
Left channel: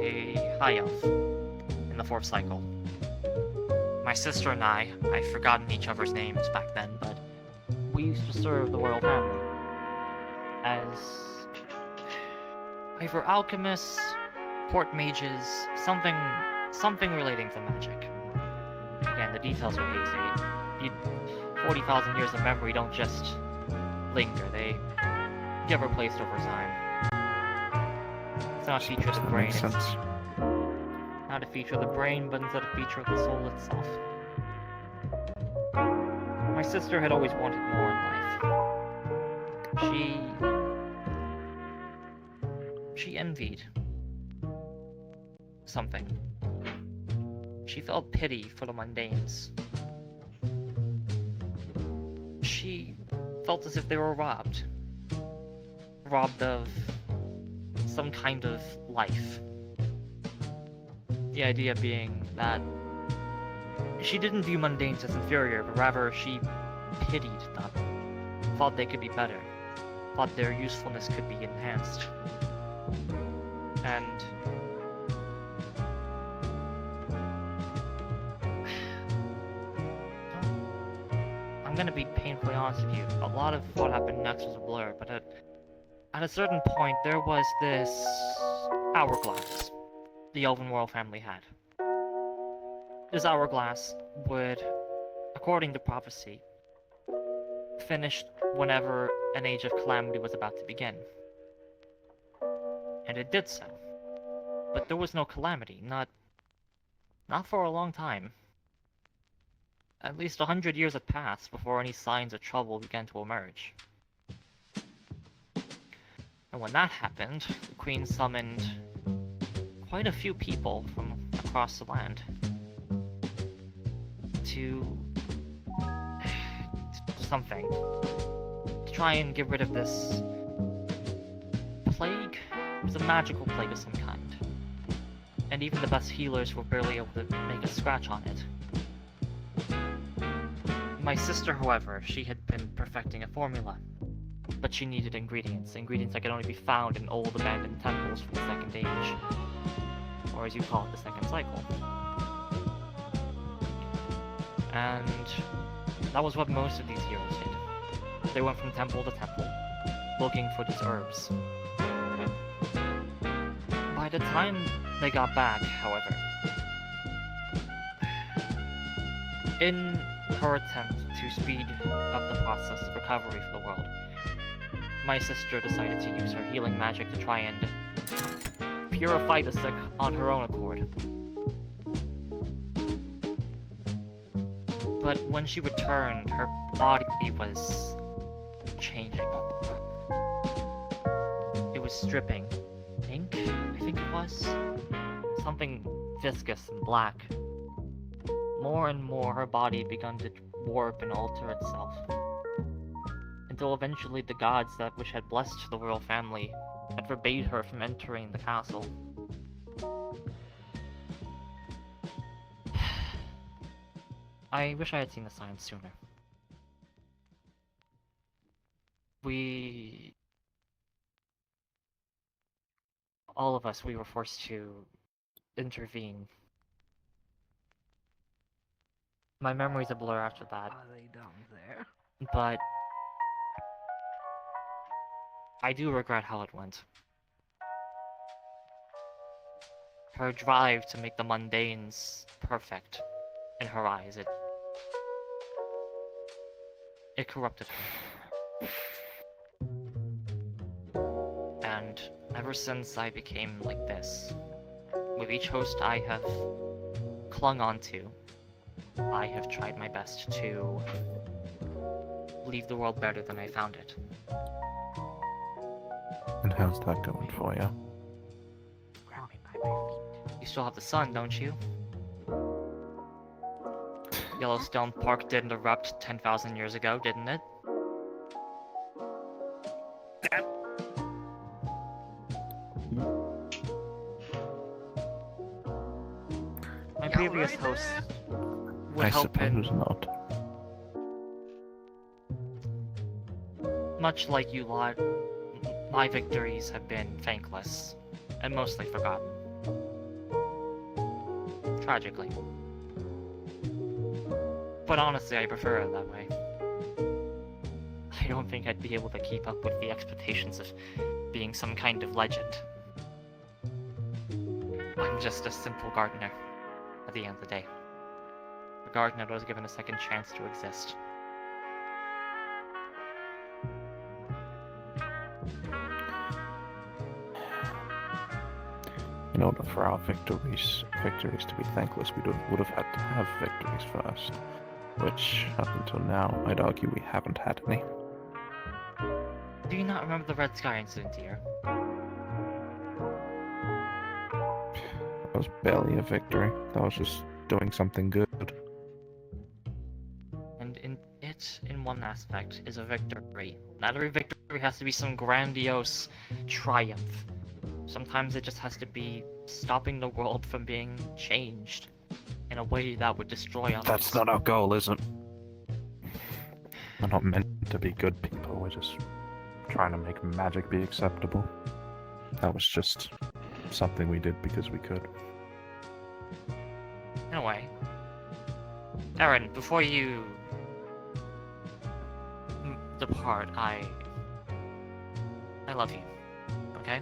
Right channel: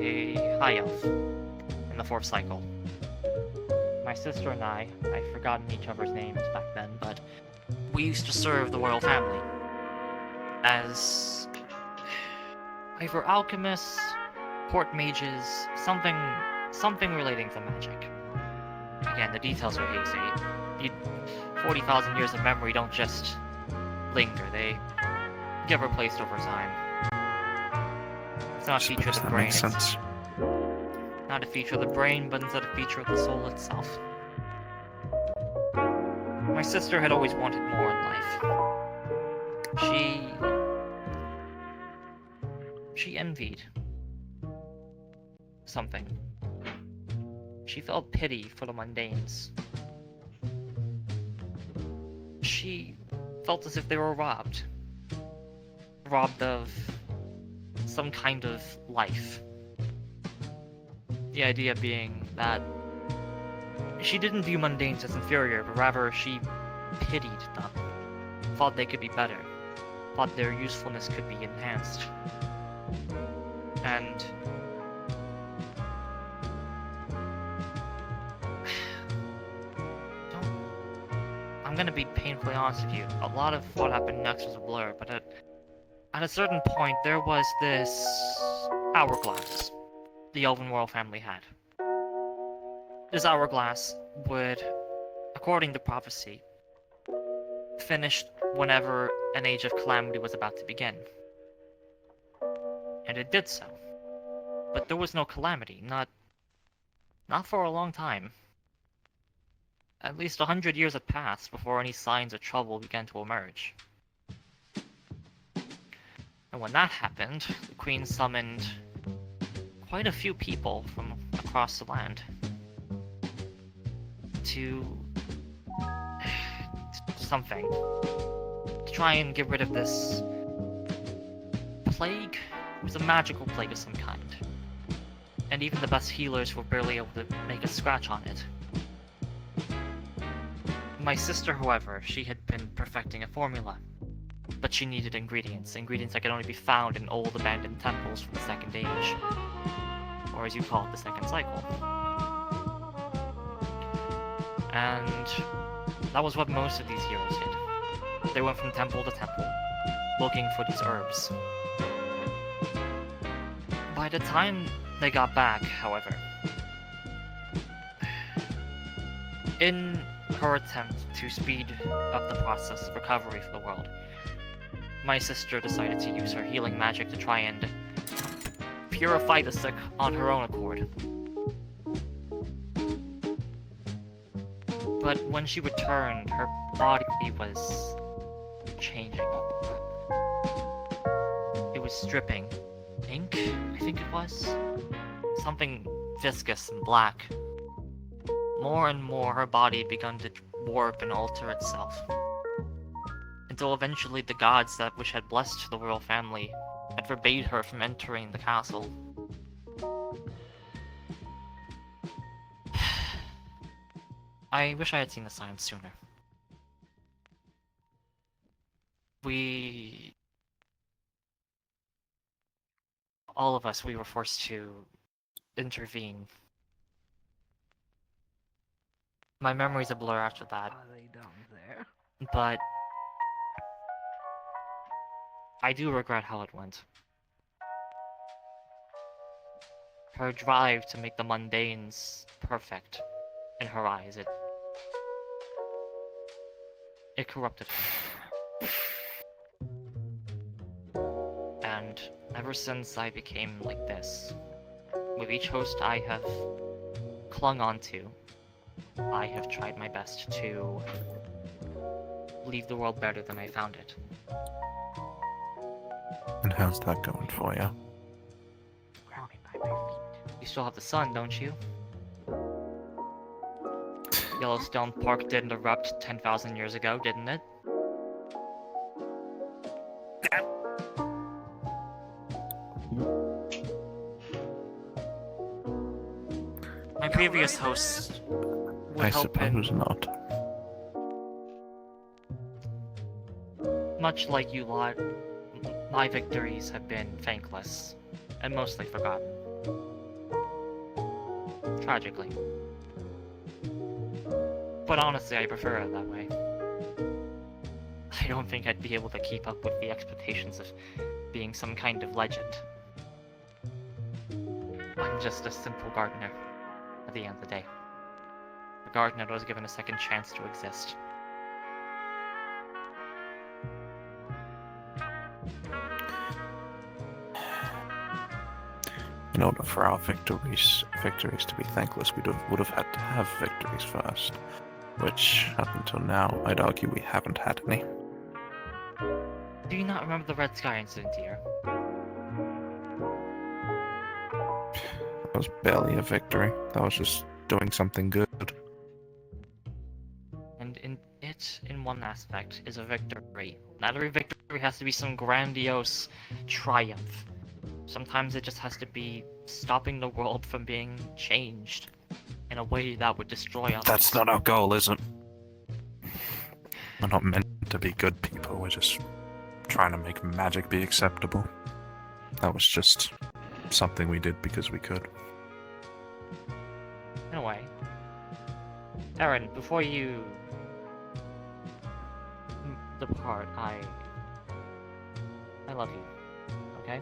a high elf in the 4th cycle. My sister and I've forgotten each other's names back then, but we used to serve the royal family as either alchemists, court mages, something relating to magic. Again, the details are hazy. 40,000 years of memory don't just linger, they get replaced over time. It's not a feature of the That brain. makes sense. Not a feature of the brain, but instead a feature of the soul itself. My sister had always wanted more in life. She envied something. She felt pity for the mundanes. She felt as if they were robbed. Robbed of some kind of life. The idea being that she didn't view mundanes as inferior, but rather she pitied them. Thought they could be better. Thought their usefulness could be enhanced. And I'm gonna be painfully honest with you. A lot of what happened next was a blur, but at a certain point there was this hourglass the Elven royal family had. This hourglass would, according to prophecy, finish whenever an age of calamity was about to begin. And it did so. But there was no calamity, not for a long time. At least 100 years had passed before any signs of trouble began to emerge. And when that happened, the Queen summoned quite a few people from across the land to something, to try and get rid of this plague. It was a magical plague of some kind, and even the best healers were barely able to make a scratch on it. My sister, however, she had been perfecting a formula, but she needed ingredients that could only be found in old abandoned temples from the Second Age, or as you call it, the Second Cycle. And that was what most of these healers did. They went from temple to temple, looking for these herbs. By the time they got back, however, in her attempt to speed up the process of recovery for the world, my sister decided to use her healing magic to try and purify the sick on her own accord. But when she returned, her body was changing. It was dripping ink, I think it was. Something viscous and black. More and more, her body began to warp and alter itself. until eventually the gods that which had blessed the royal family had forbade her from entering the castle. I wish I had seen the signs sooner. All of us, we were forced to intervene. My memory's a blur after that. Are they down there? But I do regret how it went. Her drive to make the mundanes perfect in her eyes, it corrupted her. And ever since I became like this, with each host I have clung onto, I have tried my best to leave the world better than I found it. And how's that going for you? You still have the sun, don't you? Yellowstone Park didn't erupt 10,000 years ago, didn't it? My previous hosts would I help suppose in... not. Much like you lot, my victories have been thankless, and mostly forgotten. Tragically. But honestly, I prefer it that way. I don't think I'd be able to keep up with the expectations of being some kind of legend. I'm just a simple gardener, at the end of the day. A gardener that was given a second chance to exist. In order for our victories to be thankless, we would have had to have victories first. Which, up until now, I'd argue we haven't had any. Do you not remember the Red Sky incident here? That was barely a victory. That was just doing something good. And in one aspect, is a victory. Not every victory has to be some grandiose triumph. Sometimes it just has to be stopping the world from being changed in a way that would destroy us. That's not our goal, is it? We're not meant to be good people, we're just trying to make magic be acceptable. That was just something we did because we could. In a way. Aaron, before you depart, I love you. Okay?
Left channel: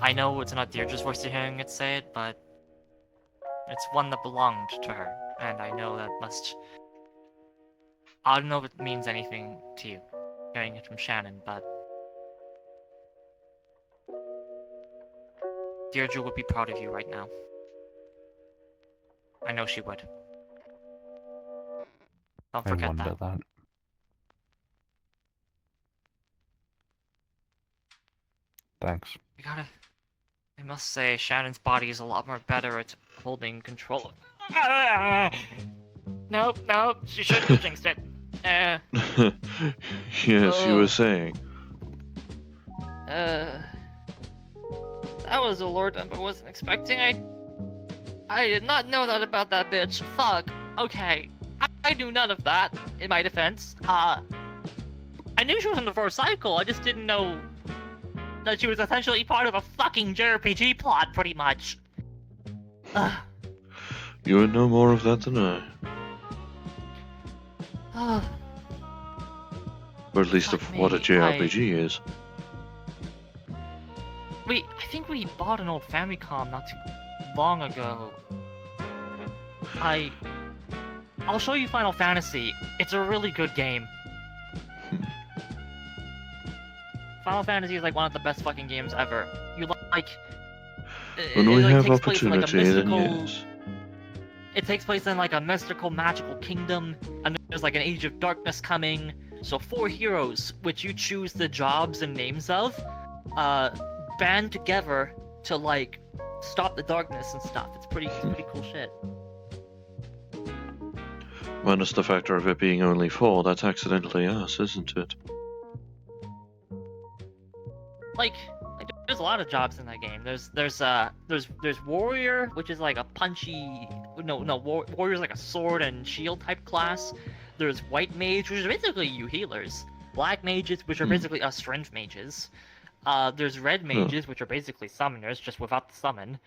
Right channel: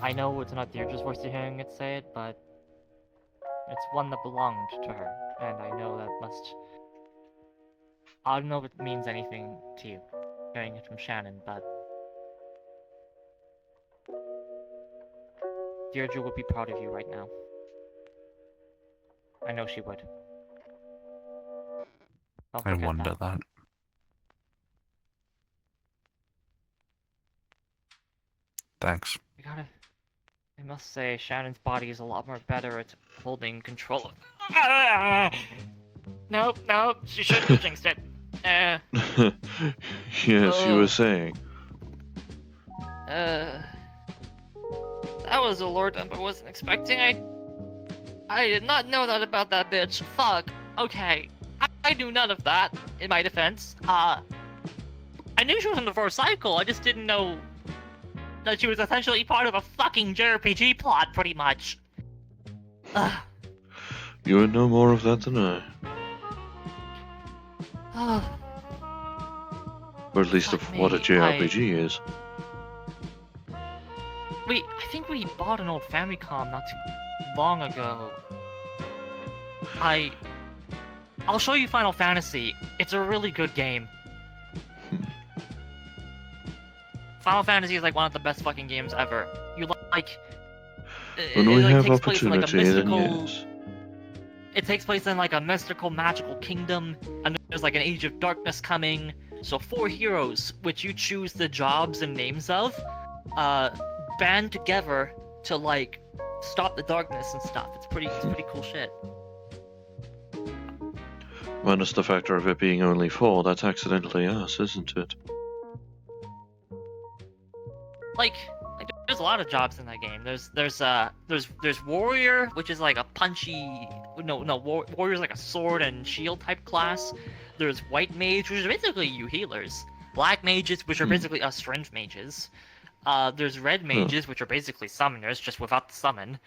I know it's not Deirdre's voice you're hearing it say it, but it's one that belonged to her, and I know that must... I don't know if it means anything to you, hearing it from Shannon, but... Deirdre would be proud of you right now. I know she would. Don't I forget wonder that. Thanks. I must say, Shannon's body is a lot more better at holding control. Nope, she shouldn't have jinxed it. Yes, you were saying. That was a lord I wasn't expecting. I did not know that about that bitch. Fuck. Okay. I knew none of that, in my defense. I knew she was in the first cycle, I just didn't know that she was essentially part of a fucking JRPG plot, pretty much. You would know more of that than I. Or at least of what a JRPG is. I think we bought an old Famicom not too long ago. I'll show you Final Fantasy. It's a really good game. Final Fantasy is like one of the best fucking games ever. When we have takes place in, like, a opportunity, then mystical- yes. It takes place in like a mystical, magical kingdom, and there's like an age of darkness coming. So 4 heroes, which you choose the jobs and names of, band together to like stop the darkness and stuff. It's pretty cool shit. Minus the factor of it being only 4, that's accidentally us, isn't it? Like there's a lot of jobs in that game. There's warrior, which is like a punchy. Warrior's like a sword and shield type class. There's white mage, which are basically you healers. Black mages, which are basically us strength mages. There's red mages, which are basically summoners, just without the summon.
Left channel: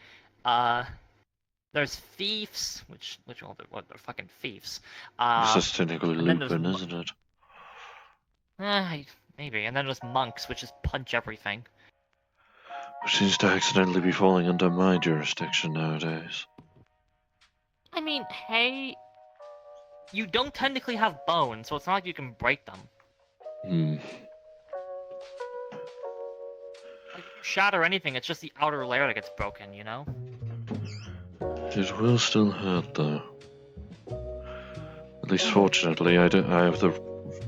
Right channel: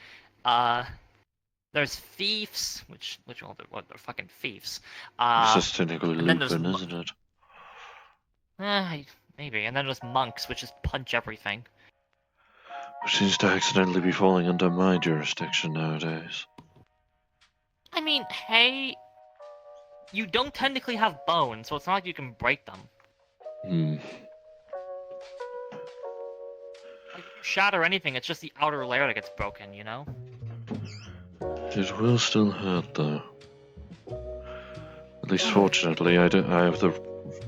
There's thieves, which they're fucking thieves. It's just technically and then there's Lupin, isn't it? Maybe. And then there's monks, which just punch everything. Which seems to accidentally be falling under my jurisdiction nowadays. I mean, hey, you don't technically have bones, so it's not like you can break them. Like, shatter anything, it's just the outer layer that gets broken, you know? It will still hurt, though. At least fortunately, I have the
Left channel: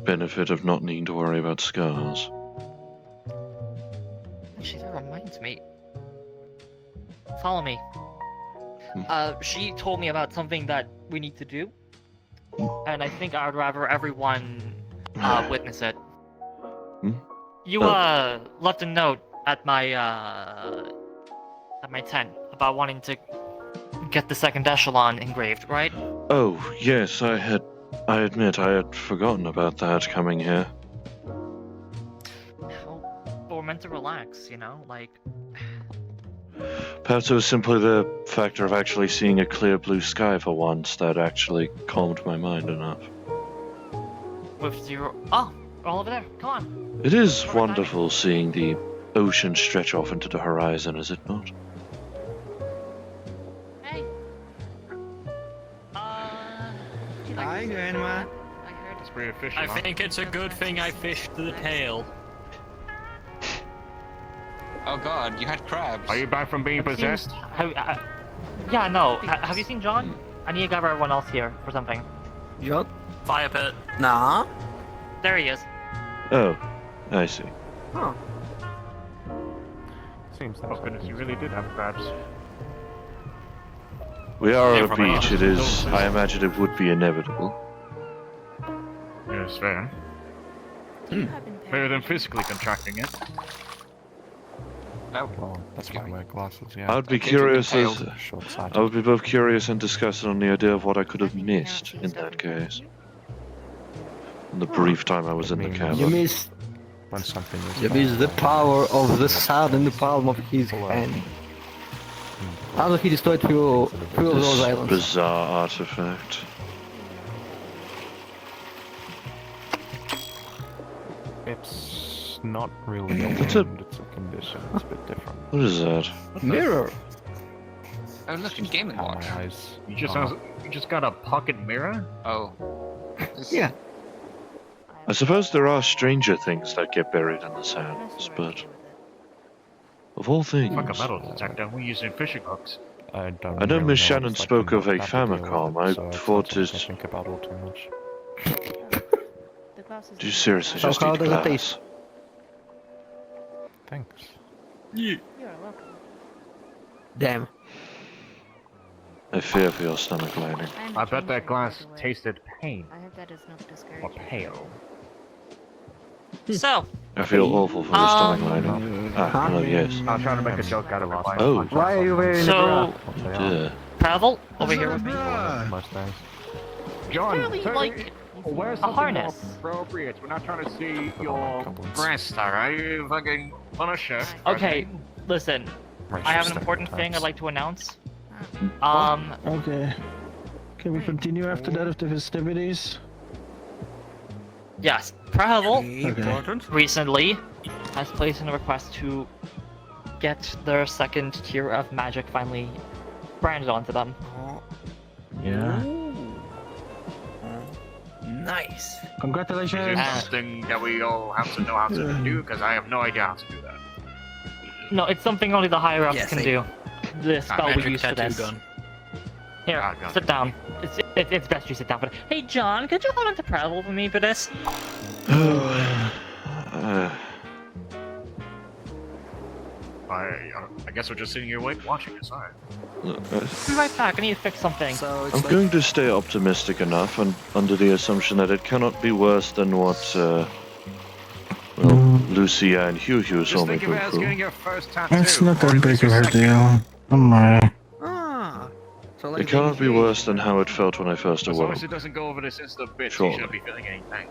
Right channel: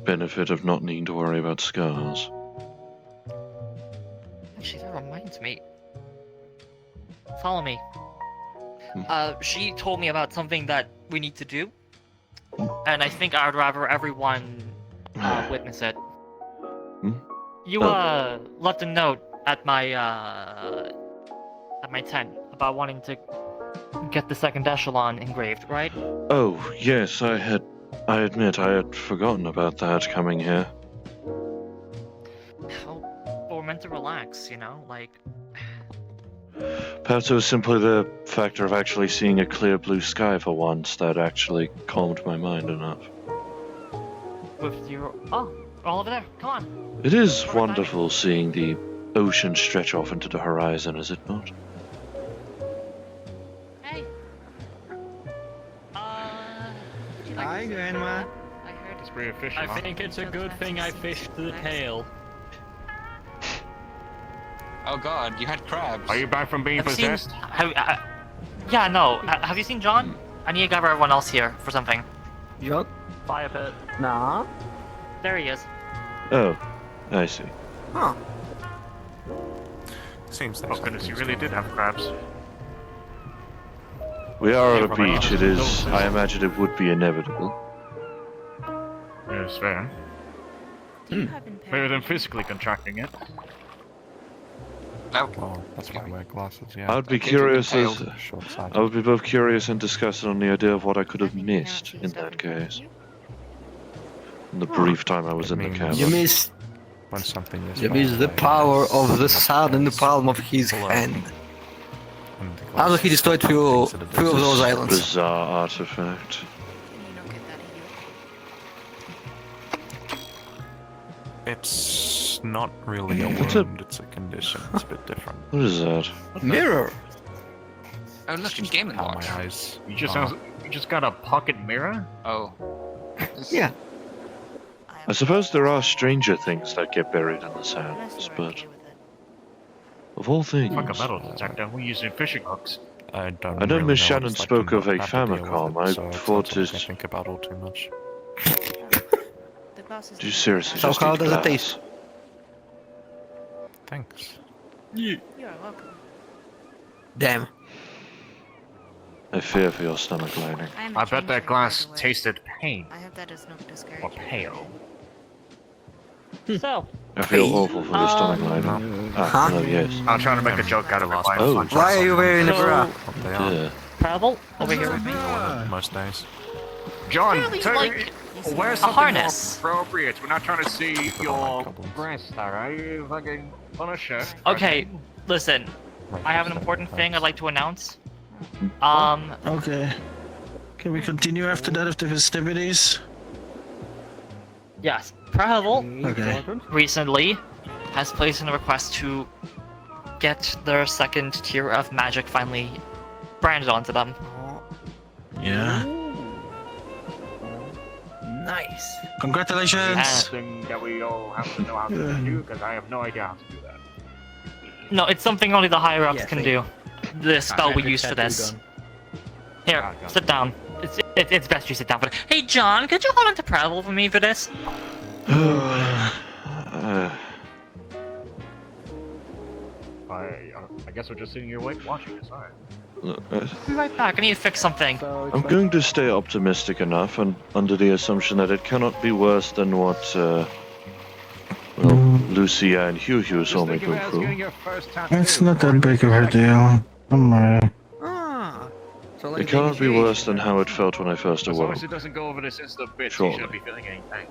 benefit of not needing to worry about scars. Actually, that reminds me. Follow me. She told me about something that we need to do, and I think I'd rather everyone witness it. You left a note at my tent about wanting to get the second echelon engraved, right? Oh, yes, I admit I had forgotten about that coming here. Well, we're meant to relax, you know? Like... Perhaps it was simply the factor of actually seeing a clear blue sky for once that actually calmed my mind enough. With you... Oh, all over there. Come on. It is wonderful seeing the ocean stretch off into the horizon, is it not? Hey. Would you like Hi, to say Grandma. that? I heard It's pretty efficient, I think it's a good thing I fished the tail. Oh god, you had crabs. Are you back from being possessed? Yeah, no. Have you seen John? I need to gather everyone else here for something. Yup. Fire pit. Nah. There he is. Oh, I see. Huh. Seems Oh there's goodness, you something really did have crabs. We are at a beach, it is... I imagine it would be inevitable. Yes, fair. Better than physically contracting it. No. Oh, that's why I wear glasses, yeah. I would be Okay, curious you've as... been I would be both curious and disgusted on the idea of what I could have missed in that case. In the brief time I was in the You cabin. missed. When something is You missed the power of the sun in the palm of his hand. How he destroyed few of those This islands. bizarre artifact. It's not really a It's a- wound, it's a condition. It's a bit different. What is that? Mirror. Oh, look, it's Game & How Watch. my eyes You just are. you just got a pocket mirror? Oh. Yeah. I suppose there are stranger things that get buried in the sands, but... Of all things... Like a metal detector, we're using fishing hooks. I don't I know really Miss it's Shannon like spoke you of a have to deal with Famicom. it, I so it's thought not something it... I think about all too much. Do you seriously So just how eat does it glass? taste? Thanks. Damn. I fear for your stomach lining. I bet that glass tasted pain. I hope that does not discourage Or you. pale. So, I feel awful for your stomach lining. Ah, hello, yes. I'm trying to make a joke out of it. Oh, Why are you wearing a bra? dear. Pavel, over here with me. Most days. John, Really, tell like, me, wear something harness. more appropriate. We're not trying to see your Goblins. breast, alright? You fucking want a shirt. Okay, listen. I have an important thing I'd like to announce. Okay. Can we continue after that of the festivities? Yes, Prehevil Okay. recently has placed in a request to get their second tier of magic finally branded onto them. Yeah. Nice. Congratulations. Something that we all have to know how to do, because I have no idea how to do that. No, it's something only the higher ups Yeah, can same. do. The spell we use for this. Here, sit down. It's best you sit down for it. Hey, John, could you hold on to Prehevil for me for this? I guess we're just sitting here watching this, alright. Be right back. I need to fix something. I'm going to stay optimistic enough, and under the assumption that it cannot be worse than what, Lucia and Hugh saw me go through. It's not that big of a deal. Oh my. So like It cannot be worse than how it felt when I first As long awoke. as it doesn't go over this instant bit, Surely. you shouldn't be feeling any pain.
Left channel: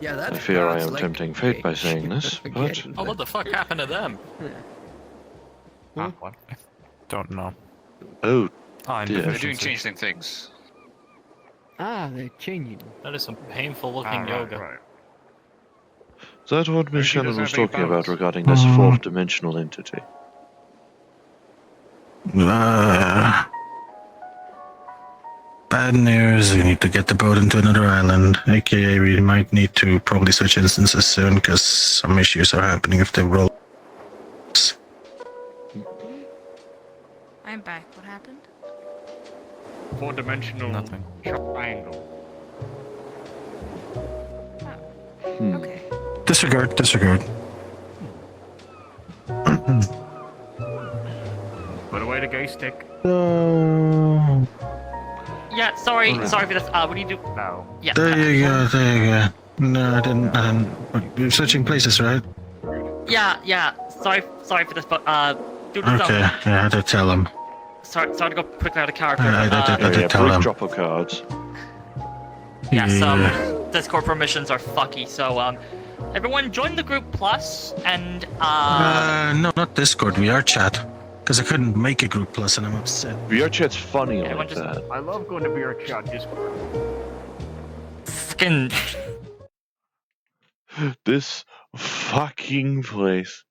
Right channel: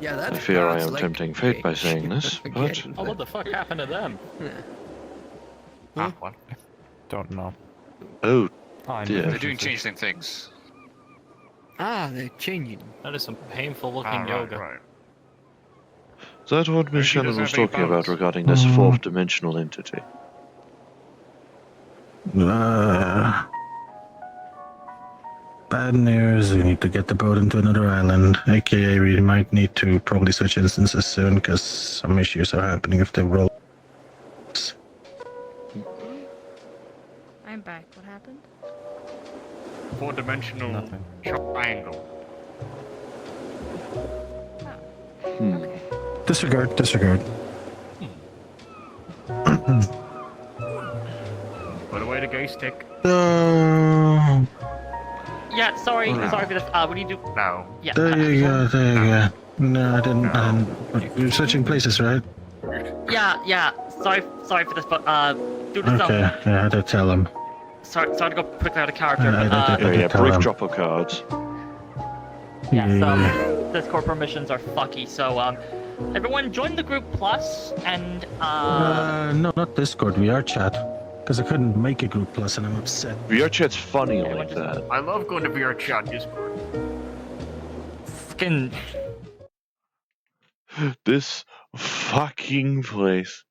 Yeah, that's I fear I that's am like- tempting fate by saying this, but Again. Oh, what the fuck happened to them? What? Don't know. oh Oh, dear. They're doing changing things. They're changing. That is some painful looking Right, yoga. right. Is that what Miss She Shannon doesn't was have any talking about powers. regarding this fourth dimensional entity? Bad news, we need to get the boat into another island, aka we might need to probably switch instances soon because some issues are happening if they roll. I'm back. What happened? 4-dimensional Nothing. triangle. Disregard. Put away the gay stick. Yeah, sorry Alright. for this. What do you do? Now. Yeah. There you go. No, I didn't. You're switching places, right? Yeah. Sorry for this, but do this. Okay, yeah, I did tell him. Sorry to go quickly out of character, Yeah, but I did Yeah, tell brief him. drop of cards. yeah. So Discord permissions are fucky. So everyone join the group plus and No, not Discord, VR chat. Because I couldn't make a group plus and I'm upset. VR chat's funny Everyone like just- that. I love going to VR chat Discord. fucking This fucking place.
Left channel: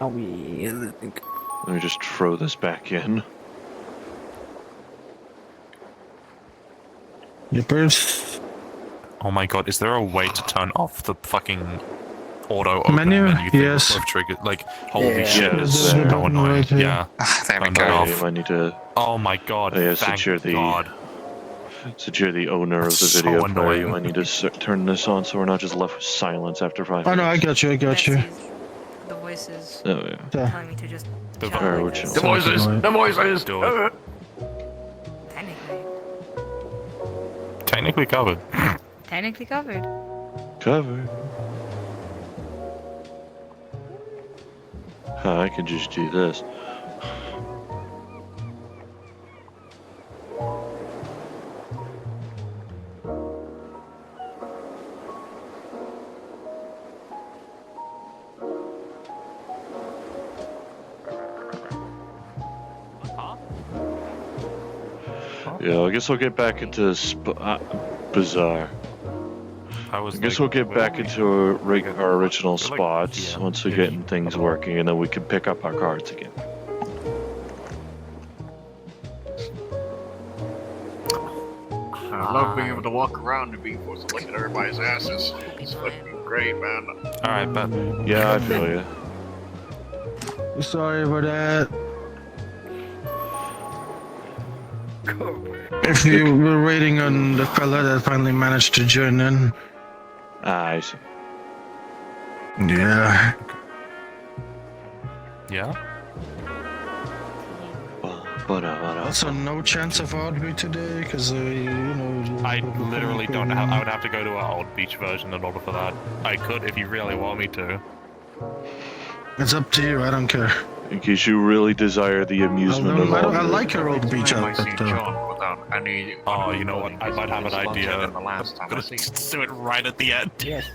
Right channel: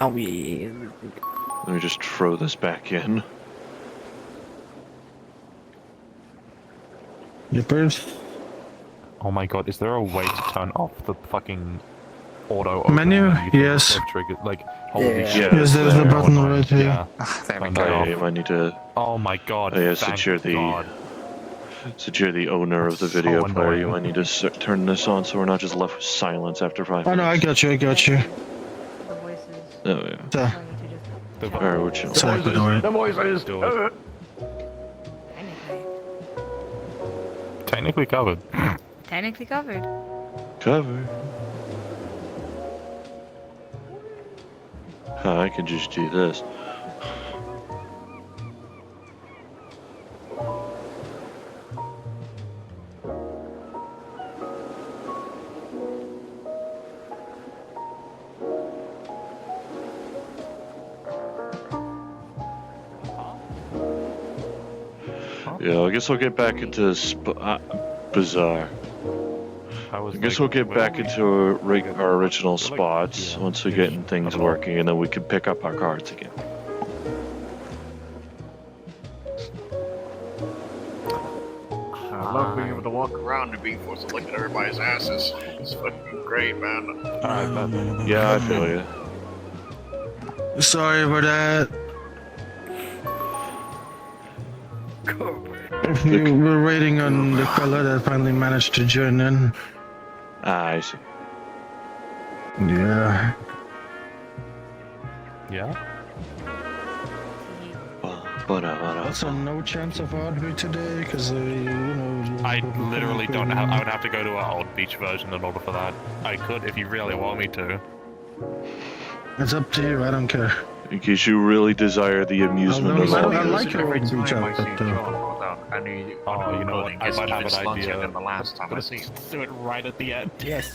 Oh yeah. Let me just throw this back in. Yippers. Oh my god, is there a way to turn off the fucking auto Menu? open thing Yes. I've triggered? Like, holy Yeah. shit. Yeah, Yes, there's there. a button right here. Yeah. There we Turn go. that Okay, off. I need to Oh my god. yeah, thank secure the- God. owner of the So video player. You annoying. might need to turn this on so we're not just left with silence after 5 Oh minutes. no, I got you. The voices Oh yeah. telling me to just The chill. Alright, we're chill. The Sorry, voices! do it. The voices! Do it. Technically. Technically covered. Technically covered. Cover. I can just do this. Yeah, I guess I'll get back into bizarre. I guess we'll get back into our original spots once we get things working, and then we can pick up our cards again. I love being able to walk around and being forced to look at everybody's asses. It's fucking great, man. Alright, but Yeah, I feel you. Sorry for that. If you were waiting on the fella that finally managed to join in. Ah, I see. Yeah. yeah. Also, no chance of Audrey today, because, I literally don't have. I would have to go to our old beach version in order for that. I could if you really want me to. It's up to you, I don't care. In case you really desire the amusement of all I this. like your old beach I see outfit, John without any. Oh, you know what? I might have an idea. Than the last time I see him. Do it right at the end. Yes.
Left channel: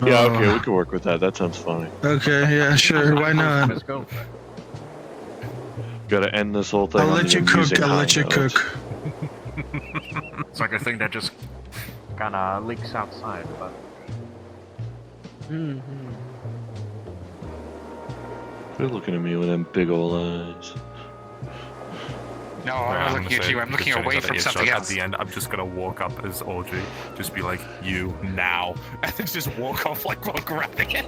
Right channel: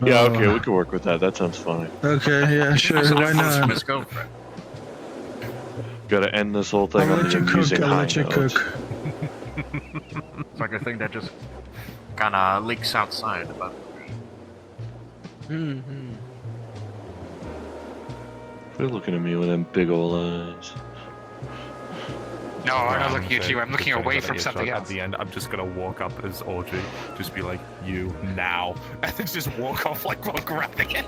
Yeah, okay, we can work with that. That sounds fine. Okay, yeah, sure, why not? Let's go for it. Gotta end this whole thing I'll on let the you amusing cook, I'll high let you note. cook. It's like a thing that just kind of leaks outside. But Quit looking at me with them big ol' eyes. No, I'm not looking at you. I'm looking away from something At else. the end, I'm just gonna walk up as Audrey, just be like, "You now," and then just walk off like while grabbing it.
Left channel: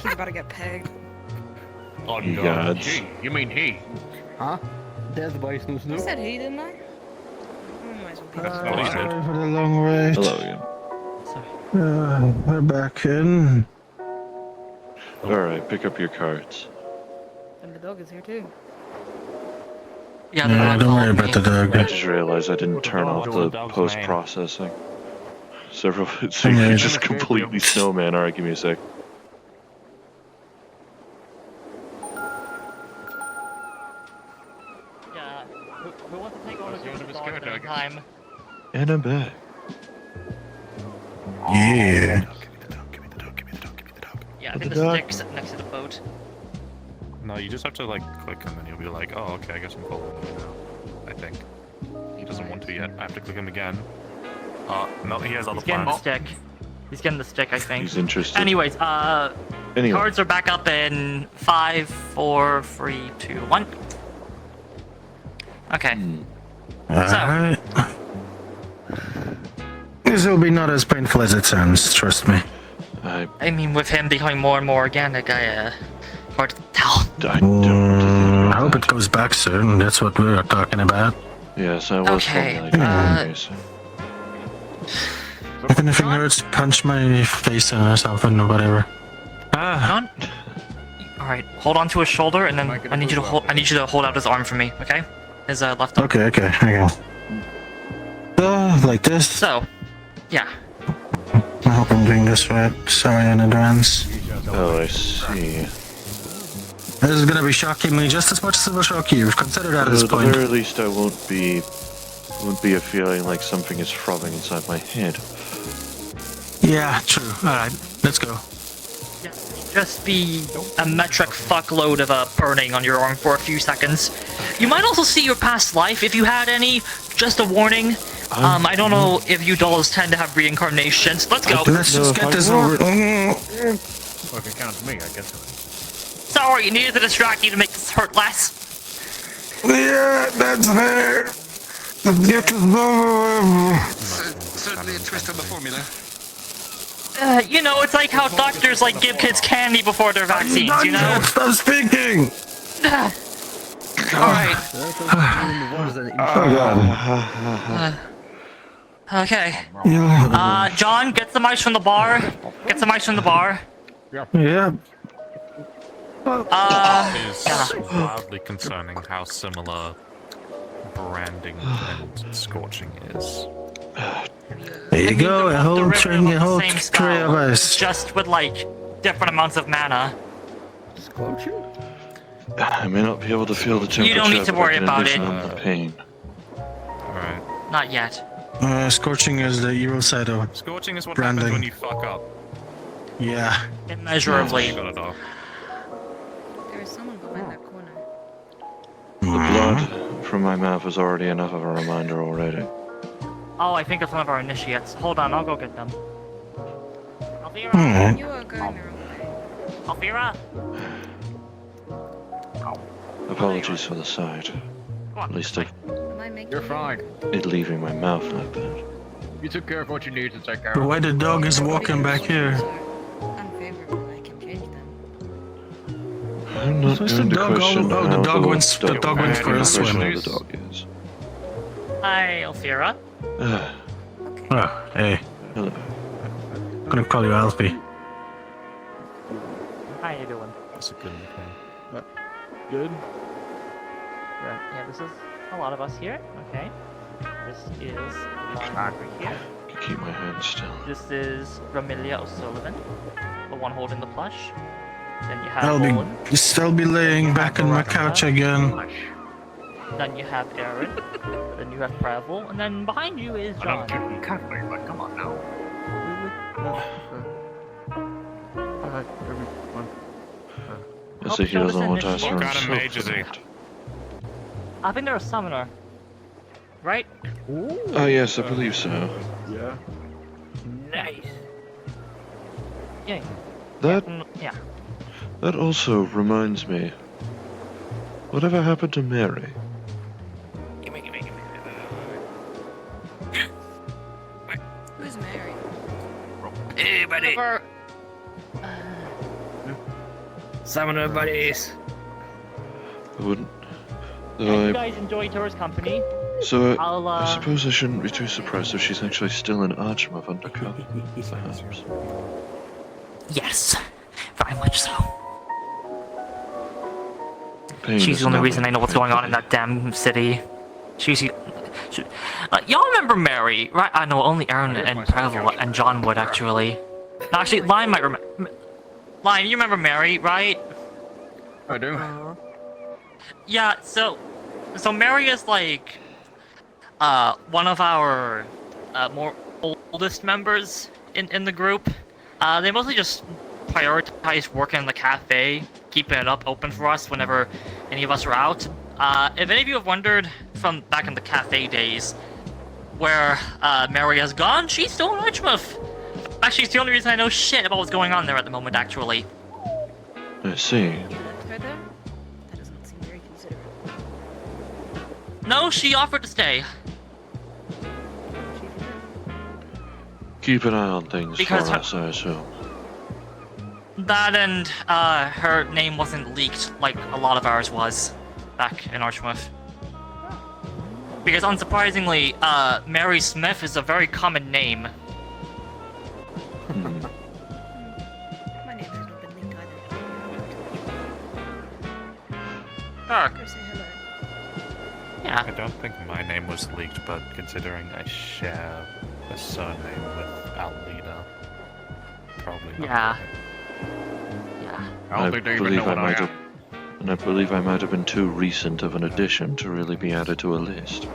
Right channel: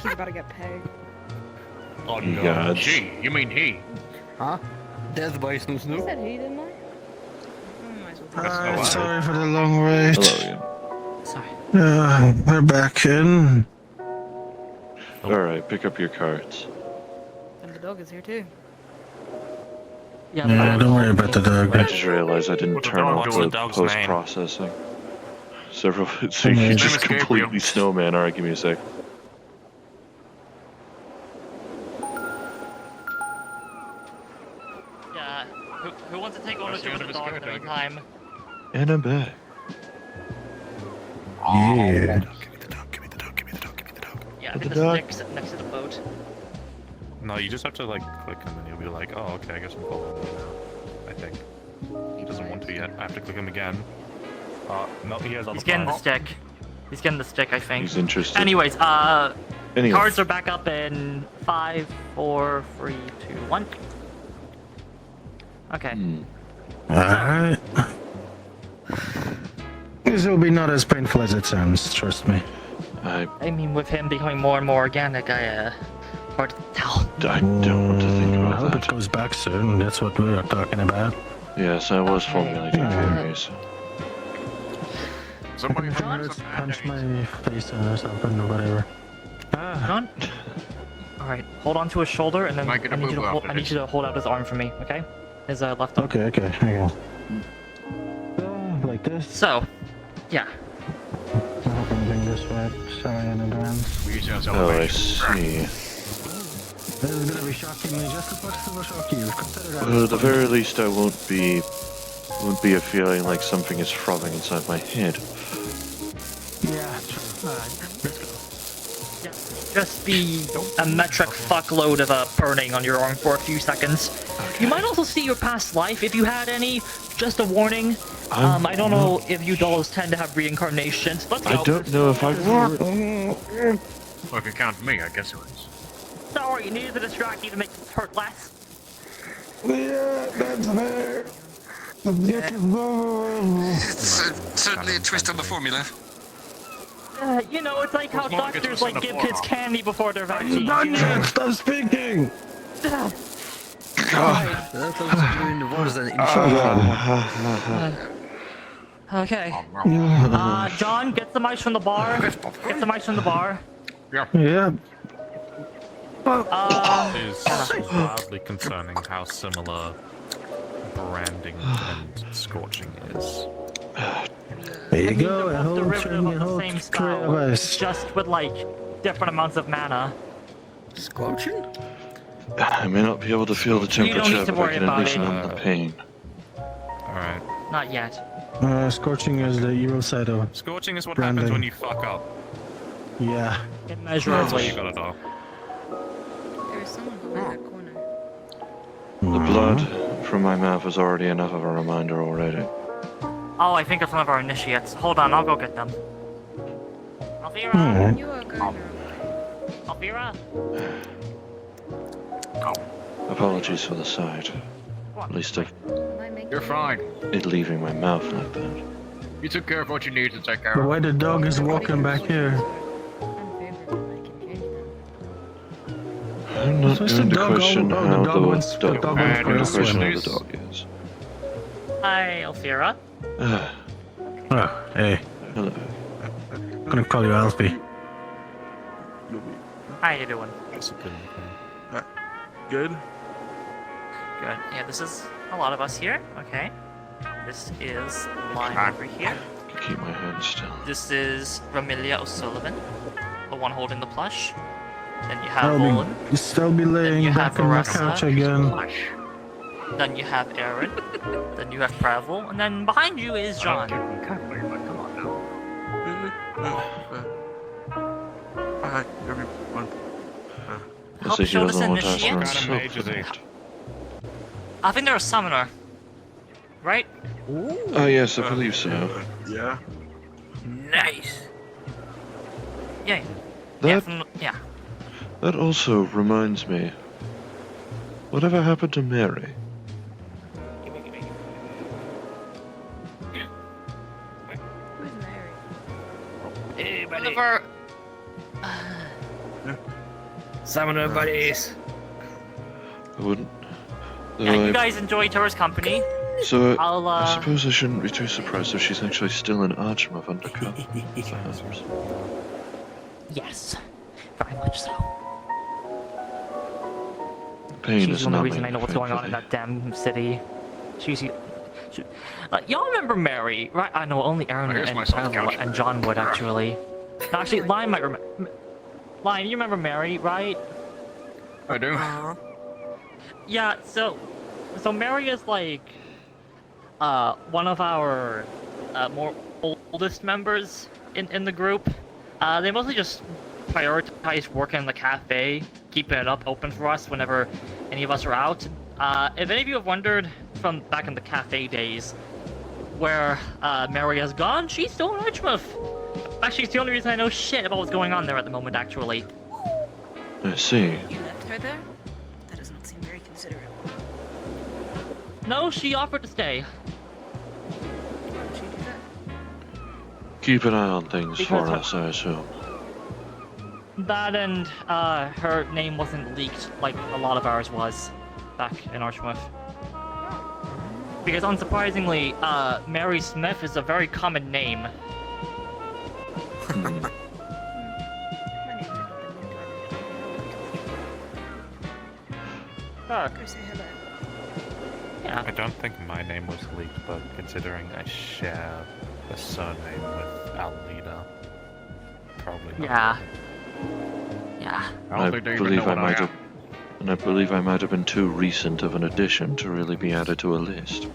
He's about to get pegged. Oh Ye no, gods. she. You mean he? Huh? Death by Snoo I Snoo. said he, didn't I? Oh, might as well do Oh, wow. Sorry for the long wait. Hello again. Sorry. We're back in. Alright, pick up your cards. And the dog is here too. Yeah, Yeah, don't worry about the dog. I just realized I didn't turn off the post-processing. So you just completely snowman. Alright, give me a sec. Yeah. Who wants to take ownership of the dog at any time? And I'm back. Yeah. Yeah, I With think the the dog? stick's next to the boat. No, you just have to like click, and then you'll be like, "Oh, okay, I guess I'm following you now." I think he doesn't want to yet. I have to click him again. No, he has other He's getting the plans. stick. He's getting the stick, I think. He's interested. Anyways, Anyway. cards are back up in 5, 4, 3, 2, 1. Okay. Alright. This will be not as painful as it sounds, trust me. I mean, with him becoming more and more organic, hard to tell. I don't want to think I about hope that. it goes back soon, that's what we were talking about. Yes, I was Okay, formulating anyways. If anything hurts, punch my face or something or whatever. John? Alright, hold on to his shoulder, and then I need you to hold out his arm for me, okay? His left arm. Okay. Like this? So, yeah. I hope I'm doing this right. Sorry in advance. Oh, I see. This is gonna be shocking me just as much as it will shock you. Consider that Well, as at the point. very least, I won't be a feeling like something is frothing inside my head. Yeah, true. Alright, let's go. Yeah, just be a metric fuckload of burning on your arm for a few seconds. You might also see your past life if you had any. Just a warning. I don't know if you dolls tend to have reincarnations. Let's go. I don't know if I will. Well, if it counts me, I guess it was. Sorry, needed to distract you to make this hurt less. Yeah, that's fair. Certainly a twist on the formula. You know, it's like how doctors like give kids candy before their vaccines, you know? Stop speaking! Okay. John, get some ice from the bar. Get some ice from the bar. Yeah. It is wildly concerning how similar branding and scorching is. There you go, a The whole rift string, a is the whole same tray of spell, us. just with like different amounts of mana. Scorching? I may not be able to feel the You don't need temperature, to but I worry can at about least it. numb the pain. Alright. Not yet. Scorching is the evil side of Scorching is what branding. happens when you fuck up. Yeah. Immeasurably. You gotta do. There is someone behind that corner. The blood from my mouth is already enough of a reminder already. Oh, I think they're some of our initiates. Hold on, I'll go get them. Alfira! Alright. You are going the wrong way. Alfira! Apologies for the sight. At least Am I making You're fine. it leaving my mouth like that. You took care of what you needed to take care The of. way the dog is walking back here. Unfavorable, I can change that. I'm not What's going the to dog? question The how dog the wants- the dog. dog I'm wants going to first question one. how the dog is. Hi, Alfira. Oh, hey. Hello. I'm gonna call you Alfie. How you doing? That's a good nickname. Good. Good. Yeah, this is a lot of us here. Okay. This is Lime over here. I can keep my hand still. This is Ramilia O'Sullivan, the one holding the plush. Then you have I'll Olin. be laying back on my couch again. Then you have Aaron. Then you have Prehevil. And then behind you is John. Come on now. Alright, everyone. I see he show this doesn't want to ask for initiative. himself Mage, for is he? that. I think they're a summoner. Right? Oh yes, I believe so. Yeah. Nice. Yeah. That Yeah. That also reminds me. Whatever happened to Mary? Who's Mary? Hey, buddy. Whatever. Summoner buddies. I wouldn't. Yeah, Though you I, guys enjoy Tora's company. so I'll, I suppose I shouldn't be too surprised if she's actually still an Archmov undercover. Perhaps. Yes, very much so. Pain She's is the only numbing, reason I know what's going on in thankfully. that damn city. Y'all remember Mary, right? I know only Aaron and Prehevil and John would actually. No, actually, Lion might remember. Lion, you remember Mary, right? I do. Yeah. So Mary is like, one of our, more oldest members in the group. They mostly just prioritize working in the cafe, keeping it up open for us whenever any of us are out. If any of you have wondered from back in the cafe days where Mary has gone, she's still in Richmouth. Actually, it's the only reason I know shit about what's going on there at the moment, actually. I see. You left her there? That does not seem very considerate. No, she offered to stay. Keep an eye on things Because for her- us, I assume. That and her name wasn't leaked like a lot of ours was back in Archmouth. Because unsurprisingly, Mary Smith is a very common name. Hmm. My name has not been linked on. Sure. Go say hello. Yeah. I don't think my name was leaked, but considering I share a surname with Almeida, probably not. Yeah. Yeah. I I don't think they even believe know I what might am. have, and I believe I might have been too recent of an addition to really be added to a list.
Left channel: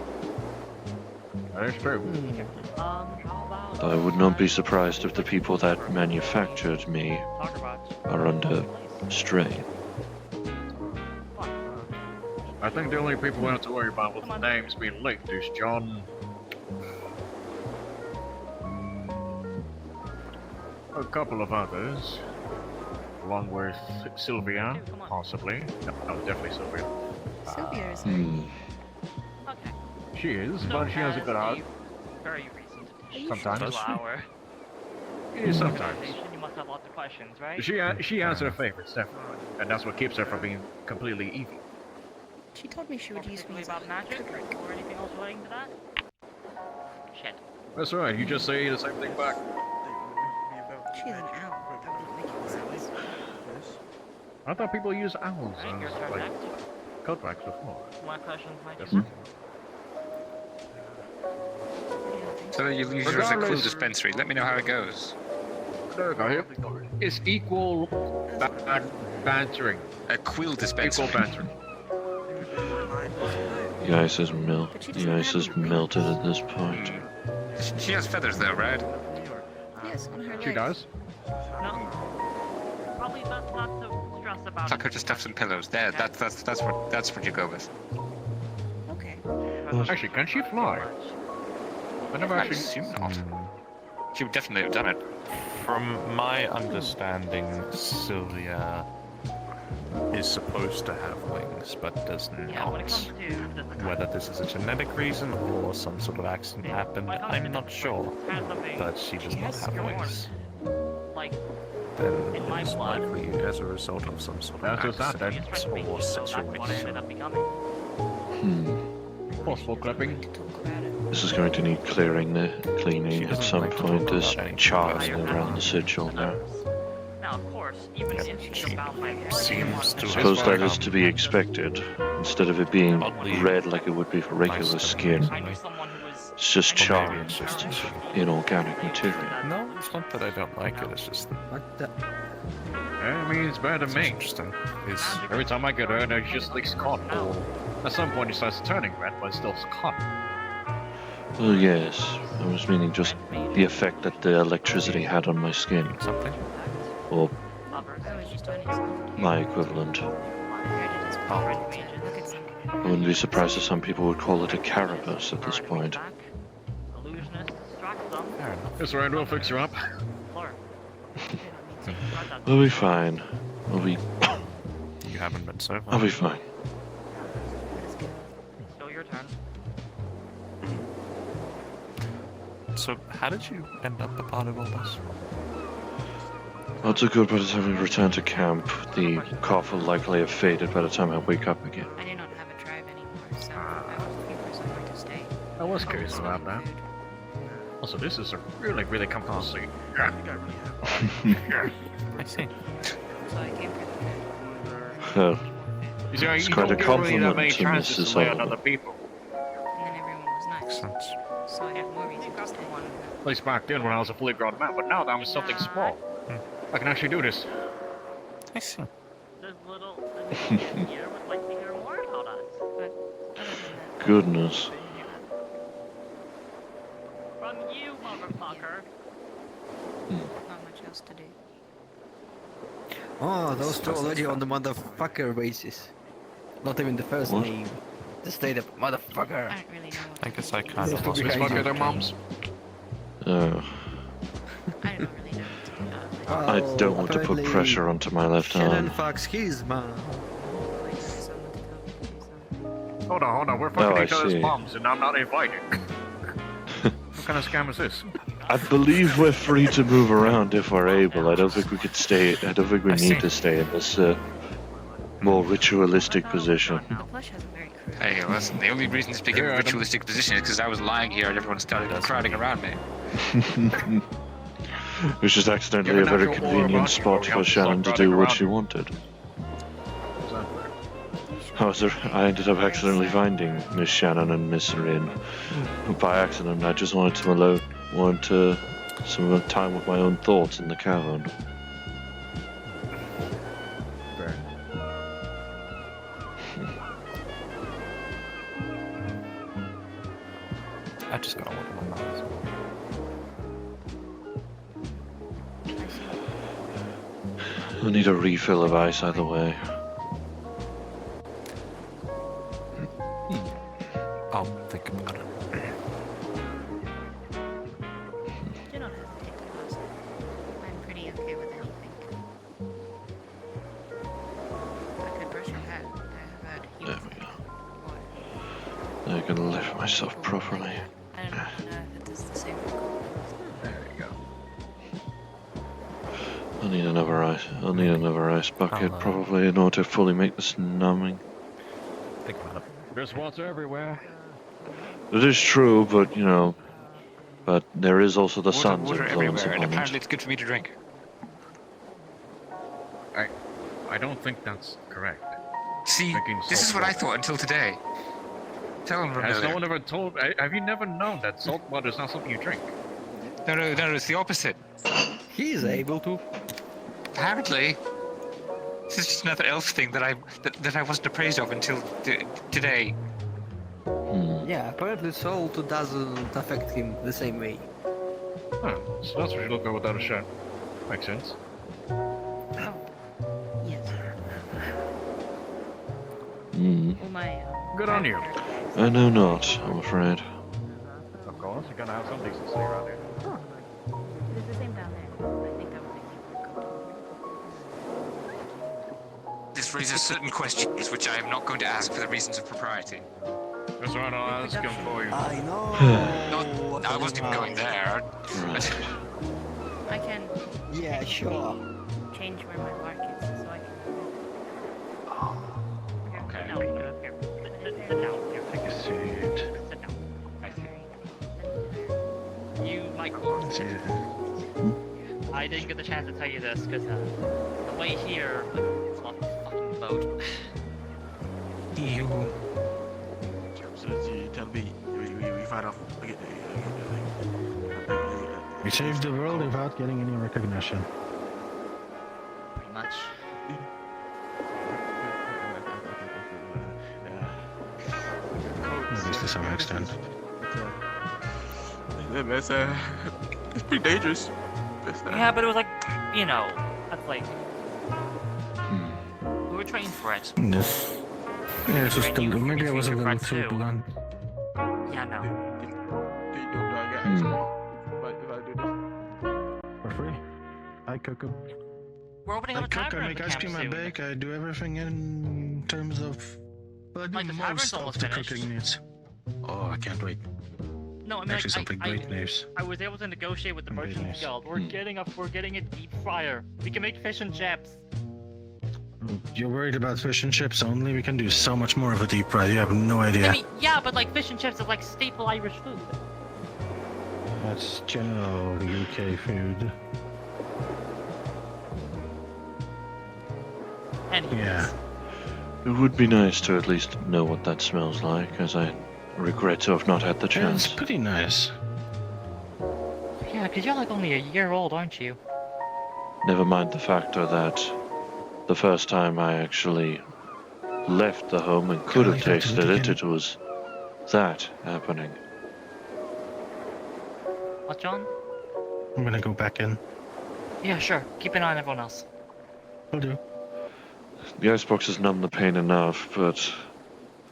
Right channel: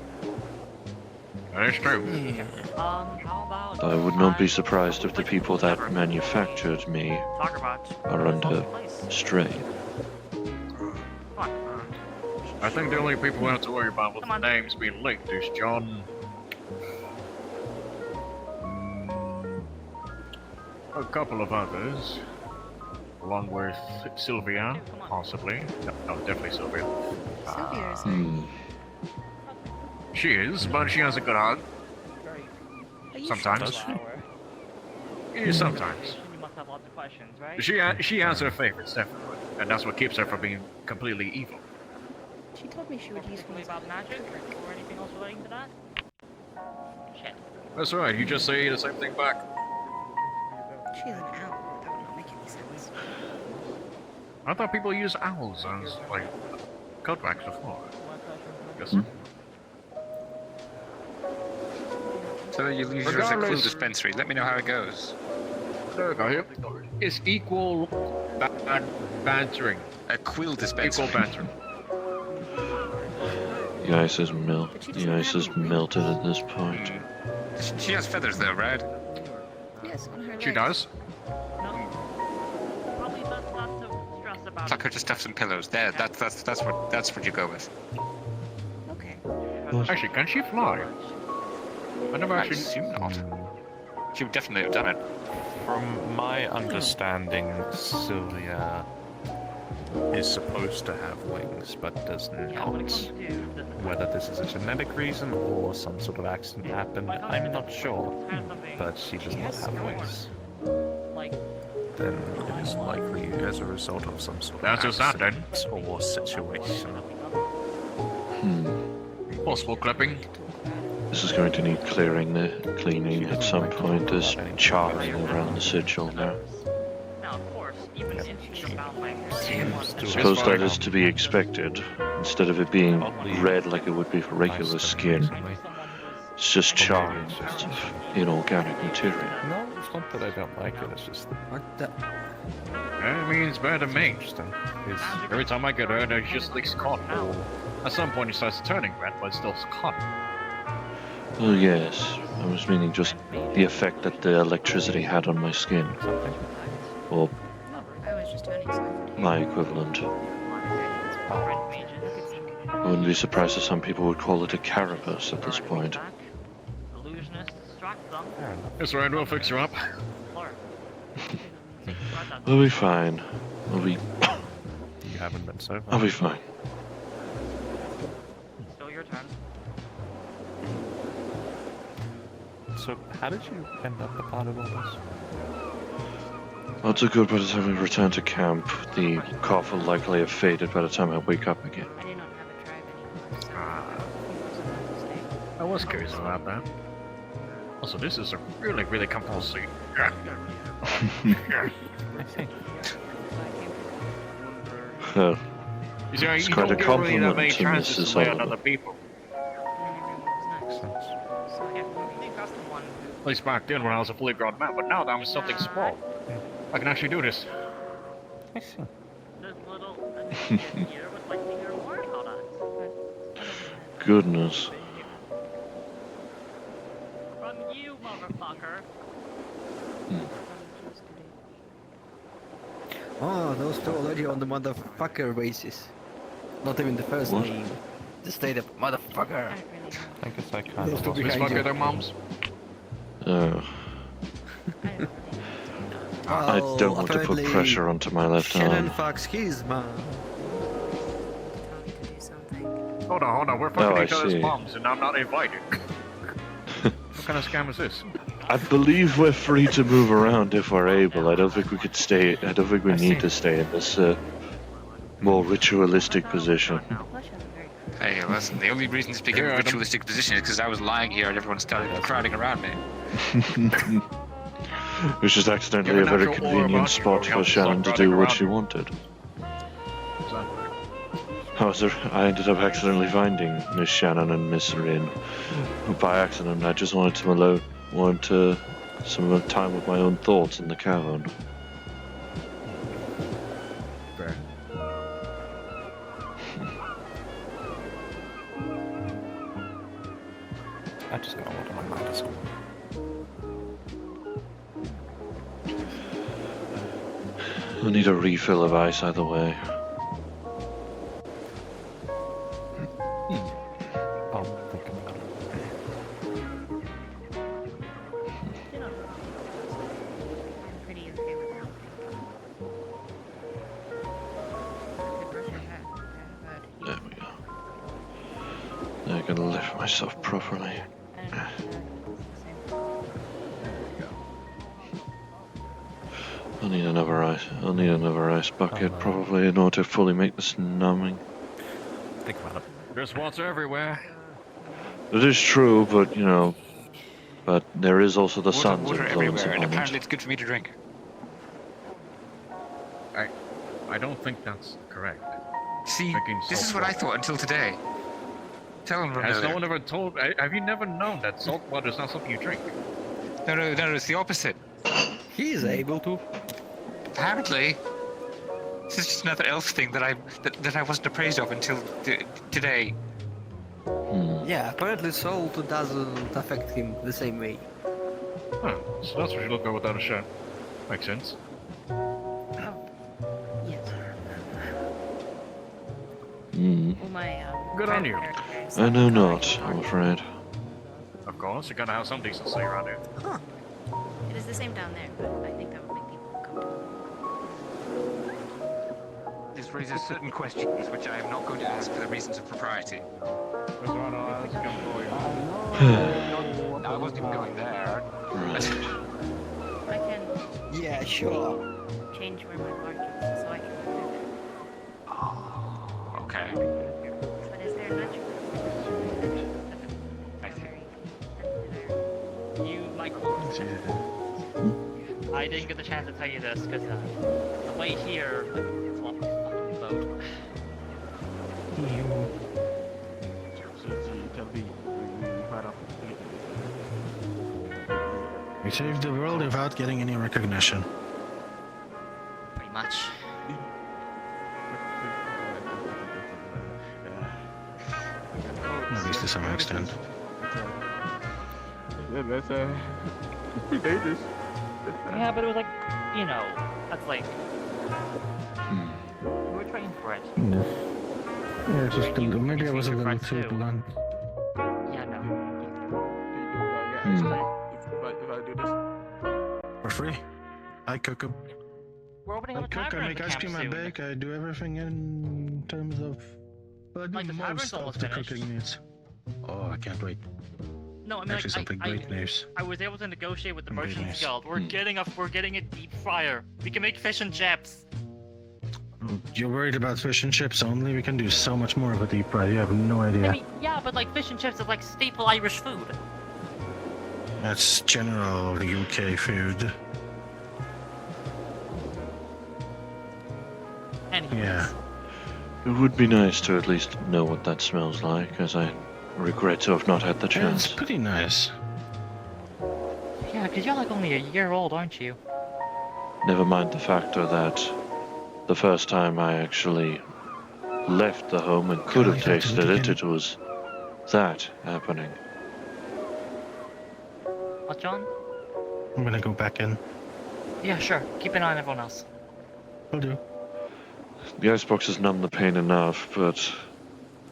That's true. How about I would not be surprised if the people that manufactured me talk about are under strain. I think the only people we have to worry about with the names being linked is John. A couple of others, along with Sylvia, possibly. No, definitely Sylvia. Sylvia is there. Hmm. She is, but she has a good heart. Very Are you Sometimes. flower. Yeah, sometimes. You must have lots of questions, right? She has her favorites, definitely. And that's what keeps her from being completely evil. She told me she would use Particularly me as about a magic trigger. or anything else relating to that? Shit. That's right, you just say the same thing back. She is an owl. That would not make any sense. I thought people use owls as, like, cutbacks before. My questions, my Yes, question. So you use yours at Quill Dispensary. Let me know how it goes. There we go, here. It's equal bantering. A Quill Dispensary. Equal bantering. The ice is melted at this point. She has feathers though, right? Yes, on her legs. She does. Probably best not to stress about Fuck her to stuff some pillows. There, that's what you go with. Okay. Actually, can she fly? I never I actually. assume not. She would definitely have done it. From my understanding, Sylvia is supposed to have wings, but does not. Whether this is a genetic reason or some sort of accident happened, I'm not sure. But she does not have wings. Like, Then it is likely as a result of some sort of That's just that, then. accident or situation. Hmm. Possible clipping. This is going to need cleaning at some point. There's charring around the sigil now. now, of course, even if she's about my Seems to Suppose that is to be expected. Instead of it being red like it would be for regular skin, it's just charring of inorganic material. No, it's not that I don't like it, it's just that What the? That means better it's me. interesting. It's- Every time I get hurt, it just leaks cotton. At some point, it starts turning red, but it's still cotton. Well, yes. I was meaning just the effect that the electricity had on my skin. something. Or I was just trying to use my equivalent. it. I wouldn't be surprised if some people would call it a carapace at this point. Illusionist, distract them. It's right, we'll fix you up. Lord. We'll be fine. I'll be You haven't been so far. I'll be fine. Still your turn. So, how did you end up a part of all this? Odds are good by the time we return to camp. The cough will likely have faded by the time I wake up again. I do not have a tribe anymore, so people want to stay. I was curious about that. Also, this is a really, really comfortable seat. I see. Well, You see, it's you quite a don't get really that compliment many to chances Mrs. to lay on Sullivan. other people. And everyone was nice. Since So Yeah, you custom one. At least back then when I was a fully grown man, but now that I'm something small, I can actually do this. I see. This little immediate here would like to hear more about us. goodness. From you, motherfucker. choose to do. Oh, those two already on the motherfucker basis. Not even the first What? name. Just straight up motherfucker. I don't really know. I guess I Those can't. two Please behind fuck you. their moms. Uh, I don't really know. I don't want to put apparently pressure onto my left Shannon arm. fucks his mom. Hold on, we're fucking I each other's see. moms and I'm not invited. What kind of scam is this? I believe we're free to move around if we're able. I don't think we could stay. I don't think we need to stay in this more ritualistic position. Flesh has a very clear Hey, listen, the only reason this became a ritualistic position is because I was lying here and everyone started crowding around me. It was just accidentally a very convenient spot for Shannon to do what she wanted. I ended up accidentally finding Miss Shannon and Miss Rin by accident. I just wanted some time with my own thoughts in the cavern. I just got one of my notes. I need a refill of ice either way. I'll think about it. I'm pretty okay with that. The brush I had There we go. Now I can lift myself properly. I don't know if it does the same. I'll need another ice bucket probably in order to fully make this numbing. Think about it. There's water everywhere. It is true, but you know, but there is also the sun's Water influence everywhere, and upon apparently it. it's good for me to drink. I don't think that's correct. See, Drinking this is salt what I water. thought until today. Tell him, Has no Ramona. one ever told? Have you never known that salt water is not something you drink? No, it's the opposite. He is able to. Apparently, this is just another elf thing that I wasn't appraised of until today. Yeah, apparently salt doesn't affect him the same way. Huh, so that's what you look at without a shirt. Makes sense. Yeah. Well, my Good on you. I know not, I'm afraid. Of course, you're gonna have some decency around here. It is the same down there, but I think that would make people uncomfortable. This raises certain questions which I am not going to ask for the reasons of propriety. That's what I'll ask him for you. No, I wasn't even going there. Right. I can Yeah, sure. change where my mark is, so I Okay. can. What is there now? You, Michael. I didn't get the chance to tell you this because the way here is what fucking boat. We saved the world without getting any recognition. Pretty much. At least to some extent. It's pretty dangerous. Yeah, but it was like, you know, that's like. We were trained for it. Yes. Yeah, it's just maybe I was a little too blunt. Yeah, no. If I do this. For free? I cook 'em. We're opening up I a cook, tavern I in make the ice camp cream, I soon. bake, I do everything in terms of... Well, I do Like, the tavern's most of almost the finished. cooking needs. Oh, I can't wait. No, I mean, Actually, like, something great news. I was able to negotiate with the Something Merchants nice. Guild. We're getting a deep fryer. We can make fish and chips. You're worried about fish and chips only? We can do so much more of a deep fry, you have no idea. I mean, yeah, but like fish and chips is like staple Irish food. That's general UK food. Anyway. Yeah. It would be nice to at least know what that smells like, as I regret to have not had the It's chance. pretty nice. Yeah, because you're like only a year old, aren't you? Never mind the factor that the first time I actually left the home and could have tasted it, it was that happening. What, John? I'm gonna go back in. Yeah, sure. Keep an eye on everyone else. Will do. The icebox has numbed the pain enough, but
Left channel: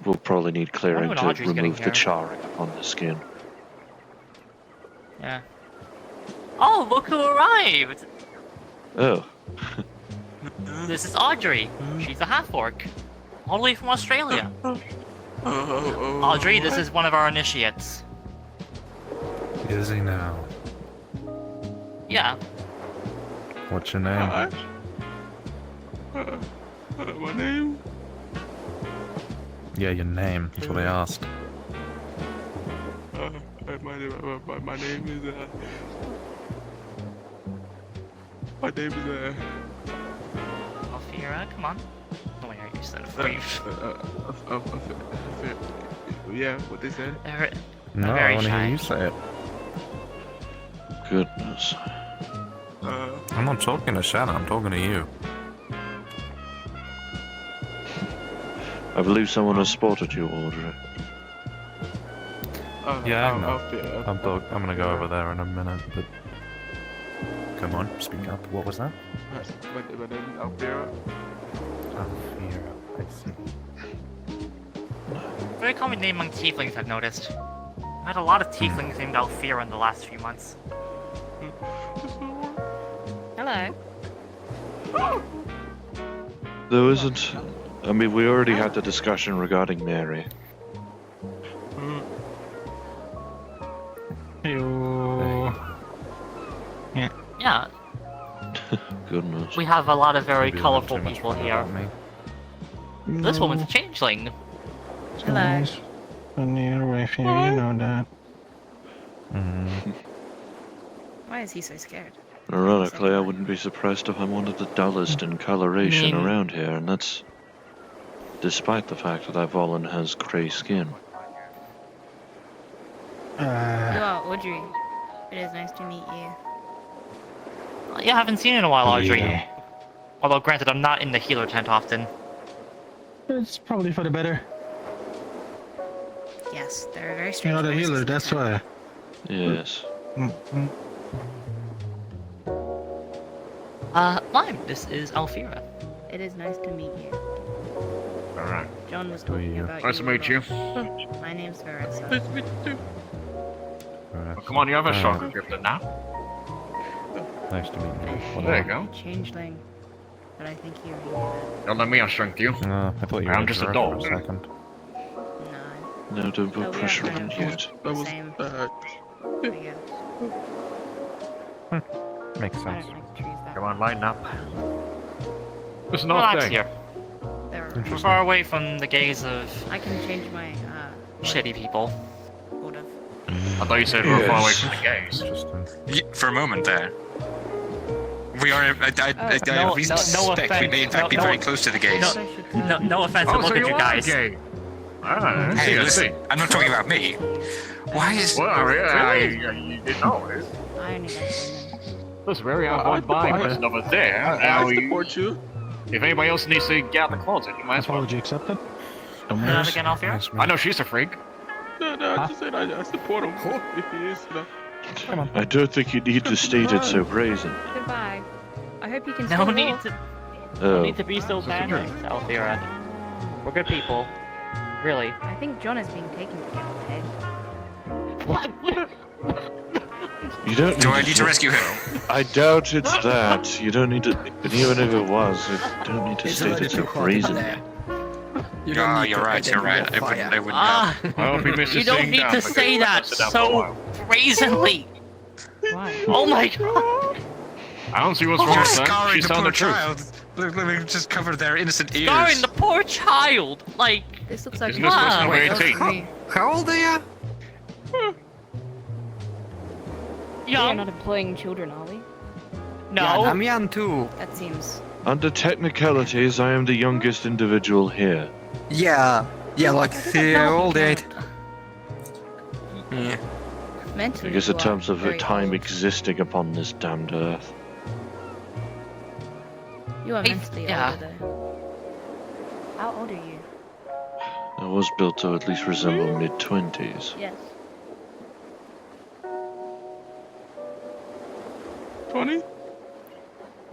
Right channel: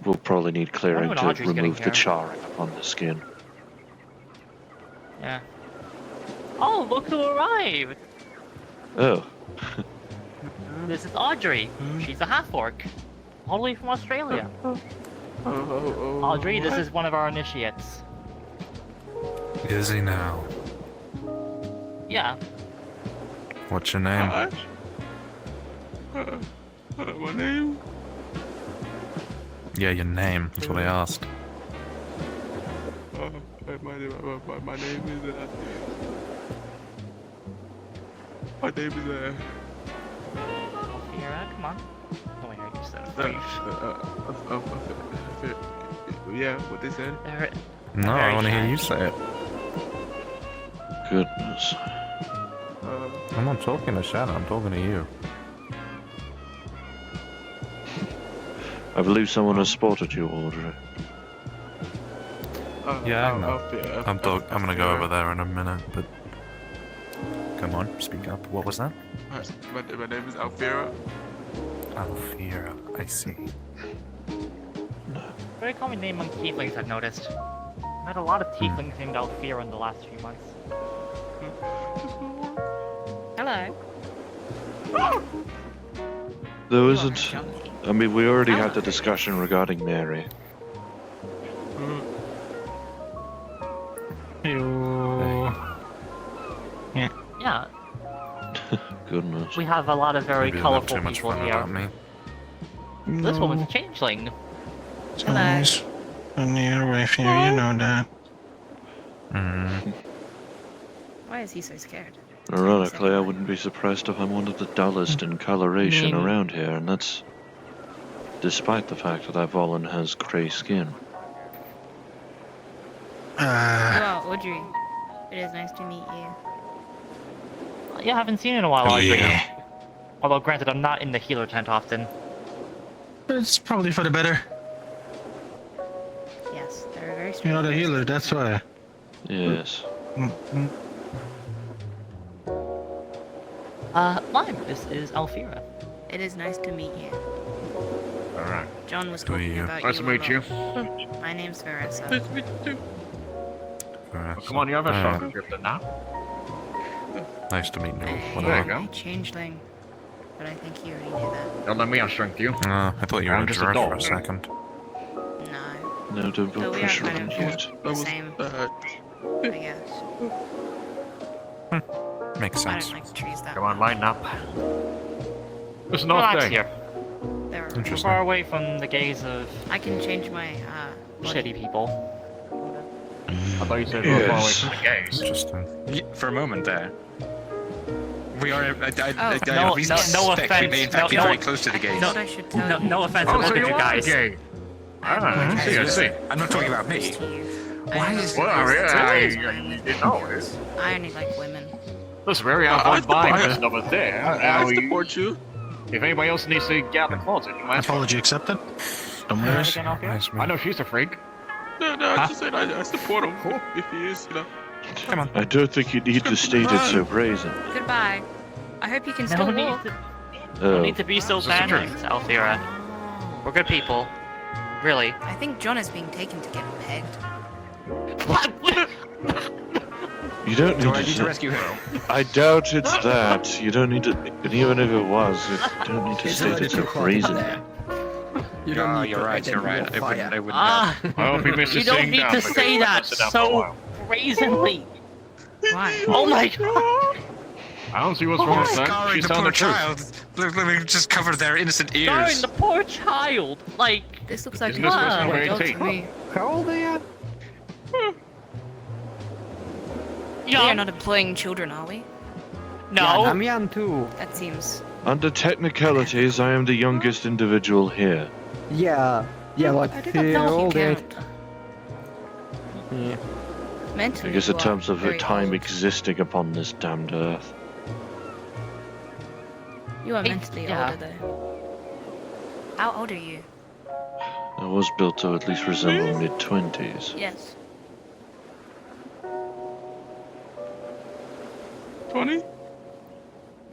we'll probably need clearing when to Audrey's getting remove the here. charring upon the skin. Yeah. Oh, look who arrived! Oh, This is Audrey. She's a half-orc. All the way from Australia. Audrey, this is one of our initiates. Is he now? Yeah. What's your name? Hi. My name? Yeah, your name. That's what I asked. My name is my name is Alfira, come on. Oh, I heard you said yeah, what they said. No, I very want to hear shy. you say it. goodness. I'm not talking to Shannon, I'm talking to you. I believe someone has spotted you, Audrey. Yeah, I know. I'm gonna go over there in a minute, but... Come on, speak up. What was that? My name is Alfira. Alfira, I see. Very common name among tieflings, I've noticed. I've had a lot of tieflings named Alfira in the last few months. Hello. There isn't... I mean, we already had the discussion regarding Mary. Yo. Yeah. Yeah, Goodness. we have a lot of very Maybe not colorful too much people fun here. about me. This woman's a changeling. Hello. And you're with you, you know that. Why is he so scared? Ironically, I wouldn't be surprised if I'm one of the dullest in coloration around here, and that's despite the fact that Ivolin has grey skin. You are Audrey. It is nice to meet you. Yeah, I haven't seen you in a while, Audrey. Yeah. Although, granted, I'm not in the healer tent often. It's probably for the better. Yes, they're very You're strange. not a healer, that's why. Yes. Fine. This is Alfira. It is nice to meet you. Alright. John was Do talking you? about Nice to meet you. My name's Varessa. Nice to meet you too. Well, come on, you have a shot at it now. Nice to meet you. Well, there you go. Changeling. But I think you needed it. Don't let me outstrength you. I thought you were I'm a just a dwarf dog. for a second. No. No, don't Oh, put we pressure are on kind it of yet. That was same. bad. I guess. Makes I sense. don't like trees that Come on, line up. There's no Relax thing. here. There are. Interesting. Far away from the gaze of I can change my shitty people. order. I thought you said we're far away Yes. from the gays. Interesting. For a moment there. We are. I No, we no suspect we may in fact be no- very close to the gays. I should tell No, no offense, Oh, but so look at you you are guys. gay. Ah, I see, I see. I'm not talking about me. Why is... Well, yeah, you didn't know it. I only like women. Listen, very I on buying support- this over there. I Now, support you. if anybody else needs to get out of the closet, you might as well. Apology accepted. Don't worry. Again, Alfira? Nice, I man. know she's a freak. No, I just said I support him. If he is, you know. I don't think you need to state it so brazen. Goodbye. I hope you can No still need walk. to, Oh, need to be so panicked, Alfira. We're good people. Really. I think John is being taken to get pegged. You don't Do need I to need to rescue him? I doubt it's that. You don't need to. And even if it was, you don't need to It's state already it so too hot brazenly. there. You don't Oh, need you're to right, you're right. identify I wouldn't know. Ah! I hope he misses You don't seeing need down to because say he that messed it up for a so while. brazenly! Why? Oh my god! I don't see what's wrong You're with that. scarring She's the telling poor the truth. child. Let me just cover their innocent ears. Scarring the poor child! Like, This looks like Isn't this supposed to fun. be It goes 18? for me. How old are you? We are young? not employing children, are we? No. Yeah, I'm young too. That seems. Under technicalities, I am the youngest individual here. Yeah. Yeah, like I think I'm they're not all dead. count. Yeah. I Mentally, guess you in are terms of very time old. existing upon this damned earth. You are Hey, mentally yeah. older though. How old are you? I was built to at least resemble mid-20s. Yes. 20?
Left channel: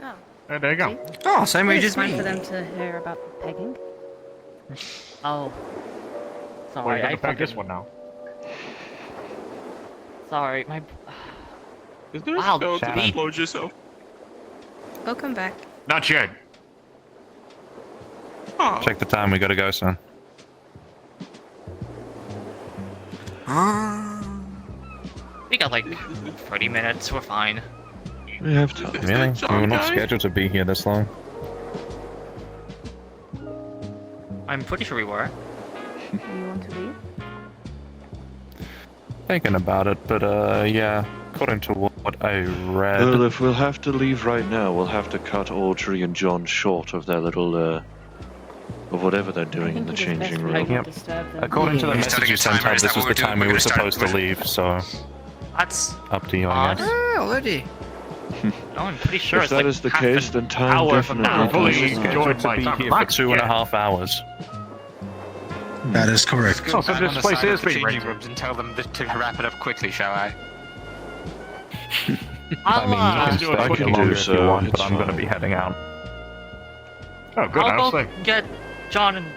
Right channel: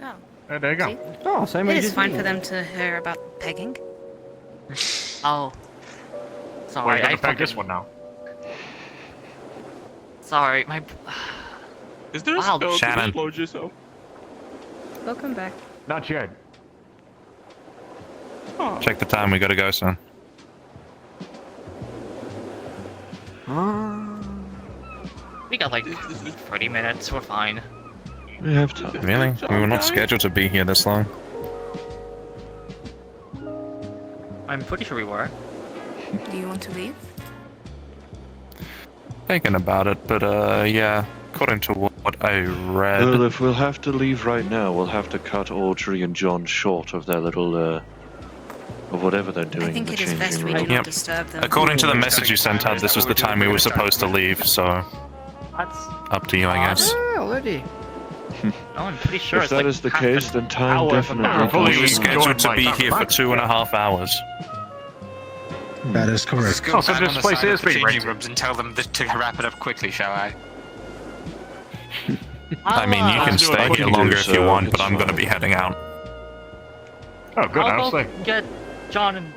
Oh. There you go. Oh, same age It's as fine me. for them to hear about pegging. Oh. Well, Sorry, you're I gonna pack this fucking... one now. Sorry, my... Is there Wow, a spell to Shannon. explode yourself? They'll come back. Not yet. Oh. Check the time, we gotta go, son. We got like 30 minutes, we're fine. We have time. Really? We were not scheduled to be here this long. I'm pretty sure we were. Do you want to leave? Thinking about it, but yeah, according to what I read... Well, if we'll have to leave right now, we'll have to cut Audrey and John short of their little, of whatever they're I doing in think the it is best changing we do room. not Yep. disturb them. According to the message you sent out, this was the time we were supposed to leave, so... That's Up to you, I guess. already. No, I'm pretty sure If it's that like is the half case, an then time hour from now. definitely Fully We were does not. scheduled to Going be by here for back. 2.5 hours. That is correct. Go Oh, so back this on the place side is of the being changing rented. rooms and tell them to wrap it up quickly, shall I? I mean, you can do stay it. I here can do longer if you so, want, but it's I'm gonna fine. be heading out. Oh, good. I was I'll like, go get John and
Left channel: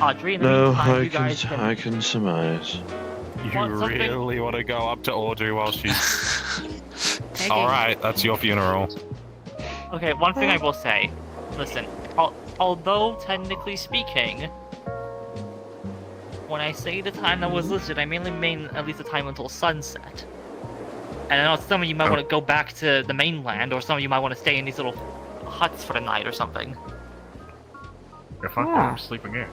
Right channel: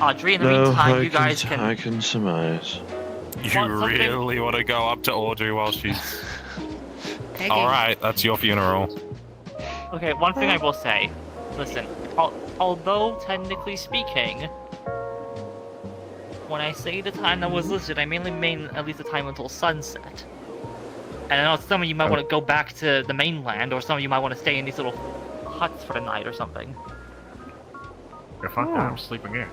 Audrey. In the No, meantime, you guys can... I can surmise. You Want something? really want to go up to Audrey while she's... Pegging. Alright, that's your funeral. Okay, one thing I will say. Listen, although technically speaking, when I say the time that was listed, I mainly mean at least the time until sunset. And I know some of you might want to go back to the mainland, or some of you might want to stay in these little huts for the night or something. if I'm sleeping here.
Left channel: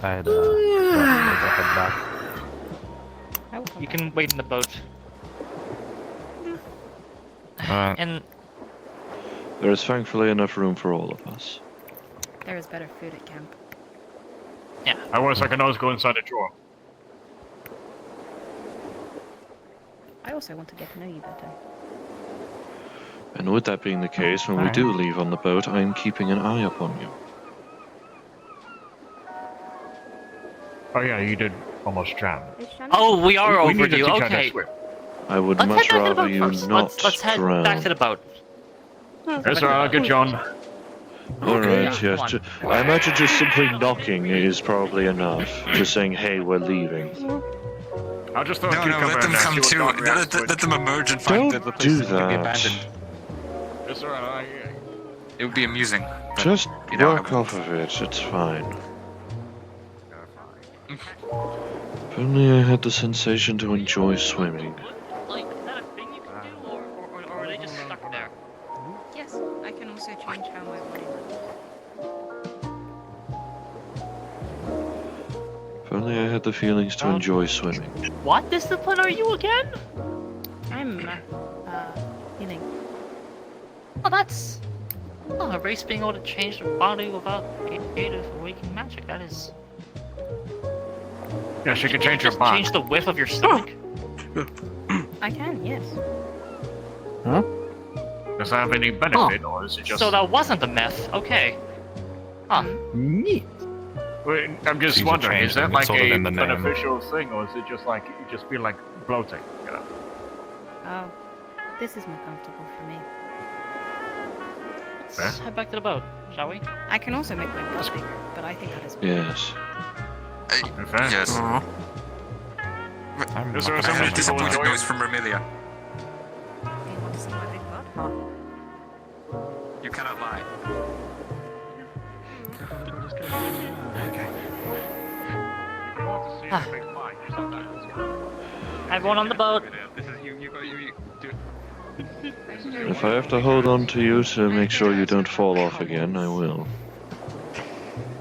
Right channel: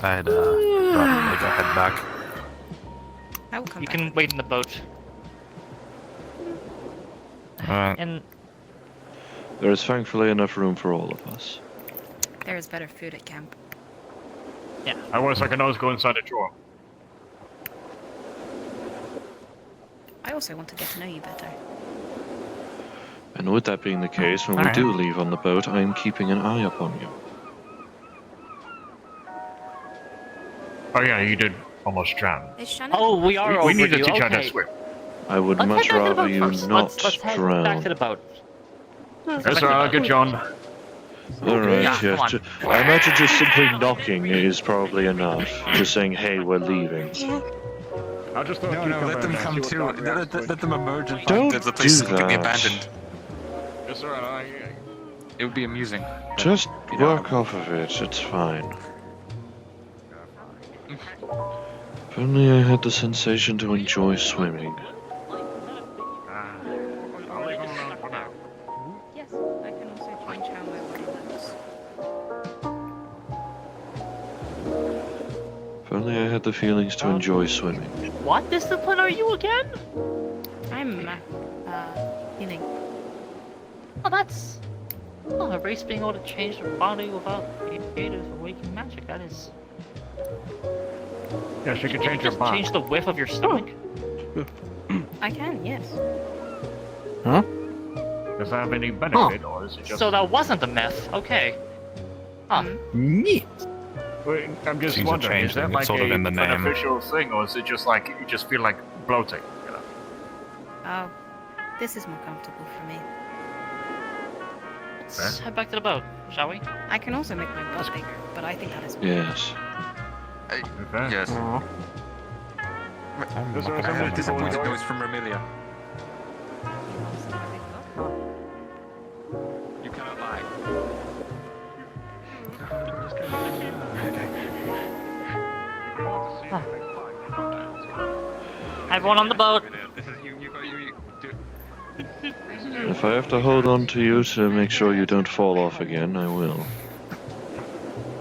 I'd, probably head back. I will come You back. can wait in the boat. Alright. And There is thankfully enough room for all of us. There is better food at camp. I was like, I always go inside the drawer. I also want to get to know you better. And with that being the case, when we do leave on the boat, I am keeping an eye upon you. Oh yeah, you did almost drown. Is Shannon? oh, we are We need to overdue. teach how to Okay, swim. I would let's much head back to the rather boat you first. not Let's head drown. back to the boat. Yes, sir. Good, John. Alright, Yeah, yes. come I imagine just simply knocking is probably enough. Just saying, hey, we're leaving. I'll just throw No, a cucumber let them in there, come see what to. Don reacts with. Let them emerge and Don't find that the place do is completely that. abandoned. Yes, sir. It would be amusing. Just You know, work off of it, it's fine. If only I had the sensation to enjoy swimming. Yes, I can also change how my body moves. If only I had the feelings to enjoy swimming. What discipline are you again? I'm, healing. Oh, that's... Oh, a race being able to change their body without creative awakening magic. That is... Yeah, she can change her Just mind. change the width of your stomach. I can, yes. Does that have any benefit, or is it just... So that wasn't the myth. Okay. Huh. Neat. Wait, I'm just She's a wondering, is that changeling, like it's sort of a in the name. beneficial thing, or is it just like, you just feel like bloating? You know? Oh, this is more comfortable for me. Let's head back to the boat, shall we? I can also make my butt bigger, but I think that is Yes. Okay. Yes. Is there some disappointed noise from Remilia? You cannot lie. Everyone on the boat. This is you do it. If I have to hold on to you to make sure you don't fall off again, I will.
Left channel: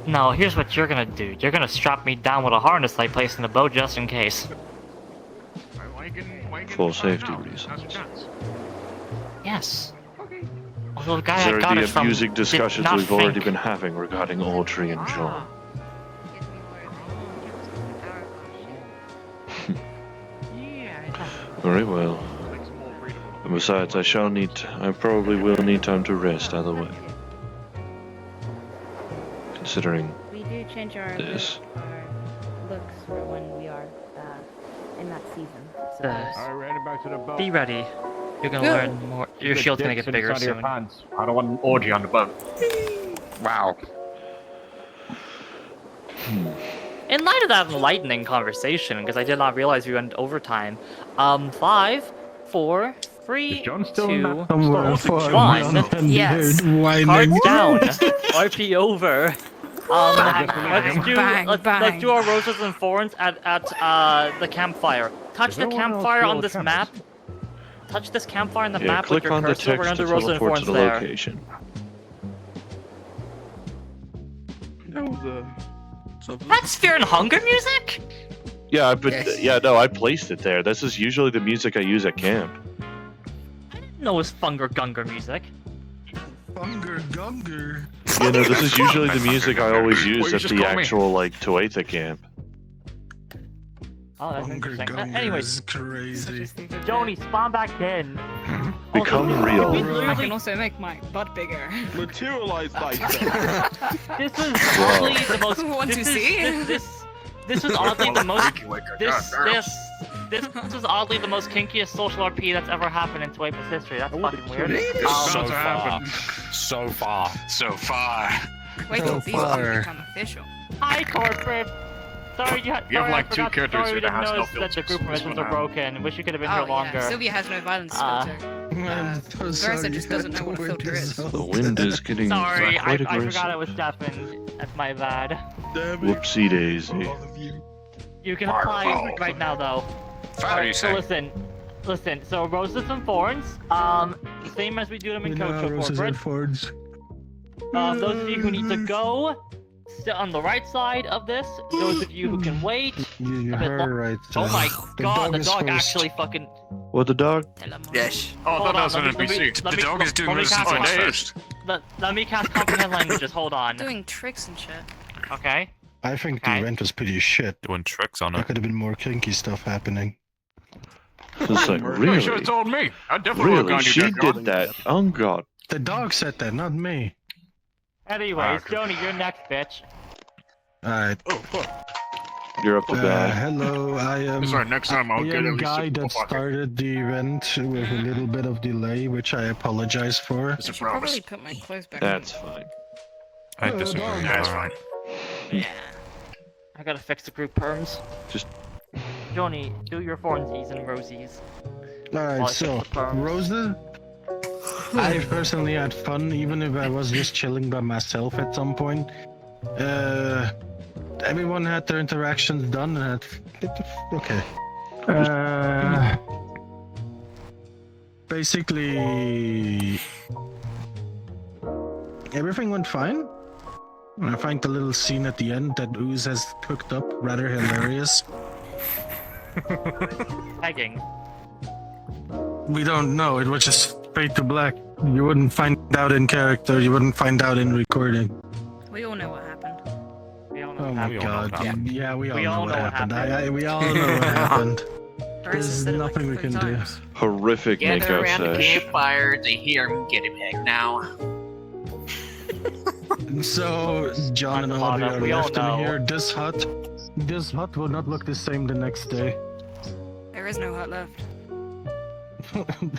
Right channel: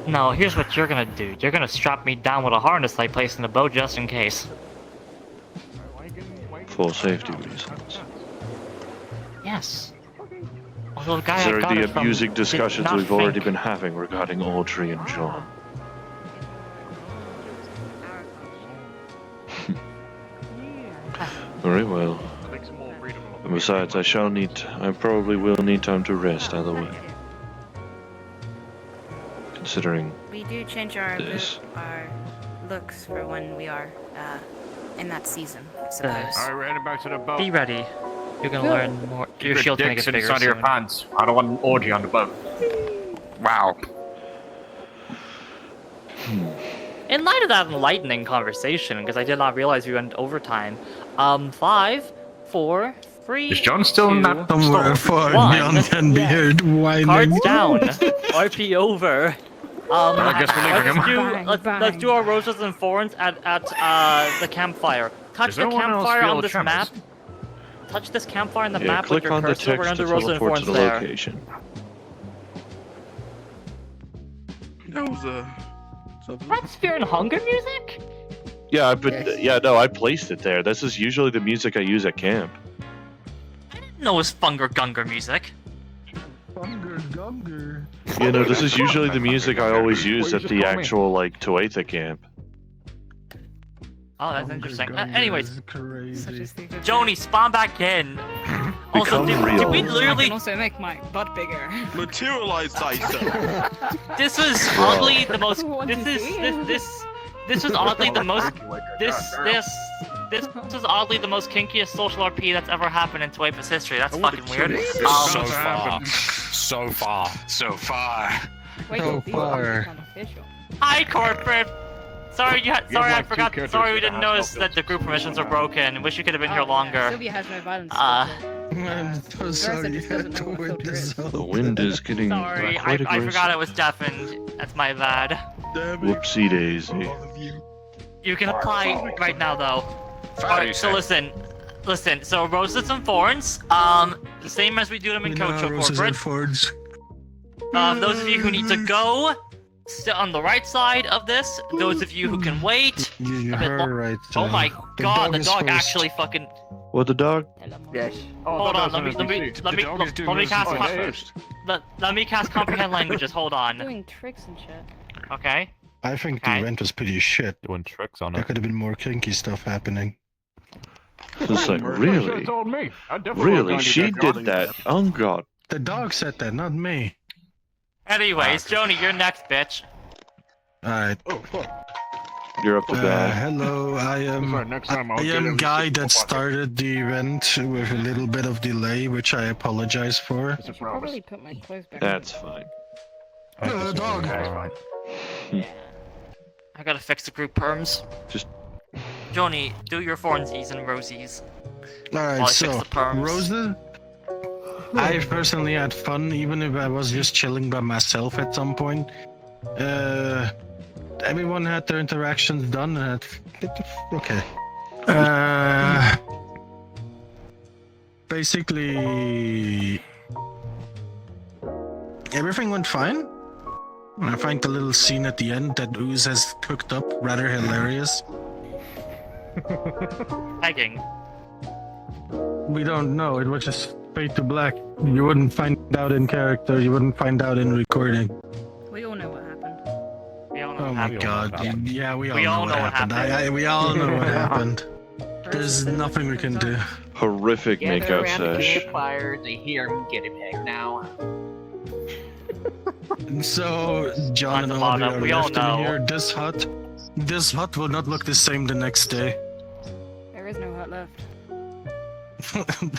No, here's what you're gonna do. You're gonna strap me down with a harness I placed in the boat just in case. For safety reasons. Yes. Although the guy Is I there got the it from amusing did discussions not we've already think- been having regarding Audrey and John? Very well. And besides, I probably will need time to rest either way. Considering We do change our this. looks for when we are in that season, I suppose. Alright, we're heading back to the boat. Be ready. You're gonna learn more. Your shield's gonna get bigger inside of your soon. pants. I don't want an orgy on the boat. Wow. In light of that enlightening conversation, because I did not realize we went overtime. 5, 4, 3, Is John still in 2, that? Somewhere stop. far 1. beyond can be heard whining. Cards down. RP over. I guess we're leaving him. Let's do our roses and thorns at the campfire. Touch Is the anyone else campfire feel on the this tremors? map. Touch this campfire on the Yeah, map with click your on the cursor. We're text gonna to do roses and teleport to thorns the there. location. That was something. That's Fear and Hunger music? Yeah, I placed it there. This is usually the music I use at camp. No, it was Funger Gunger music. Gunger, gunger. You know, this is usually the music I always use at the actual, like, Tuatha camp. Oh, that's interesting. Gunger Anyways, is crazy. Joni, spawn back in. Become Also, real. we I literally, can also make my butt bigger. Materialize thyself. this was Wow. oddly the most. Want This to is see? this was oddly the most. This was oddly the most kinkiest social RP that's ever happened in Tuatha's history. That's fucking weird. It's about to happen. So far. So far. Wait So till these far. become official. Hi, corporate. Sorry, You have, sorry, like, I two forgot. characters Sorry, we here that didn't has no notice that the filters. group permissions are broken. Wish you could have been here longer. Sylvia has no violence. I'm so sorry. just doesn't know what The wind filter is is. so The wind is getting Sorry, I quite forgot aggressive. it was deafened. That's my bad. Whoopsie daisy. You can apply right now, though. Alright, so listen. So roses and thorns, the same as we do them in Kocho Roses and Corporate. Fords. Those of you who need to go, sit on the right side of this. Those of you who can wait. You a bit heard right. Oh my the god, the is dog first. actually fucking. What, the dog? Yes. Hold on, let me cast. Let me cast comprehend languages. Hold on. Doing tricks and shit. Okay. I think the Okay. event was pretty shit. Doing tricks on There it. could have been more kinky stuff happening. It's like, You should really? have told me. I definitely Really? would've She gone to that did that? Oh god. The dog said that, not me. Anyways, Joni, you're next, bitch. Alright. Oh fuck. You're up to bat. Hello, I am. That's right, next time I'll I get am at least guy six that more started the event with a little bit of delay, which I apologize for. Mr. Flowers. Probably put my clothes back. That's fine. I disagree. Yeah, it's fine. I gotta fix the group perms. Just- Joni, do your thornsies and rosies. While I Alright, fix so, the perms. Rosa, I personally had fun, even if I was just chilling by myself at some point. Everyone had their interactions done, and okay. Basically, everything went fine. I find the little scene at the end that Ooze has cooked up rather hilarious. Pegging. We don't know. It was just fade to black. You wouldn't find out in character. You wouldn't find out in recording. We all know what happened. We all know Oh what my happened. god. Yeah, we all We know all what know what happened. happened. We all know what happened. There's nothing we can do. Horrific makeout sesh. Fire to hear him get him heck now. So, John and Audrey are We all left in know. here. This hut will not look the same the next day. There is no hut left.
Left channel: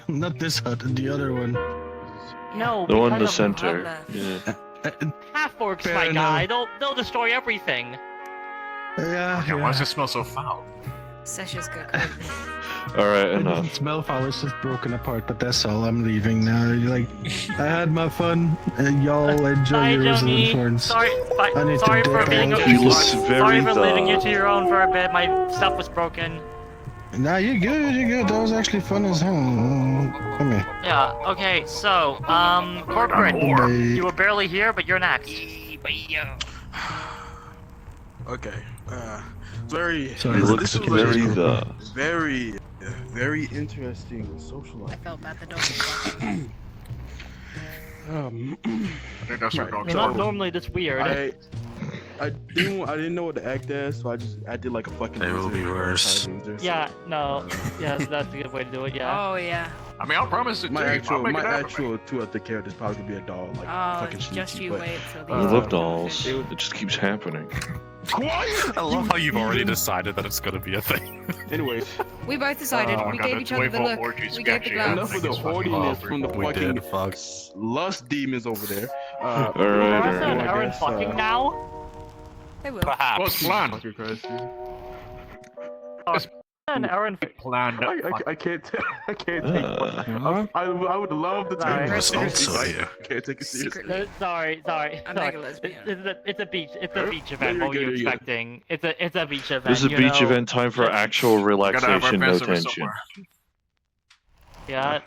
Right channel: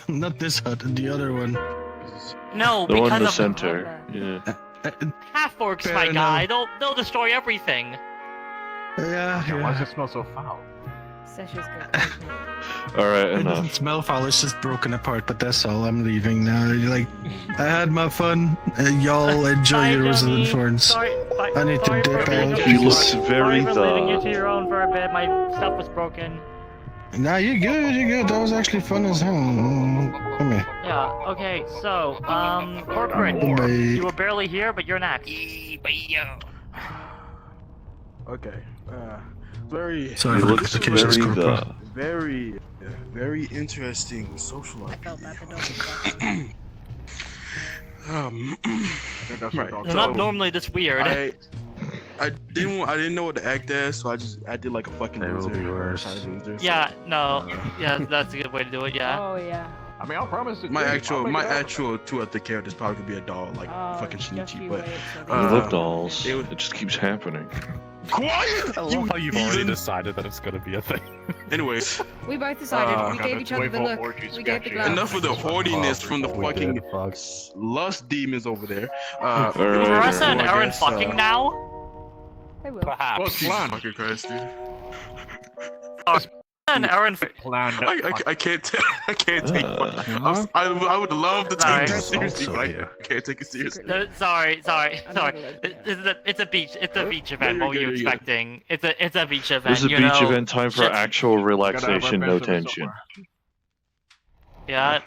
Not this hut, the other one. No, The one in the because of center. Yeah. half orcs, Fair my enough. guy. They'll destroy everything. Yeah, Why does yeah. it smell so foul? Sessions got crazy. Alright, enough. Smellfall is just broken apart, but that's all. I'm leaving now. Like, I had my fun. Y'all enjoy Bye, your Johnny. Rosalind Thorns. Sorry, bye. I need Sorry to for dip being out. He looks very Sorry for leaving you the. to your own for a bit. My stuff was broken. Nah, you're good. You're good. That was actually fun as hell. Come here. Yeah. Okay. So, corporate. Bye. You were barely here, but you're next. Okay. Very. Sorry, He this looks is Casey's very group. the. Very interesting social life. I felt that the dog. Right. You're not normally this weird. I didn't know what to act as, so I did like a fucking It will be loser. worse. Loser. Yeah. No. Yeah. That's a good way to do it. Yeah. Oh yeah. I mean, I'll promise it. My to you. I'll make it happen. actual Tuatha character is probably gonna be a doll, like fucking Just Shinichi, you but wait till I the love dolls. It just keeps happening. quiet. I love how you've already decided that it's gonna be a thing. Anyways, We both decided. Oh, we God, gave that's each other way the more look. orgy We gave the sketchy. glance. enough of the horniness from the We fucking did, fuck. lust demons over there. Alright, Marissa and alright. Aaron fucking now? I will. Perhaps. What's planned? Fucking Christ, dude. And Aaron. Planned. I can't take it. I would love to take Alright. it seriously. So, but I yeah. can't take it seriously. No, sorry. I'm like a lesbian. It's a beach. It's a beach event. you're What were you good, you're good. expecting? It's a beach event. This is a you beach know. event, time for actual relaxation, no tension. Yeah.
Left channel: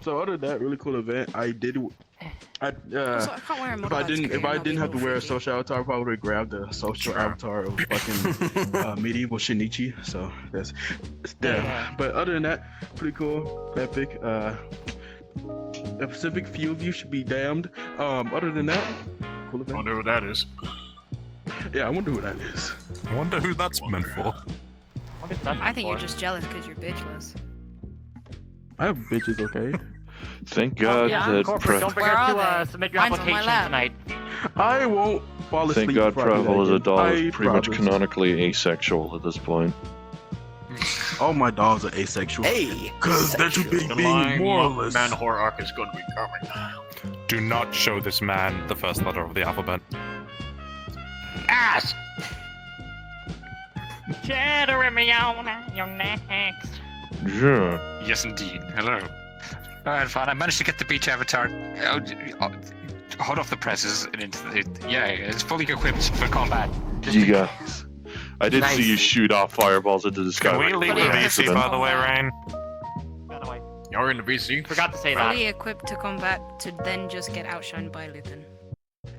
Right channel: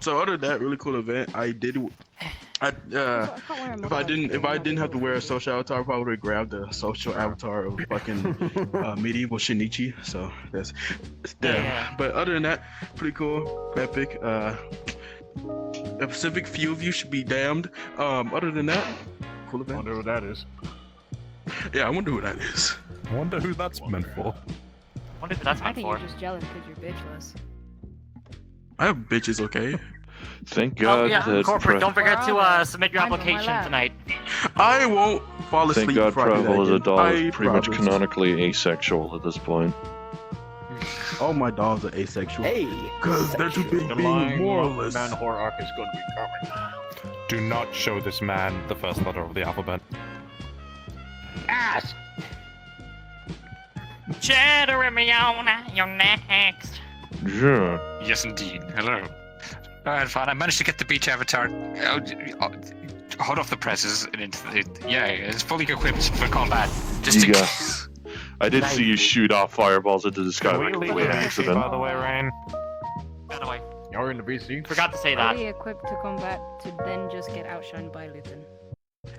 So other than that really cool event, if I didn't have to wear a social avatar, I probably would grab the social avatar of fucking medieval Shinichi. So that's Yeah. But other than that, pretty cool, epic. A specific few of you should be damned. Other than that, cool I event. wonder who that is. Yeah, I wonder who that is. I wonder who that's meant for. What is that I think you're for? just jealous because you're bitchless. I have bitches, okay? Thank God Yeah, that corporate, don't forget Where to are they? submit your Mine's on my application lap. tonight. I won't fall asleep. Thank God before I do Prehevil as a that. doll is I pretty much promise. canonically asexual at this point. All my dolls are asexual. Hey! Cause they're too big The being lying moralist. man horror arc is going to be coming. Do not show this man the first letter of the alphabet. Ass! Jeremiona, you're next. Yeah. Yes, indeed. Hello. Alright, fine. I managed to get the beach avatar hot off the presses and it's fully equipped for combat. Just You to- got. I did see you shoot off fireballs into the sky Can we like a leave complete the VC, accident. by the way, Rain? By the way, You're in the VC? forgot to say that. Fully equipped to combat to then just get outshined by Lupin.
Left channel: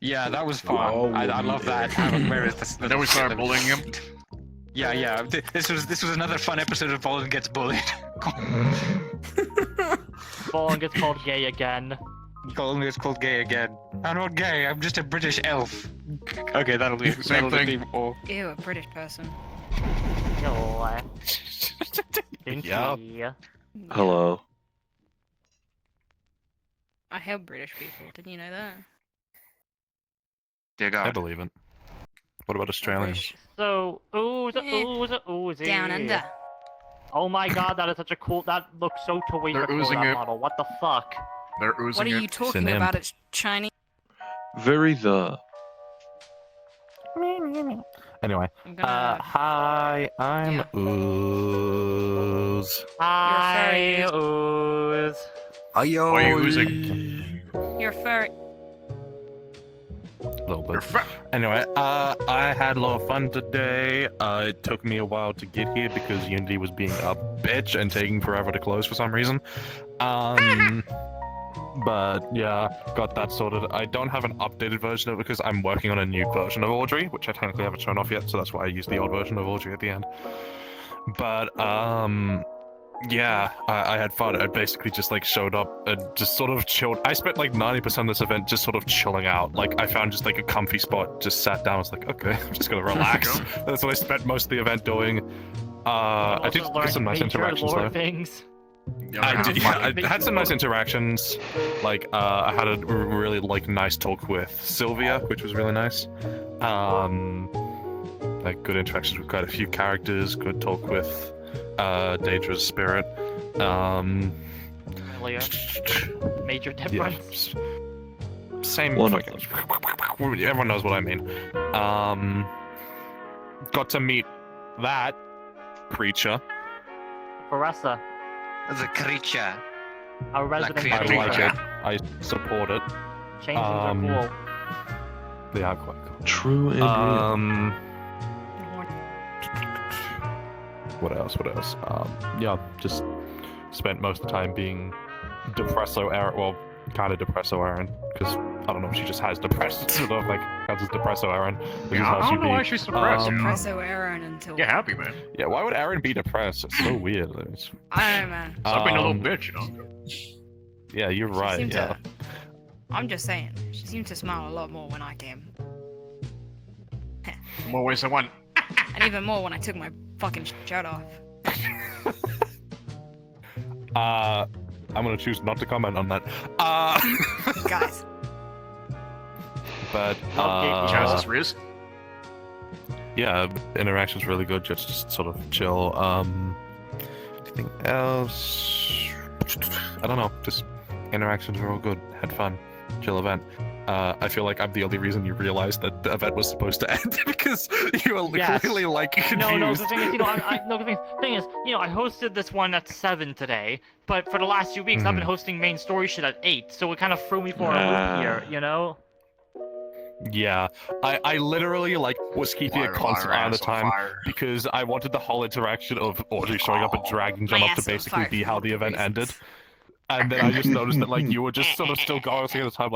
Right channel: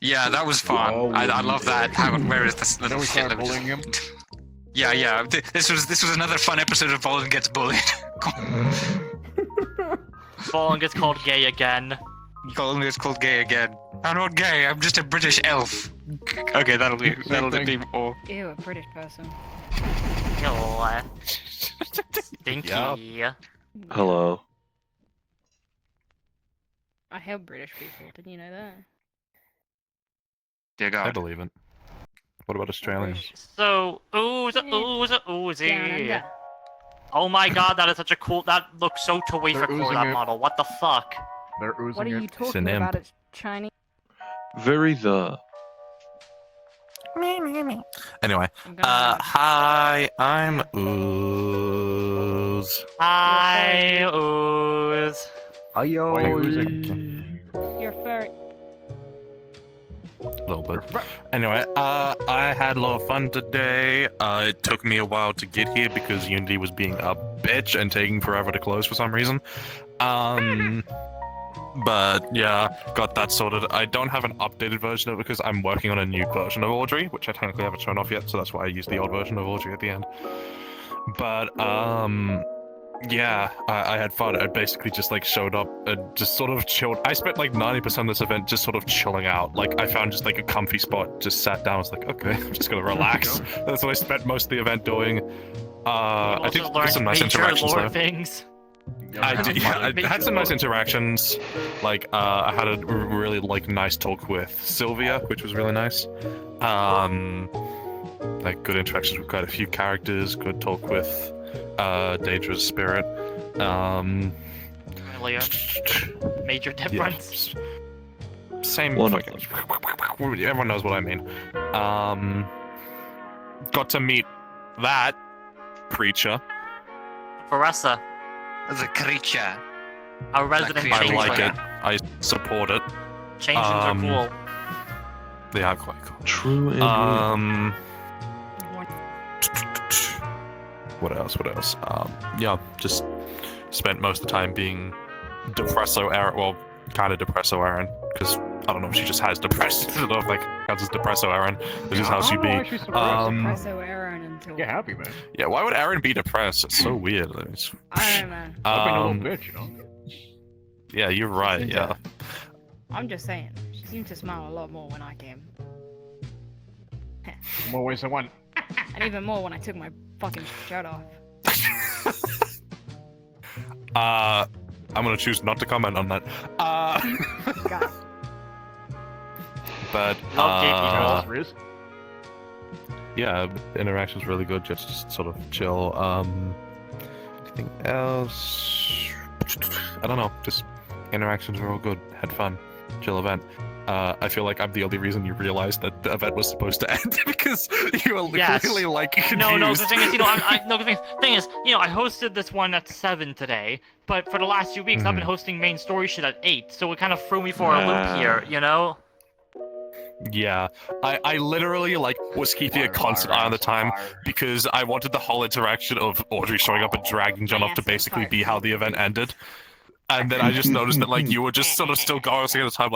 Yeah, that was fun. Oh, I love that. Where is this? Then we started bullying him. Yeah. This was another fun episode of Bolin Gets Bullied. Bolin gets called gay again. Bolin gets called gay again. I'm not gay. I'm just a British elf. Okay, that'll be thing. more. Ew, a British person. God. Stinky. Yeah. Hello. I help British people. Didn't you know that? Dear I God. believe it. What about Australians? So, ooze. Down under. Oh my God, that is such a cool. That looks so Tuatha They're for oozing that it. model. What the fuck? They're oozing What are you it. talking an about? imp. It's Chinese. Very the. Anyway, I'm gonna. hi, I'm Ooze. Hi, ooze. Hi, yo. Why are you oozing? You're furry. A little bit. Anyway, I had a lot of fun today. It took me a while to get here because Unity was being a bitch and taking forever to close for some reason. But yeah, got that sorted. I don't have an updated version of it because I'm working on a new version of Audrey, which I technically haven't shown off yet, so that's why I used the old version of Audrey at the end. But yeah, I had fun. I basically just like showed up and just sort of chilled. I spent like 90% of this event just sort of chilling out. Like I found just like a comfy spot, just sat down. I was like, okay, I'm just gonna relax. That's what I spent most of the event doing. I did get some nice interactions though. Things. I did. Yeah, I had some nice interactions. Like I had a really like nice talk with Sylvia, which was really nice. Like good interactions with quite a few characters. Good talk with Daedra's spirit. Leo. Major difference. Yeah. Same. Wonderful. Everyone knows what I mean. Got to meet that creature. Baressa, As a creature. our resident I creature. like changeling. it. I support it. Changelings are cool. They are quite cool. True and real. What else? Yeah, just spent most of the time being Depresso Aaron. Well, kind of Depresso Aaron, because I don't know if she just has depressed sort of like that's just Depresso Aaron, which is how she'd be. Presso Aaron until. Get happy, man. Yeah, why would Aaron be depressed? It's so weird. It's, I don't know, man. Stop being a little bitch, you know. Yeah, you're right. seems Yeah. I'm just saying. She seemed to smile a lot more when I came. More ways than one. And even more when I took my fucking shirt off. I'm gonna choose not to comment on that. Guys. But Genesis Riz. yeah, interaction's really good. Just sort of chill. Anything else? I don't know. Just interactions were all good. Had fun. Chill event. I feel like I'm the only reason you realized that the event was supposed to end because you were clearly like confused. No, the thing is, the thing is, I hosted this one at 7 today, but for the last 2 weeks, I've been hosting main story shit at 8, so it kind of threw me for a loop here, you know? Yeah, I literally was keeping a constant eye on the time because I wanted the whole interaction of Audrey showing up and dragging John off to basically be how the event ended, and then I just noticed that you were just sort of still going at the time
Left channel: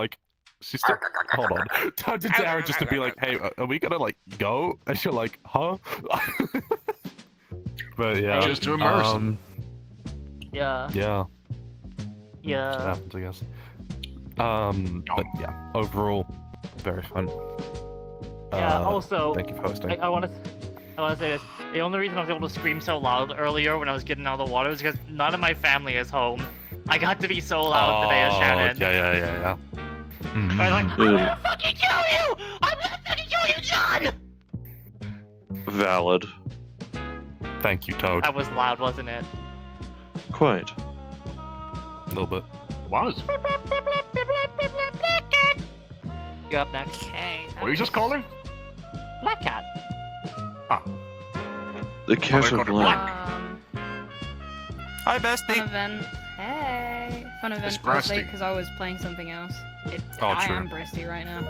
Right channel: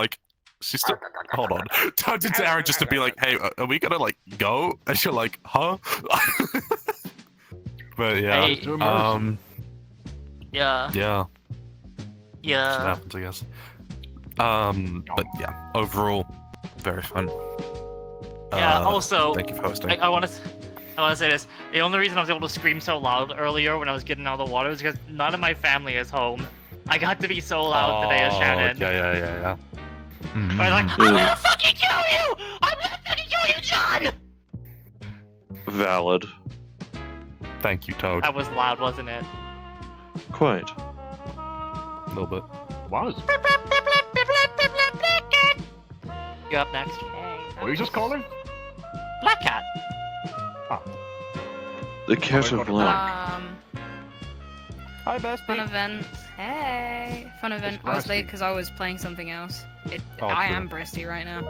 she's still hold on. Turned into Aaron just to be like, hey, are we gonna go? And you're like, huh? But yeah. Just to immerse him. Yeah. Yeah. Yeah. That happens, I guess. But yeah, overall, very fun. Yeah. Also, thank you for hosting. I want to say this. The only reason I was able to scream so loud earlier when I was getting out of the water was because none of my family is home. I got to be so loud today as Shannon. Yeah. I was like, I'm gonna fucking kill you! I'm gonna fucking kill you, John! Valid. Thank you, Toad. That was loud, wasn't it? Quite. A little bit. Was. You up next? What are you just calling? Black Cat. The cat of black. Hi, Fun bestie. event. Hey. Fun event. I was late because I was playing something else. I true. am breasty right now.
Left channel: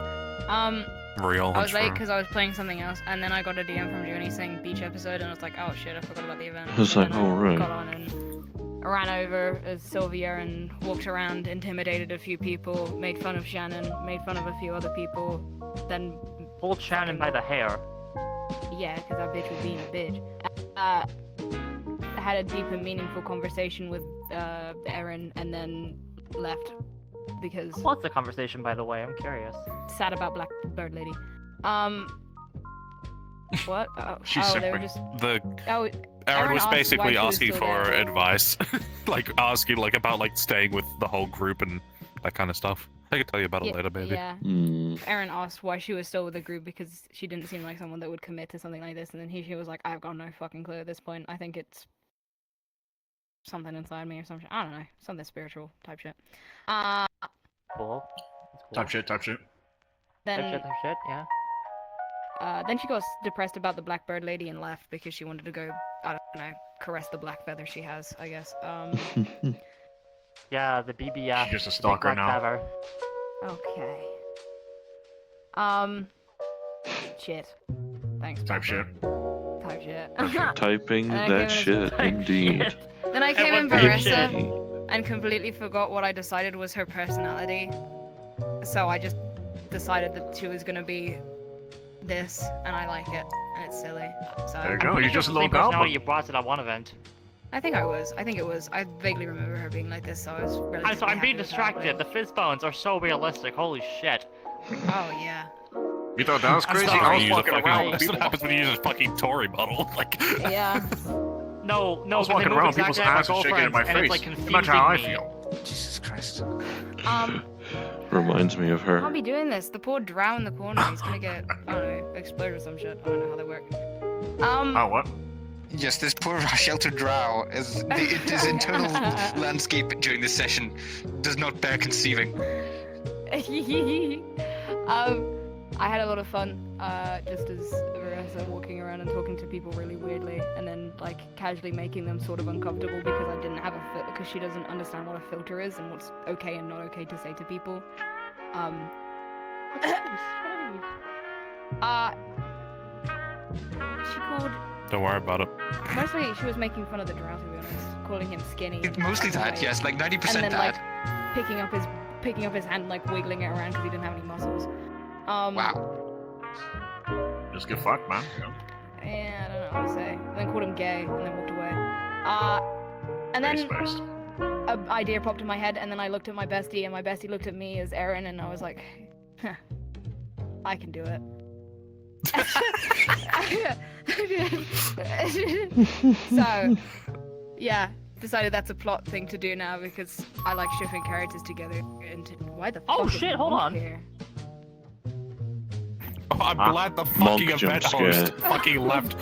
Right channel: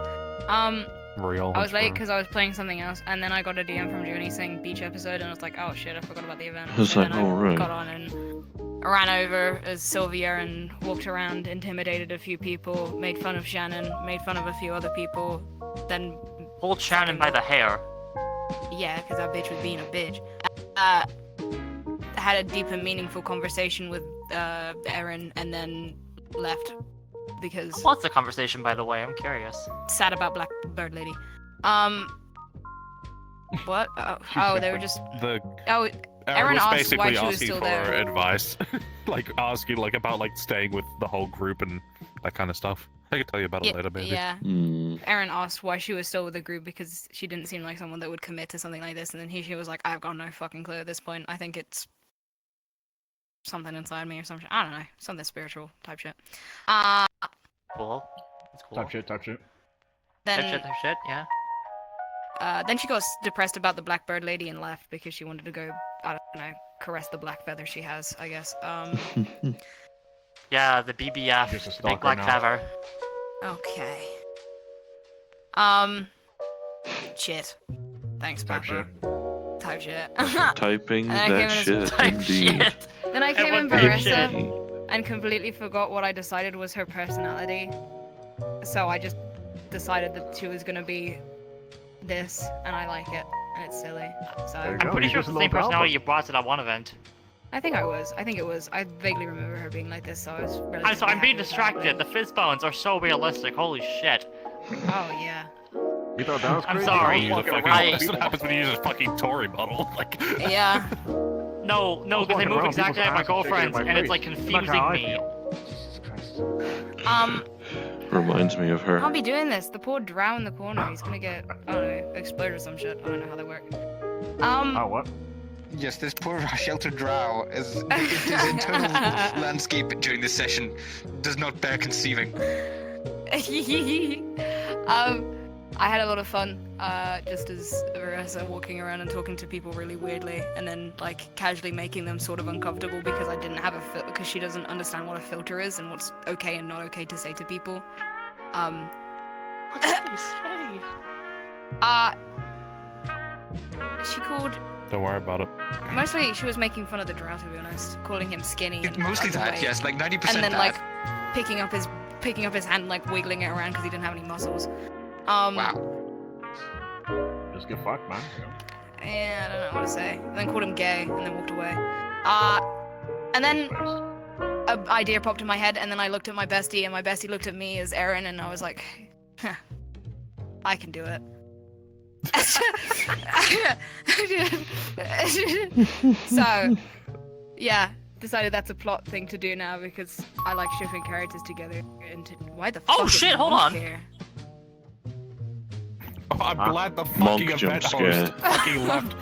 Real. I was late because I was playing something else, and then I got a DM from Journey saying beach episode, and I was like, oh shit, I forgot about the event. I was like, oh right. Got on and ran over as Sylvia and walked around, intimidated a few people, made fun of Shannon, made fun of a few other people, then pulled Shannon by the hair. Yeah, because that bitch was being a bitch. Had a deep and meaningful conversation with Erin, and then left because. What's the conversation, by the way? I'm curious. Sad about Blackbird Lady. What? They were just. Aaron was asked basically why she was asking still for there. advice, asking about staying with the whole group and that kind of stuff. I could tell you about it later, maybe. Yeah. Erin asked why she was still with the group because she didn't seem like someone that would commit to something like this, and then she was like, "I've got no fucking clue at this point. I think it's something inside me or something. I don't know, something spiritual type shit." Cool. That's cool. Type shit. Then Type shit, yeah. then she got depressed about the Blackbird Lady and left because she wanted to go, I don't know, caress the black feather she has, I guess. Yeah, the BBF. Just a big stalker black now. feather. Okay. Shit. Thanks, Type Papa. shit. Type shit. Typing And I that gave shit, it some indeed. Then I came in Everyone type Baressa and completely forgot what I decided was her personality. So I just decided that she was gonna be this, and I like it, and it's silly. So There you I'm go. pretty You're sure just it's a the little same personality goblin. you brought to that one event. I think I was. I think it was. I vaguely remember her being like this, so I was relatively I'm being happy with how it distracted. The went. fizz bones are so realistic. Holy shit. Oh yeah. You thought that was I'm crazy? sorry. You use a Fucking fucking, right. that's what happens when you use a fucking Tory model. Yeah. No, I was because they walking move around exactly people's like my houses shaking in girlfriend, my and it's like face. Imagine how confusing I me. feel. Jesus Christ. Reminds me of her. Can't be doing this. The poor drow in the corner. He's gonna get, I don't know, exploded or some shit. I don't know how they work. Oh, what? Yes, this poor sheltered drow, as his internal landscape during this session does not bear conceiving. I had a lot of fun, just as Arisa walking around and talking to people really weirdly, and then like casually making them sort of uncomfortable because I didn't have a filter, because she doesn't understand what a filter is and what's okay and not okay to say to people. She called. Don't worry about it. Mostly, she was making fun of the drow, to be honest, calling him skinny. It's mostly that, yes, like 90% and then, that. Like, picking up his hand, like wiggling it around because he didn't have any muscles. Wow. Just get fucked, man. Yeah, I don't know what to say. Then called him gay, and then walked away. And then an idea popped in my head, and then I looked at my bestie, and my bestie looked at me as Aaron, and I was like, huh, I can do it. So, yeah, decided that's a plot thing to do now because I like shipping characters together. And why the fuck? Oh is shit! Hold on. Here? Oh, I'm glad the Monk fucking jump event scare. host fucking left.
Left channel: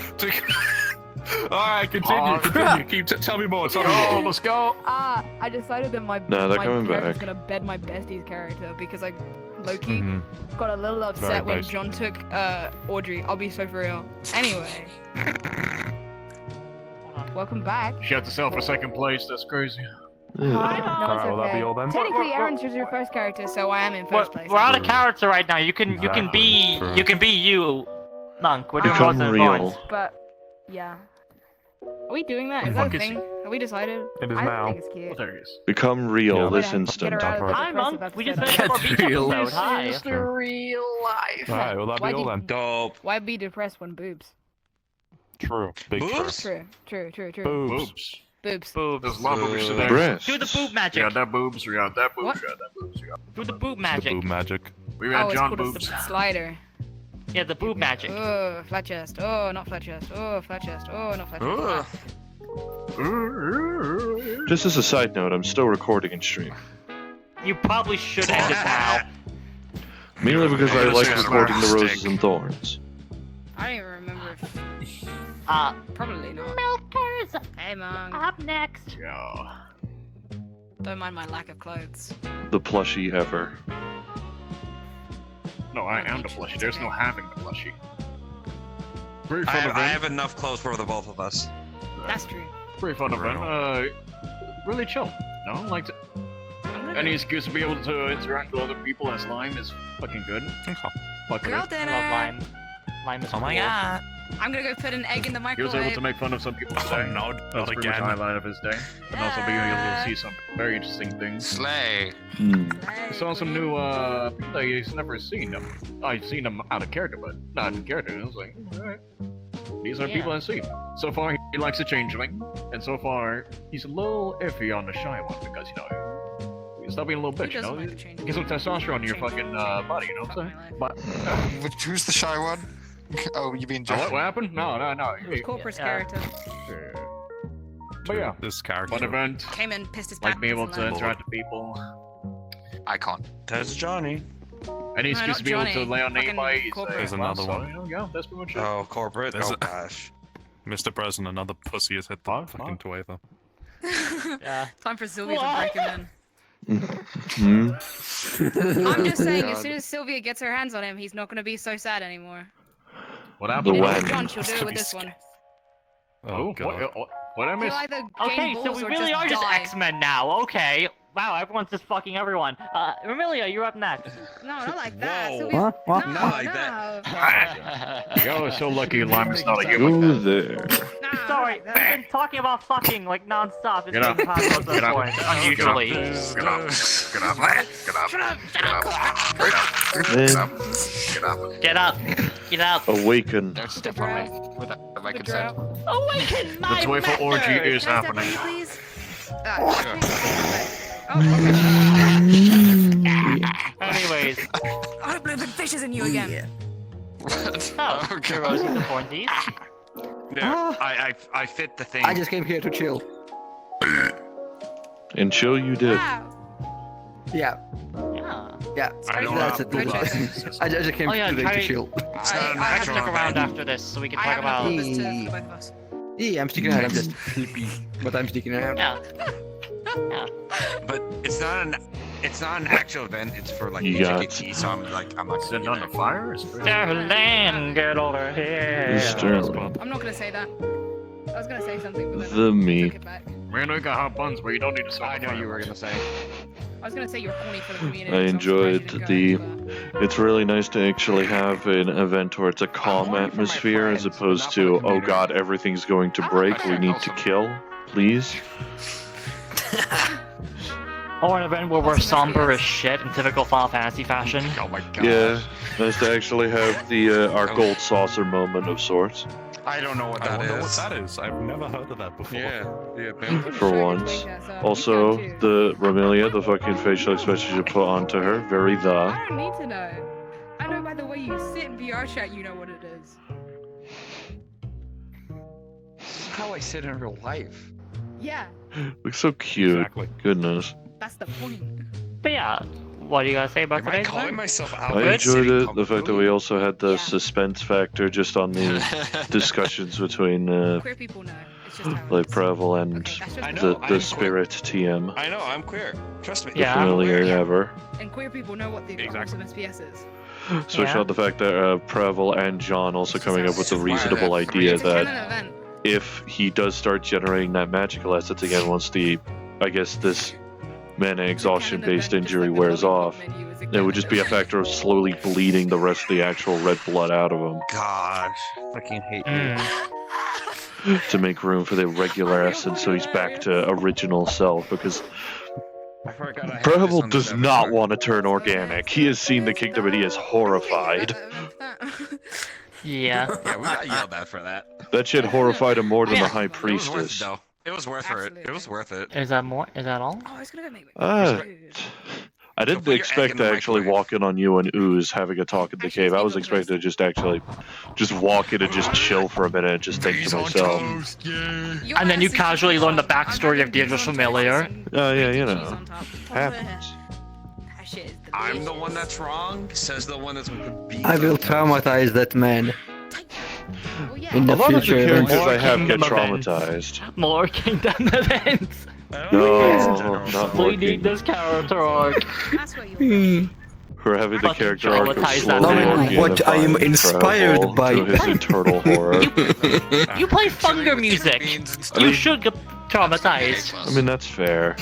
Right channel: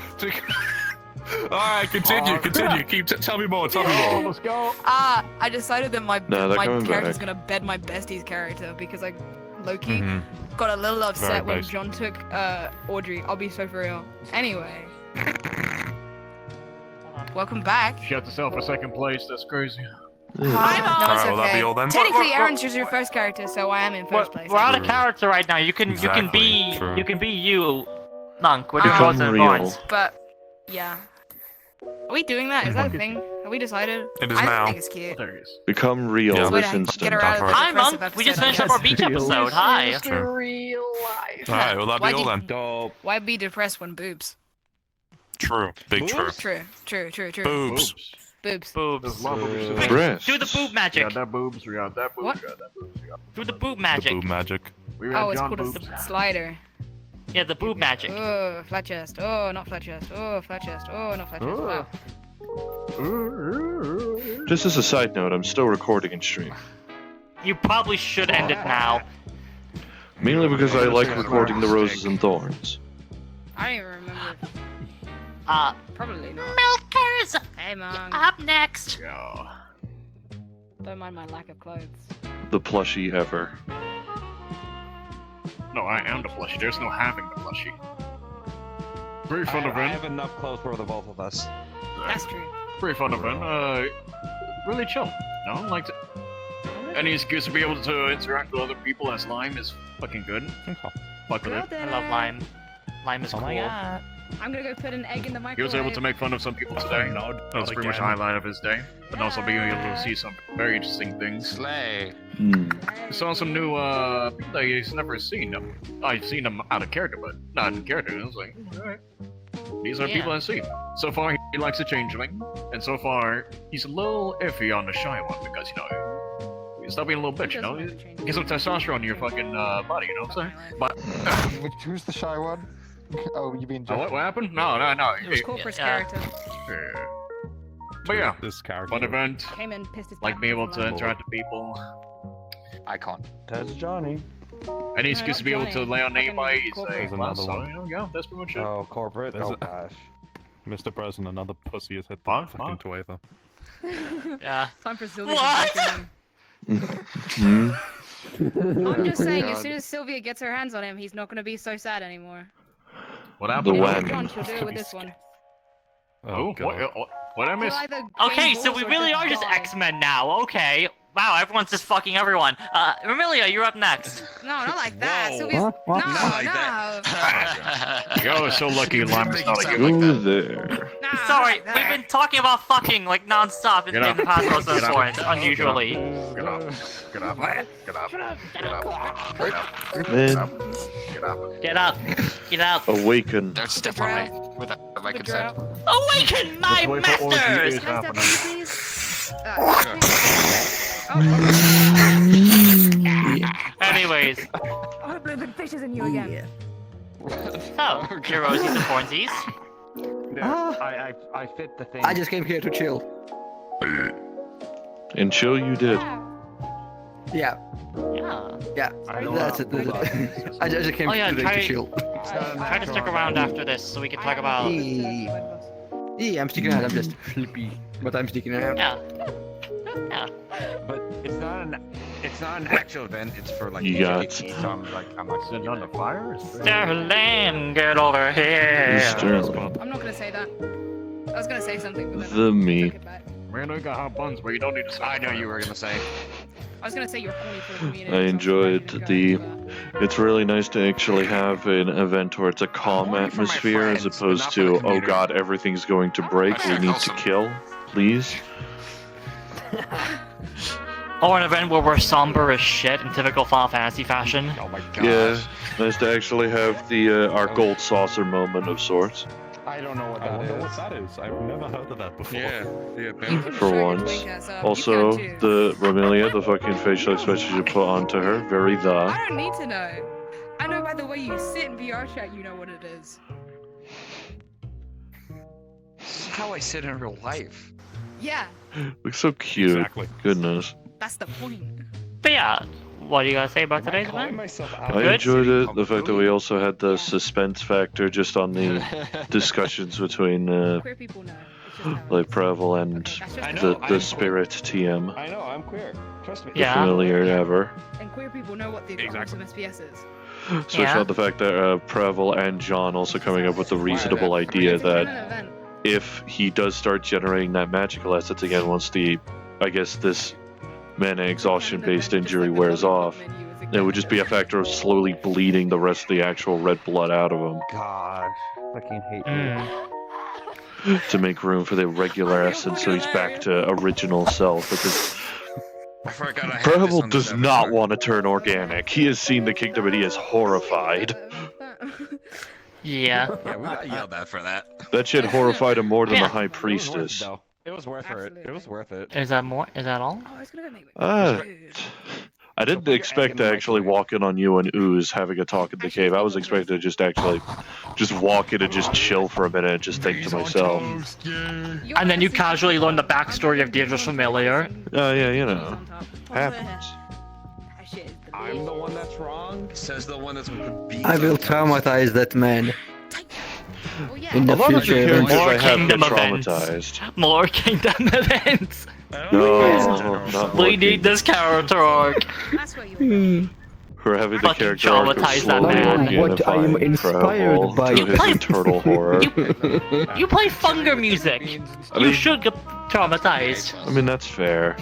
Alright, continue. Keep tell me more. Tell me more. Let's go. I decided that my No, they're my coming character's back. gonna bed my bestie's character because I low-key got a little Very upset when basic. John took Audrey. I'll be so for real. Anyway. Welcome back. She got herself a second place. That's crazy. No, it's Alright, will that okay. be all then? Technically, Aaron's just your first character, so I am in first place. We're out of character right now. You can be True. you, Monk. We're doing Become Roses and real. Thorns. But yeah, are we doing that? Is that a thing? Have we decided? It is I now. think it's cute. There he is. Become real Yeah. this Get instant. her out of the Hi, depressive Monk. We just episode. finished our beach episode. Hi. real life. Alright, will that be all then? Dope. Why be depressed when boobs? True. Big true. True. Boobs. Boobs. There's my boobs. Breast. Do the boob We magic. got that boobs. We got that boobs. What? We got that boobs. We got Do the boob The magic. boob magic. we got Oh, it's John called boobs. a slider. Yeah, the boob magic. Oh, flat chest. Oh, not flat chest. Oh, flat chest. Oh, not flat chest. Ah. Just as a side note, I'm still recording in stream. You probably should end it now. Mainly because I like recording the Roses and Thorns. I don't even remember. Probably not. Milkers! Hey, Mom. Up next! Yeah. Don't mind my lack of clothes. The plushie ever. No, I am the plushie. There's no having the plushie. Very fun event. enough clothes for the both of us. That's true. Pretty fun event. Really chill. No, like any excuse to be able to interact with other people as Lime is fucking good. Fuck with Girl it. I dinner. love Lime. Lime is Oh cool. my god. I'm gonna go put an egg in the He was microwave. able to make fun of some people's day. No, That was pretty much the highlight of his day. And also being able to see some very interesting things. Slay. Hmm. He saw some new people that he's never seen them. I've seen them out of character, but not in character. And I was like, alright. These are people I see. So far, he likes a changeling, and so far, he's a little iffy on the shy one because, you know, stop being a little bitch, you know? Get some testosterone in your fucking body, you know what I'm saying? But who's the shy one? Oh, you mean What happened? No. It was Corporate character. But yeah, This character. fun event. Came in, pissed his Like being able pants to and interact with people. Icon. That's Johnny. Any No, excuse not to be able to Johnny. lay on Fucking anybody, he's corporate. There's like, well, another so, one. you know, yeah, that's pretty much it. Oh, corporate. There's Oh a- gosh. Mr. President, another pussy has hit the fucking Tuatha. Yeah. Time for Sylvia to break him Hmm. in. I'm just saying, as soon as Sylvia gets her hands on him, he's not gonna be so sad anymore. What The happened? when. John, she'll do it with this one. Oh, God. what I He'll missed? either Okay, gain so balls we or really are just die. X-Men now. Okay. Wow, everyone's just fucking everyone. Emilia, you're up next. No, not like that. Whoa. Sylvia's... What? No, Not like no. that. Yo, so lucky Lime is not a Go human. there. No, Sorry, not like we've that. been talking about fucking like non-stop in Get the up. past Roses Get and up. Thorns, unusually. Get up. Get up. Get up. Get up. Awaken. Don't step on me without my consent. Awaken my The joyful orgy masters! is Can I step on happening. you, please? Anyways, I'm living fishes in you again. so, your Rosies and Thornsies. I fit the thing. I just came here to chill. And chill you did. Yeah, Yeah. that's it. I just came Oh, yeah, today try- to chill. Try to stick around after this so we can talk about. Yeah, I'm sticking out. I'm just sleepy, but I'm sticking out. Yeah. But it's not an actual event. It's for like You got- GT, so I'm like Sitting on the fire? Danann, get over here. Sterling. I'm not gonna say that. I was gonna say something, but then The I meat. took it back. Man, we got hot buns, but you don't need to I know you were gonna say. I was gonna say you're funny for the community. I enjoyed it's really nice to actually have an event where it's a calm atmosphere as opposed to, oh god, everything's going to break, we need to kill, please. Or an event where we're somber as shit in typical Final Fantasy fashion. Oh my god. Yeah, nice to actually have the our gold saucer moment of sorts. I don't know what I that wonder is. what that is. I've never heard of that before. Yeah. For once. Also, the Romelia, the fucking facial expression you put onto her, very the. I don't need to know. I know by the way you sit in VR chat, you know what it is. This is how I sit in real life. Yeah, Looks so cute. Exactly. Goodness. that's the point. But yeah, what do you guys say about today's Calling event? myself I enjoyed it, the fact that we also had the suspense factor just on the discussions between Queer people know. It's just how it like is. Prehevil and That's I just know, the I'm spirit TM. I know, I'm queer. Trust me. The Yeah. familiar ever. and queer people know what the Exactly. awesome SPS is. Especially Yeah. on the fact that Prehevil and John also coming up with the reasonable idea It's a that canon event. if he does start generating that magical assets again once this mana exhaustion based injury wears off, it would just be a factor of slowly bleeding the rest of the actual red blood out of him Gosh, freaking hate Mm. to make room for the regular essence so he's back to original self, because I forgot I had this Prehevil on does this not episode. want to turn organic. He has seen the kingdom and he is horrified. Yeah. Yeah, we got yelled at for that. That shit horrified him more than Yeah. the high It was worth it, priestess. though. It was worth it. It was worth it. Is that more? Is that all? Oh, I was gonna go make I didn't expect to actually walk in on you and Ooze having a talk in the cave. I was expecting to just actually just walk in and just chill for a minute and just think to myself, And then you casually learn the backstory of Deirdre's familiar. oh yeah, you know, happens. I'm the one that's wrong, says the one that's with the beat. I will traumatize that man. In A the lot of the future characters events. I have get Kingdom events. traumatized. More Kingdom events. No, not more We need this character arc. That's where you're We're having the Fucking character arc of traumatize that slowly man. What I am organifying inspired Prehevil by. to his eternal horror. You play Funger music. I mean- You should get traumatized. I mean, that's fair.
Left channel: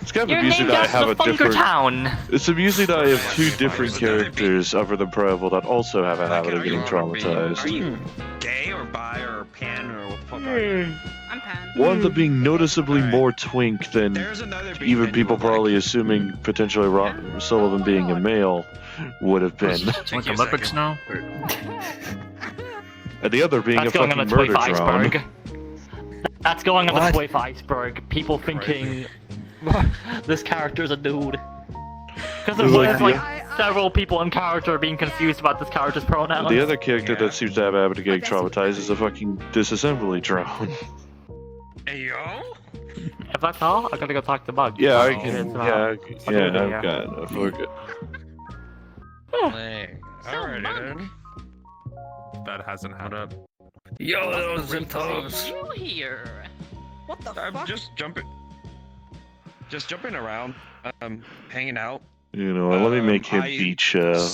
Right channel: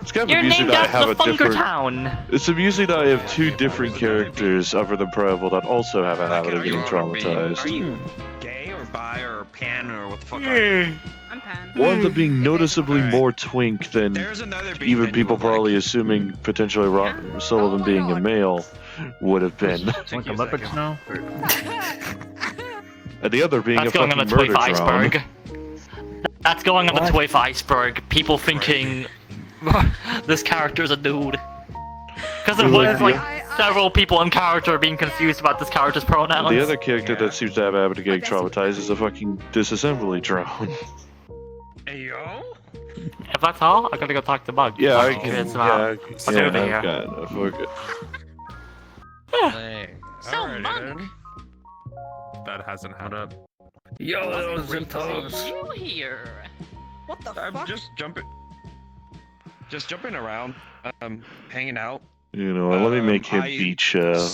It's kind of You're amusing named that I after have a Funger different. Town. It's amusing that I have two different characters other than Prehevil that also have a habit of getting Are traumatized. you gay or bi or pan or what the fuck are you? I'm Pan. One of them being noticeably Alright. more twink than There's another big even menu people of, like, probably assuming potentially Sullivan being a male would have been. Like Olympics now? And the other being That's a going on fucking the murder Twife drone. iceberg. That's going on the What? Twife iceberg. People thinking this character is a dude. Because It's there's like like several people in character being confused about this character's pronouns. The other character Yeah. that seems to have a habit of getting traumatized is a fucking disassembly drone. Hey yo? If that's all, I gotta go talk to Bug. Yeah, I Oh, can. it's, Yeah, I've got enough. We're good. Alrighty then. That hasn't happened. Yo, You here? What the I'm fuck? just jumping around, hanging out. You know, let me make him I beach vibed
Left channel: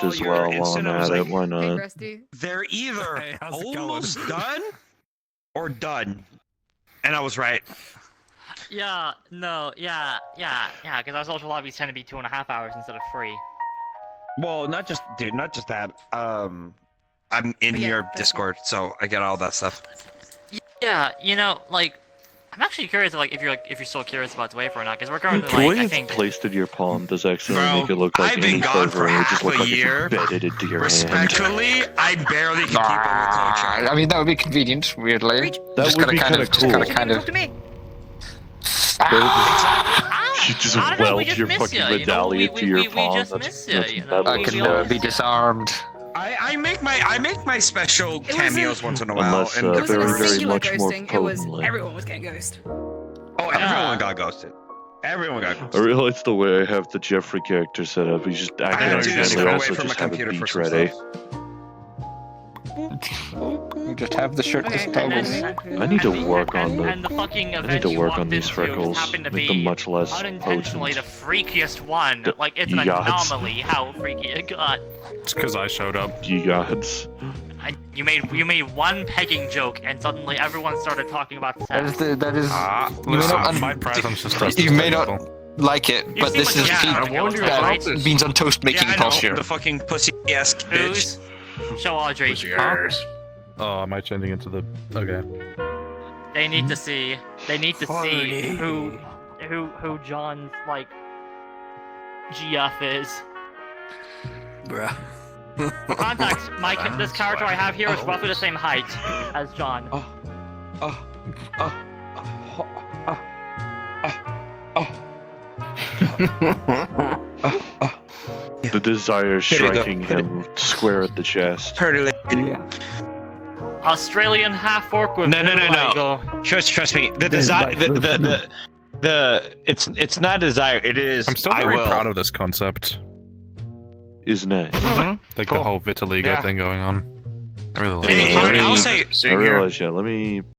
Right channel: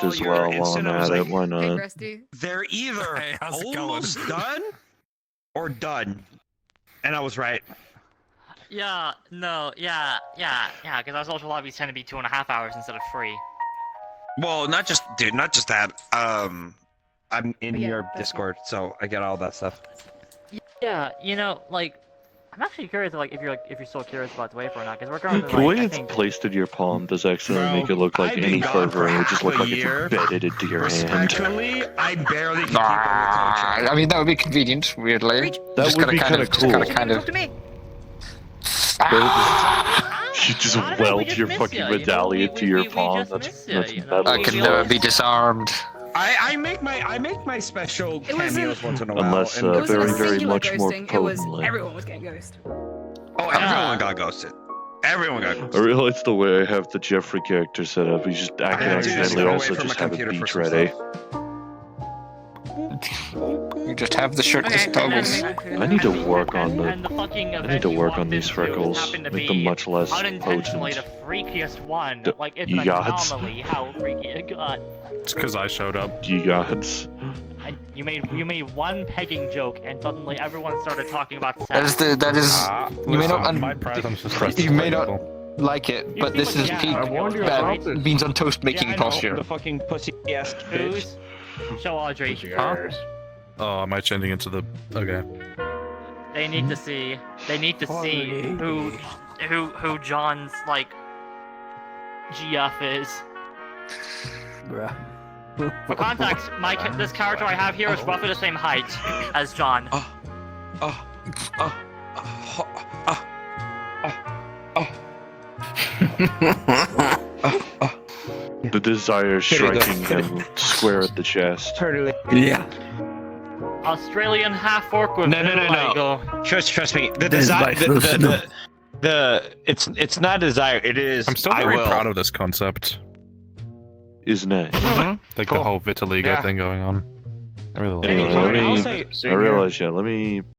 saw as your well while I'm incident, I was at it. like, Why Hey, not? Rusty. They're either Hey, how's it almost done or done. And I was right. Yeah, no, yeah, because our social lobbies tend to be 2.5 hours instead of 3. Well, not just that. I'm in But yeah, your that's Discord, so I get all that stuff. Yeah, you know, like, I'm actually curious, if you're still curious about the wafer or not, because we're currently, The way like, I it's think, placed into your palm does actually Bro, make it look like I've been any gone fervor, for and it would just look half a like it's year. embedded into your hand. Respectfully, I barely keep people in contact. I mean, that would be convenient, weirdly. That Just would gotta be kind kinda of, cool. Just gotta kind of. Talk to me. You just Honestly, we weld just your miss fucking ya, you know? medallion We- to your we palm. just That's miss ya, you know? metal I as can well. be disarmed. I make my special It wasn't- cameos once in a while. Unless, and uh, It wasn't very, a very singular much more ghosting, it was potently. everyone was getting ghosted. oh, everyone got ghosted. Everyone got ghosted. I realize the way I have the Jeffrey character set up, he's just I can had to just accidentally get away also from just my have a computer for beach some ready. stuff. You just have the shirtless toggles. I need to work on And the fucking I need to work on these event you walked freckles, into happened to make them be much less unintentionally potent. the freakiest one. The Like, it's an yachts. anomaly how freaky it got. It's because I showed up. Gods. You made one pegging joke, and suddenly everyone started talking about sex. That is. You may Listen, not. my presence is You may not people. like it, but this is beans on toast making posture. The fucking pussy ass bitch. Show Audrey. Oh, am I changing into the? Okay. They need to see. They need to see who John's like GF is. Bruh. For context, this character I have here is roughly the same height as John. The desire striking him square at the chest. Yeah. Australian half orc with No. Trust me. The desire. It's not desire. It is. I'm still very proud of this concept. Isn't it? Like the whole vitiligo thing going on. I really like it. I realize, let me